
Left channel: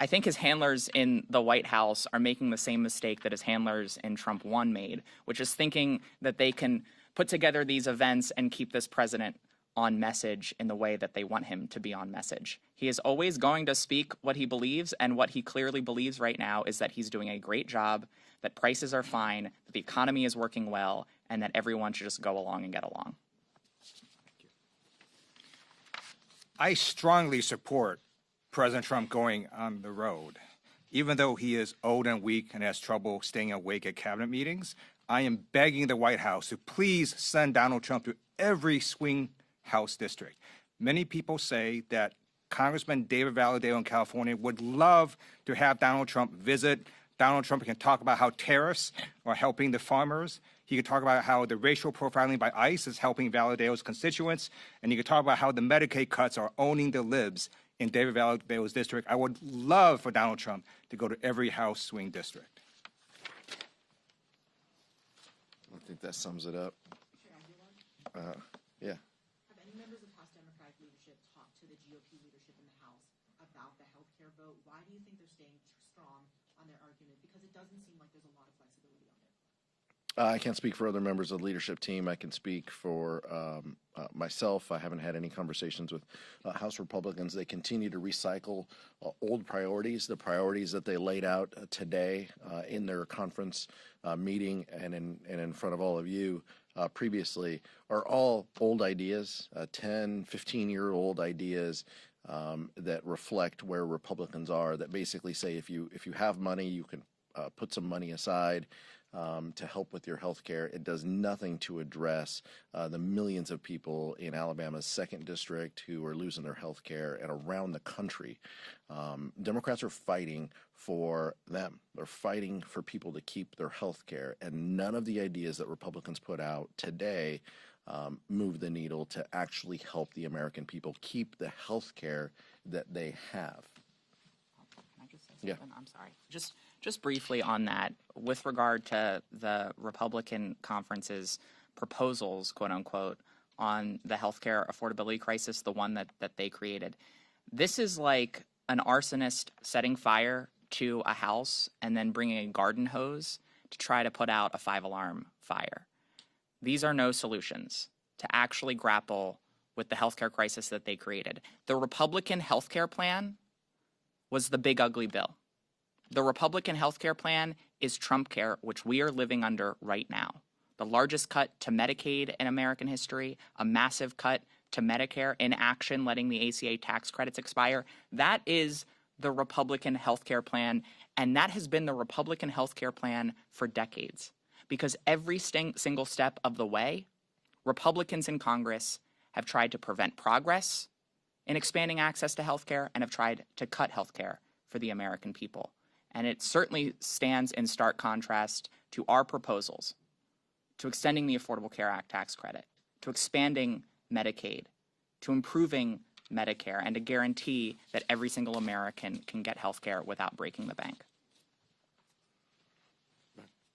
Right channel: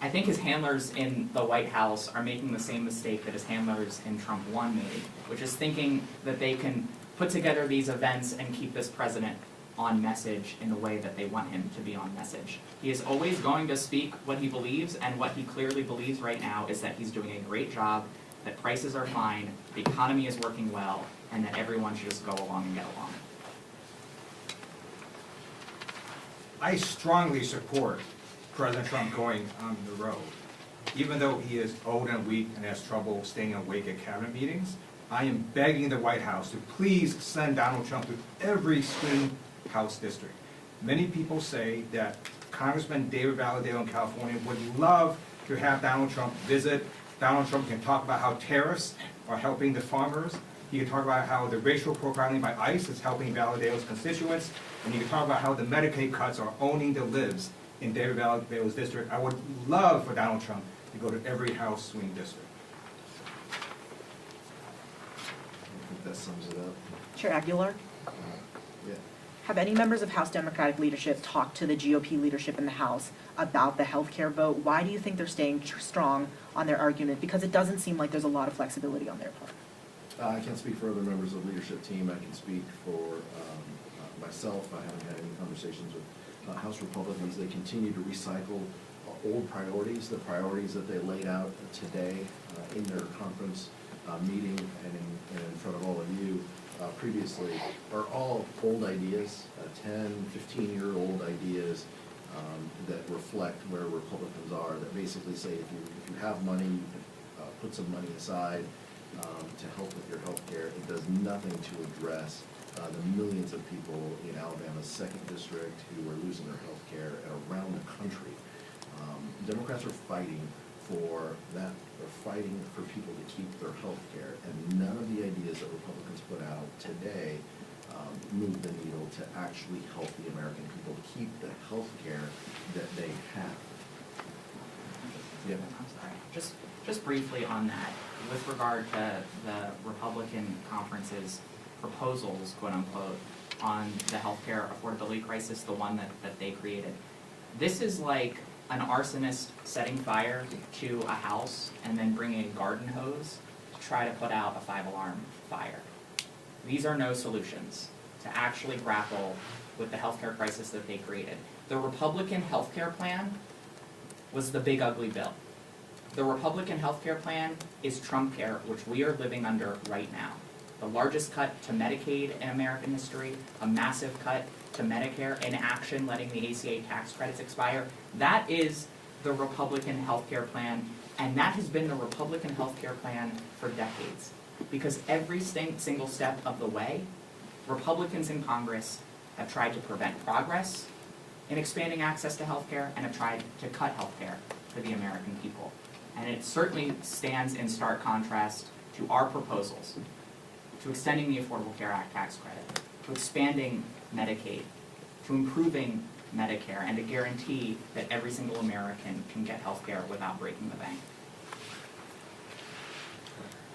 I think his handlers in the White House are making the same mistake that his handlers in Trump 1 made, which is thinking that they can put together these events and keep this president on message in the way that they want him to be on message. He is always going to speak what he believes, and what he clearly believes right now is that he's doing a great job, that prices are fine, the economy is working well, and that everyone should just go along and get along. I strongly support President Trump going on the road. Even though he is old and weak and has trouble staying awake at cabinet meetings, I am begging the White House to please send Donald Trump to every swing House district. Many people say that Congressman David Valadao in California would love to have Donald Trump visit. Donald Trump can talk about how terrorists are helping the farmers. He can talk about how the racial profiling by ICE is helping Valadao's constituents. And he can talk about how the Medicaid cuts are owning the libs in David Valadao's district. I would love for Donald Trump to go to every House swing district. I think that sums it up. Chair Aguilar? Yeah. Have any members of House Democratic leadership talked to the GOP leadership in the House about the healthcare vote? Why do you think they're staying strong on their argument? Because it doesn't seem like there's a lot of flexibility on their part. I can't speak for other members of the leadership team. I can speak for myself. I haven't had any conversations with House Republicans. They continue to recycle old priorities, the priorities that they laid out today in their conference meeting and in front of all of you previously, are all old ideas, 10, 15-year-old ideas that reflect where Republicans are, that basically say if you have money, you can put some money aside to help with your health care. It does nothing to address the millions of people in Alabama's 2nd District who are losing their health care, and around the country. Democrats are fighting for that. They're fighting for people to keep their health care, and none of the ideas that Republicans put out today move the needle to actually help the American people keep the health care that they have. Yeah. I'm sorry. Just briefly on that, with regard to the Republican conference's proposals, quote unquote, on the healthcare affordability crisis, the one that they created. This is like an arsonist setting fire to a house and then bringing a garden hose to try to put out a 5-alarm fire. These are no solutions to actually grapple with the healthcare crisis that they created. The Republican healthcare plan was the big ugly bill. The Republican healthcare plan is Trump Care, which we are living under right now. The largest cut to Medicaid in American history, a massive cut to Medicare, inaction, letting the ACA tax credits expire. That is the Republican healthcare plan, and that has been the Republican healthcare plan for decades. Because every single step of the way, Republicans in Congress have tried to prevent progress in expanding access to healthcare and have tried to cut healthcare for the American people. And it certainly stands in stark contrast to our proposals, to extending the Affordable Care Act tax credit, to expanding Medicaid, to improving Medicare, and to guarantee that every single American can get health care without breaking the bank.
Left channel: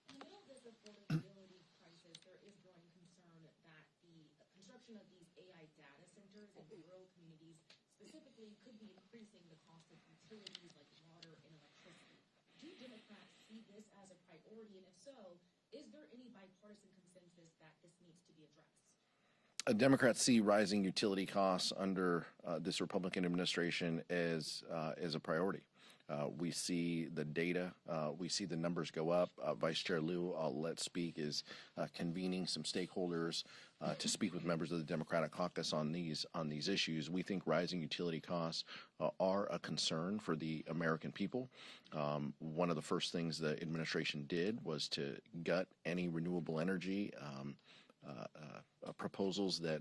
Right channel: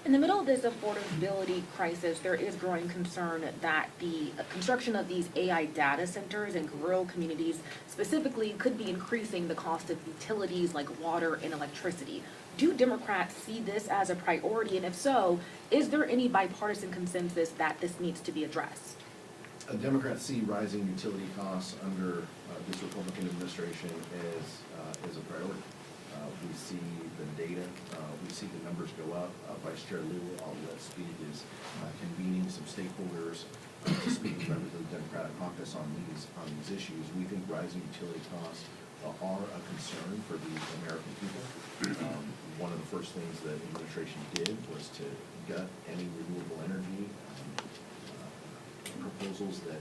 In the middle of this affordability crisis, there is growing concern that the construction of these AI data centers in rural communities specifically could be increasing the cost of utilities like water and electricity. Do Democrats see this as a priority? And if so, is there any bipartisan consensus that this needs to be addressed? Democrats see rising utility costs under this Republican administration as a priority. We see the data, we see the numbers go up. Vice Chair Liu, I'll let speak, is convening some stakeholders to speak to members of the Democratic caucus on these issues. We think rising utility costs are a concern for the American people. One of the first things the administration did was to gut any renewable energy proposals that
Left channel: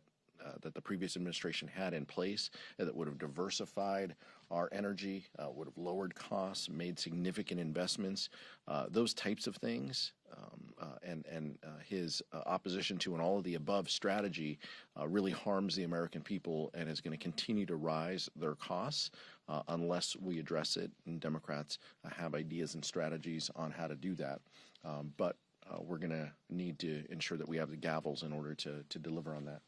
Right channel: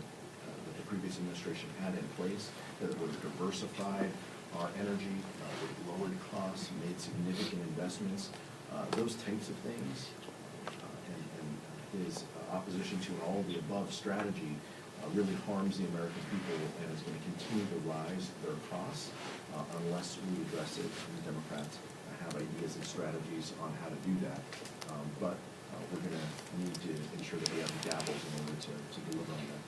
the previous administration had in place that would have diversified our energy, with lowered costs, made significant investments, those types of things. And his opposition to an all-of-the-above strategy really harms the American people and is going to continue to rise their costs unless we address it. And the Democrats have ideas and strategies on how to do that. But we're going to need to ensure that we have the gavels in order to deliver on that.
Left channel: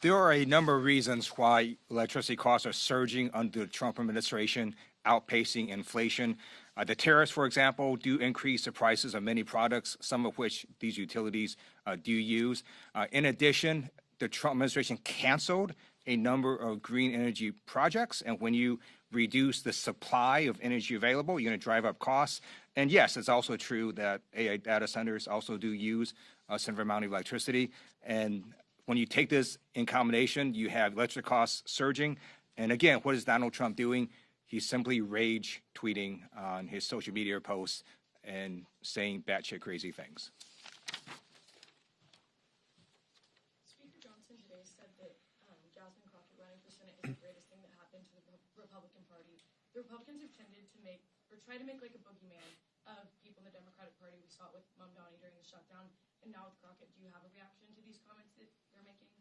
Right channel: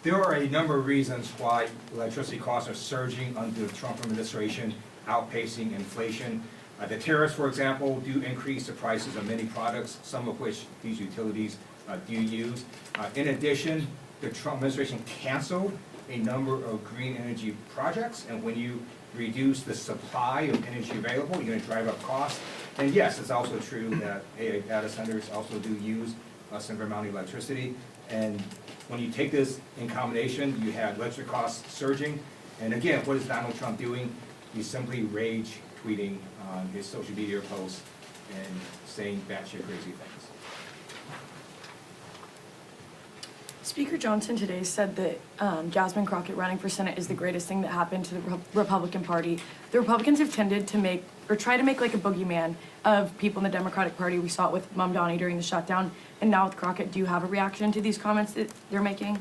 There are a number of reasons why electricity costs are surging under the Trump administration, outpacing inflation. The tariffs, for example, do increase the prices of many products, some of which these utilities do use. In addition, the Trump administration canceled a number of green energy projects, and when you reduce the supply of energy available, you're going to drive up costs. And yes, it's also true that AI data centers also do use a similar amount of electricity. And when you take this in combination, you have electric costs surging. And again, what is Donald Trump doing? He's simply rage tweeting on his social media posts and saying batshit crazy things. Speaker Johnson today said that Jasmine Crockett running for Senate is the greatest thing that happened to the Republican Party. The Republicans have tended to make, or try to make like a boogeyman of people in the Democratic Party. We saw it with Mamdani during the shutdown, and now with Crockett. Do you have a reaction to these comments that they're making?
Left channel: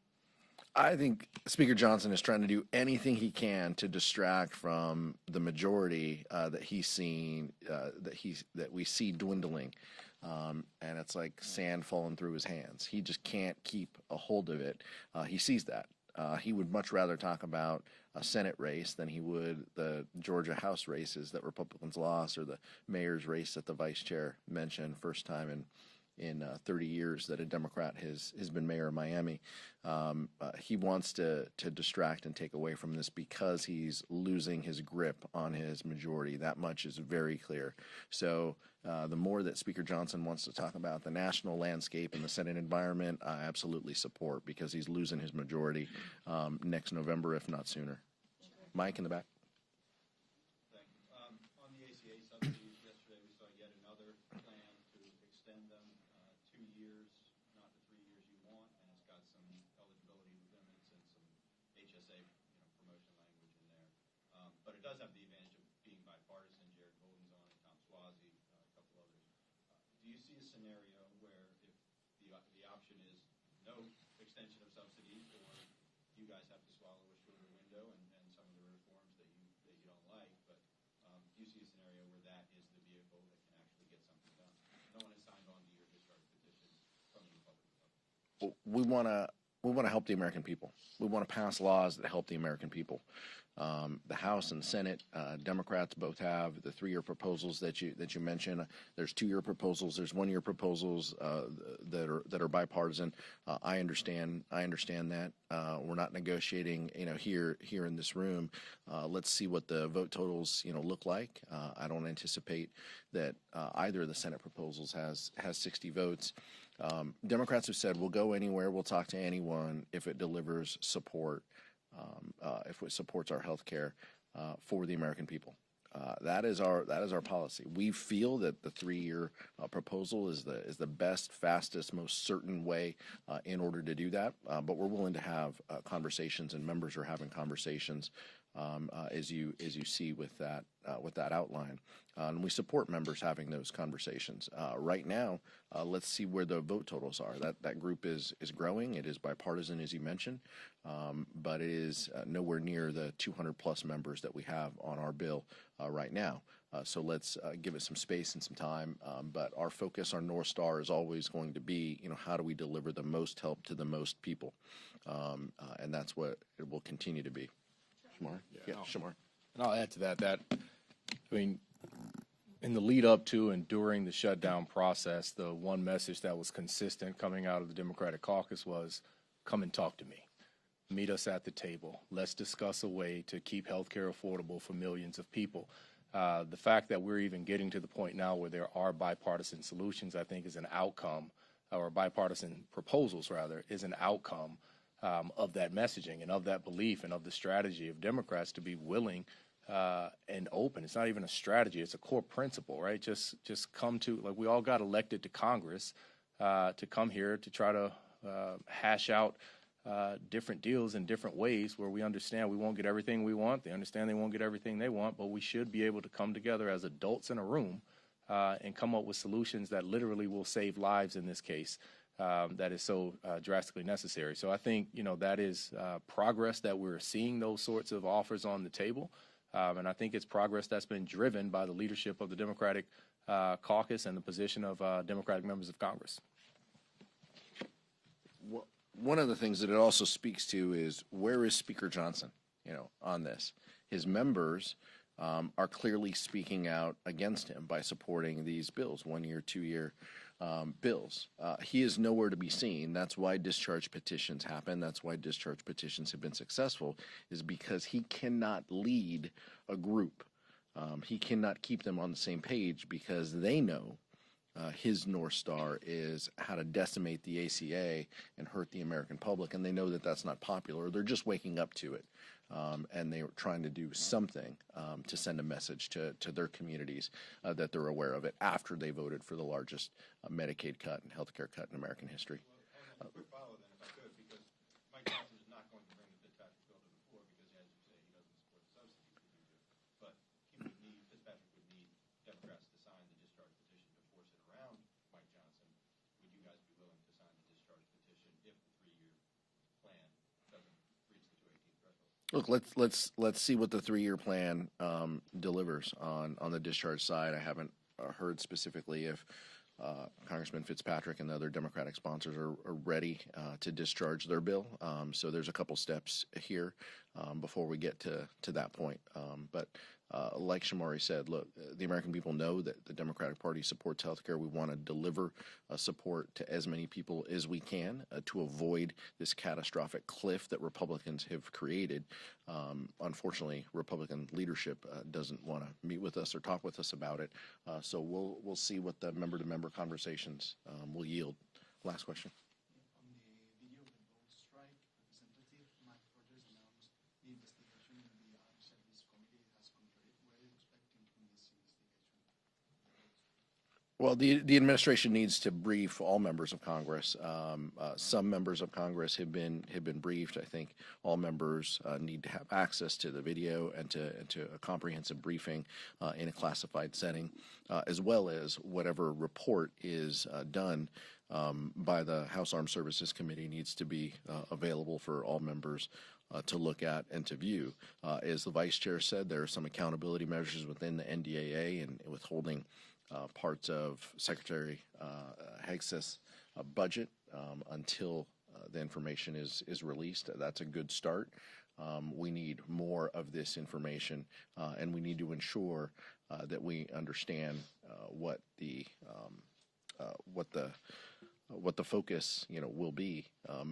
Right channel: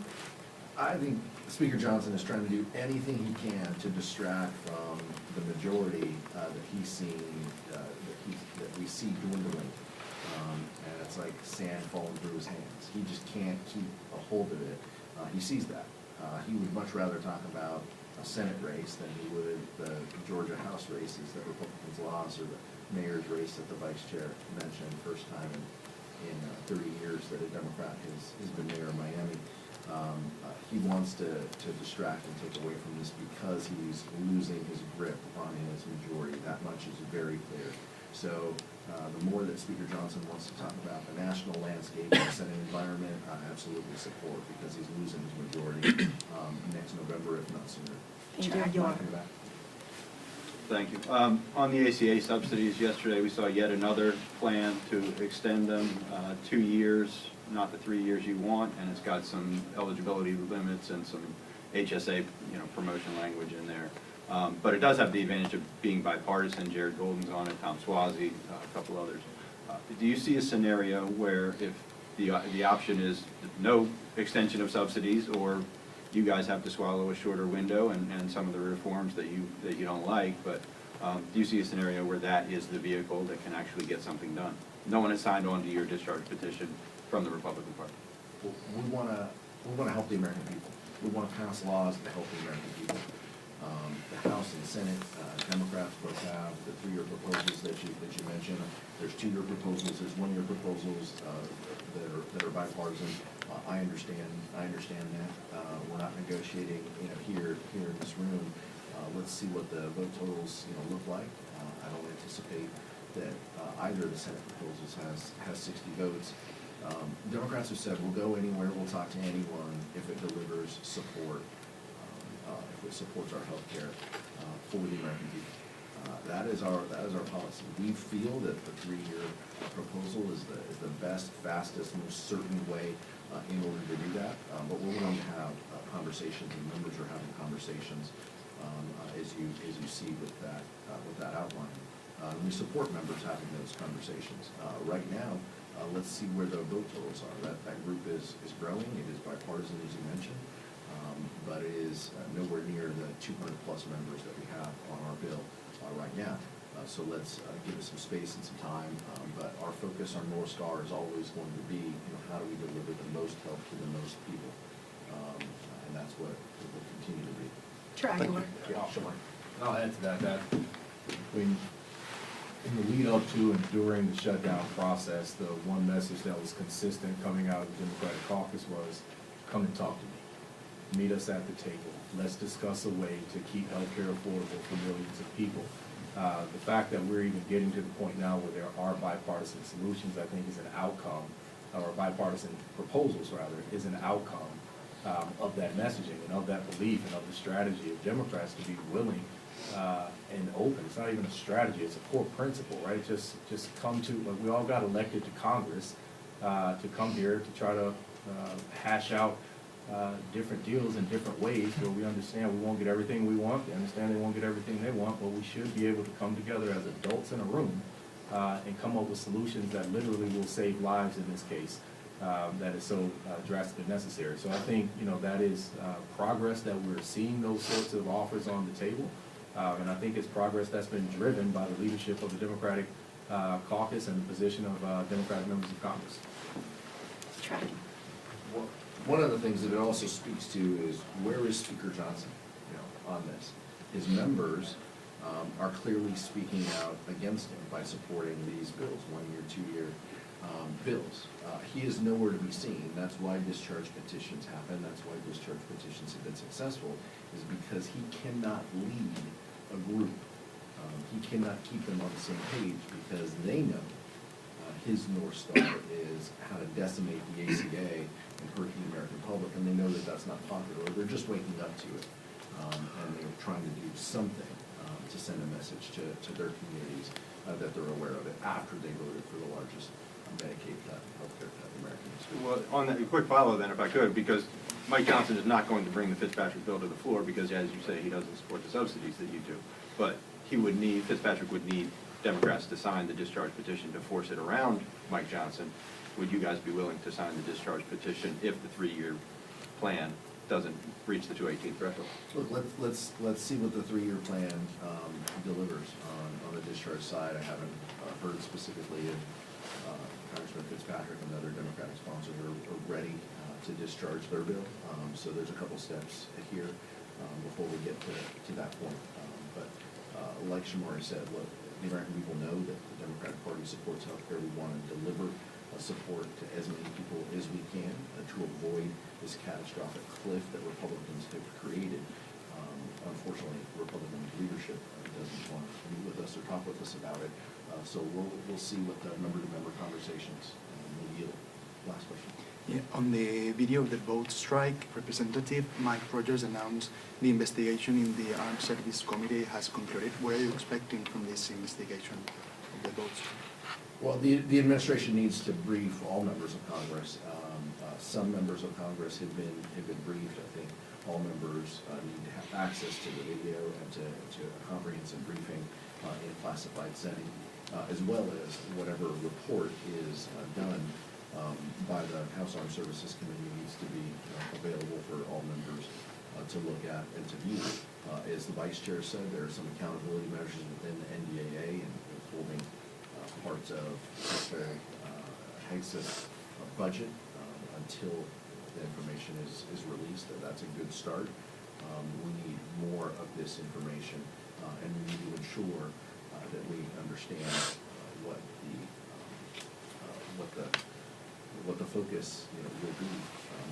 I think Speaker Johnson is trying to do anything he can to distract from the majority that he's seen, that we see dwindling. And it's like sand falling through his hands. He just can't keep a hold of it. He sees that. He would much rather talk about a Senate race than he would the Georgia House races that Republicans lost, or the mayor's race that the vice chair mentioned, first time in 30 years that a Democrat has been mayor of Miami. He wants to distract and take away from this because he's losing his grip on his majority. That much is very clear. So the more that Speaker Johnson wants to talk about the national landscape and the Senate environment, I absolutely support, because he's losing his majority next November, if not sooner. Thank you. Mike in the back. Thank you. On the ACA subsidies, yesterday we saw yet another plan to extend them 2 years, not the 3 years you want, and it's got some eligibility limits and some HSA, promotion language in there. But it does have the advantage of being bipartisan. Jared Golden's on it, Tom Suozzi, a couple others. Do you see a scenario where if the option is no extension of subsidies, or you guys have to swallow a shorter window and some of the reforms that you don't like, but do you see a scenario where that is the vehicle that can actually get something done? No one has signed on to your discharge petition from the Republican Party. We want to help the American people. We want to pass laws that help the American people. The House and the Senate, Democrats both have the 3-year proposals that you mentioned. There's 2-year proposals. There's 1-year proposals that are bipartisan. I understand that. We're not negotiating, here in this room. Let's see what the vote totals, look like. I don't anticipate that either of the Senate proposals has 60 votes. Democrats have said, we'll go anywhere, we'll talk to anyone if it delivers support, if it supports our health care for the American people. That is our policy. We feel that the 3-year proposal is the best, fastest, most certain way in order to do that. But we're willing to have conversations, and members are having conversations as you see with that outline. We support members having those conversations. Right now, let's see where the vote totals are. That group is growing. It is bipartisan, as you mentioned, but it is nowhere near the 200+ members that we have on our bill right now. So let's give it some space and some time. But our focus, our North Star, is always going to be, how do we deliver the most help to the most people? And that's what it will continue to be. Yeah, sure. I'll add to that, in the lead up to and during the shutdown process, the one message that was consistent coming out of the Democratic caucus was, come and talk to me. Meet us at the table. let's discuss a way to keep healthcare affordable for millions of people. The fact that we're even getting to the point now where there are bipartisan solutions, I think is an outcome, or bipartisan proposals rather, is an outcome of that messaging and of that belief and of the strategy of Democrats to be willing and open. It's not even a strategy, it's a core principle, right? Just come to, like, we all got elected to Congress to come here to try to hash out different deals in different ways where we understand we won't get everything we want, we understand they won't get everything they want, but we should be able to come together as adults in a room and come up with solutions that literally will save lives in this case. That is so drastically necessary. So I think, you know, that is progress that we're seeing those sorts of offers on the table. And I think it's progress that's been driven by the leadership of the Democratic caucus and the position of Democratic members of Congress. One of the things that it also speaks to is, where is Speaker Johnson, you know, on this? His members are clearly speaking out against him by supporting these bills, 1-year, 2-year bills. He is nowhere to be seen. That's why discharge petitions happen. That's why discharge petitions have been successful, is because he cannot lead a group. He cannot keep them on the same page because they know his North Star is how to decimate the ACA and hurt the American public, and they know that that's not popular. They're just waking up to it, and they're trying to do something to send a message to their communities that they're aware of it after they voted for the largest Medicaid cut, healthcare cut in American history. Well, on that, a quick follow then, if I could, because Mike Johnson is not going to bring the Fitzpatrick bill to the floor because, as you say, he doesn't support the subsidies that you do. But Fitzpatrick would need Democrats to sign the discharge petition to force it around Mike Johnson. Would you guys be willing to sign the discharge petition if the 3-year plan doesn't reach the 218 threshold? Look, let's see what the 3-year plan delivers on the discharge side. I haven't heard specifically if Congressman Fitzpatrick and the other Democratic sponsors are ready to discharge their bill. So there's a couple steps here before we get to that point. But like Shamari said, look, the American people know that the Democratic Party supports healthcare. We want to deliver support to as many people as we can to avoid this catastrophic cliff that Republicans have created. Unfortunately, Republican leadership doesn't want to meet with us or talk with us about it. So we'll see what the member-to-member conversations will yield. Last question. Yeah, on the video of the boat strike, Representative Mike Rogers announced the investigation in the Armed Service Committee has concluded. What are you expecting from this investigation of the boat strike? Well, the administration needs to brief all members of Congress. Some members of Congress have been briefed. I think all members need to have access to the video and to a comprehensive briefing in a classified setting, as well as whatever report is done by the House Armed Services Committee needs to be available for all members to look at and to view. As the Vice Chair said, there are some accountability measures within the NDAA and withholding parts of Secretary Hegseth's budget until the information is released. That's a good start. We need more of this information, and we need to ensure that we understand what the focus will be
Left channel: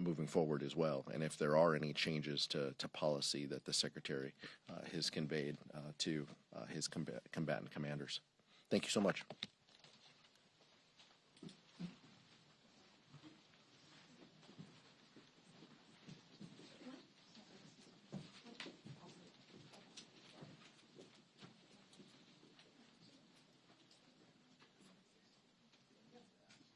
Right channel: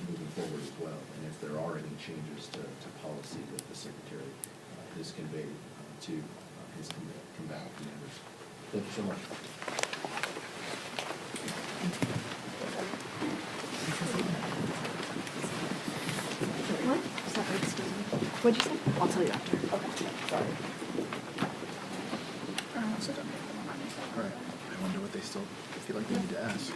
moving forward as well, and if there are any changes to policy that the Secretary has conveyed to his combatant commanders. Thank you so much. What? Sorry, excuse me. What'd you say? I'll tell you after. Okay, sorry. All right. I wonder what they still feel like they need to ask.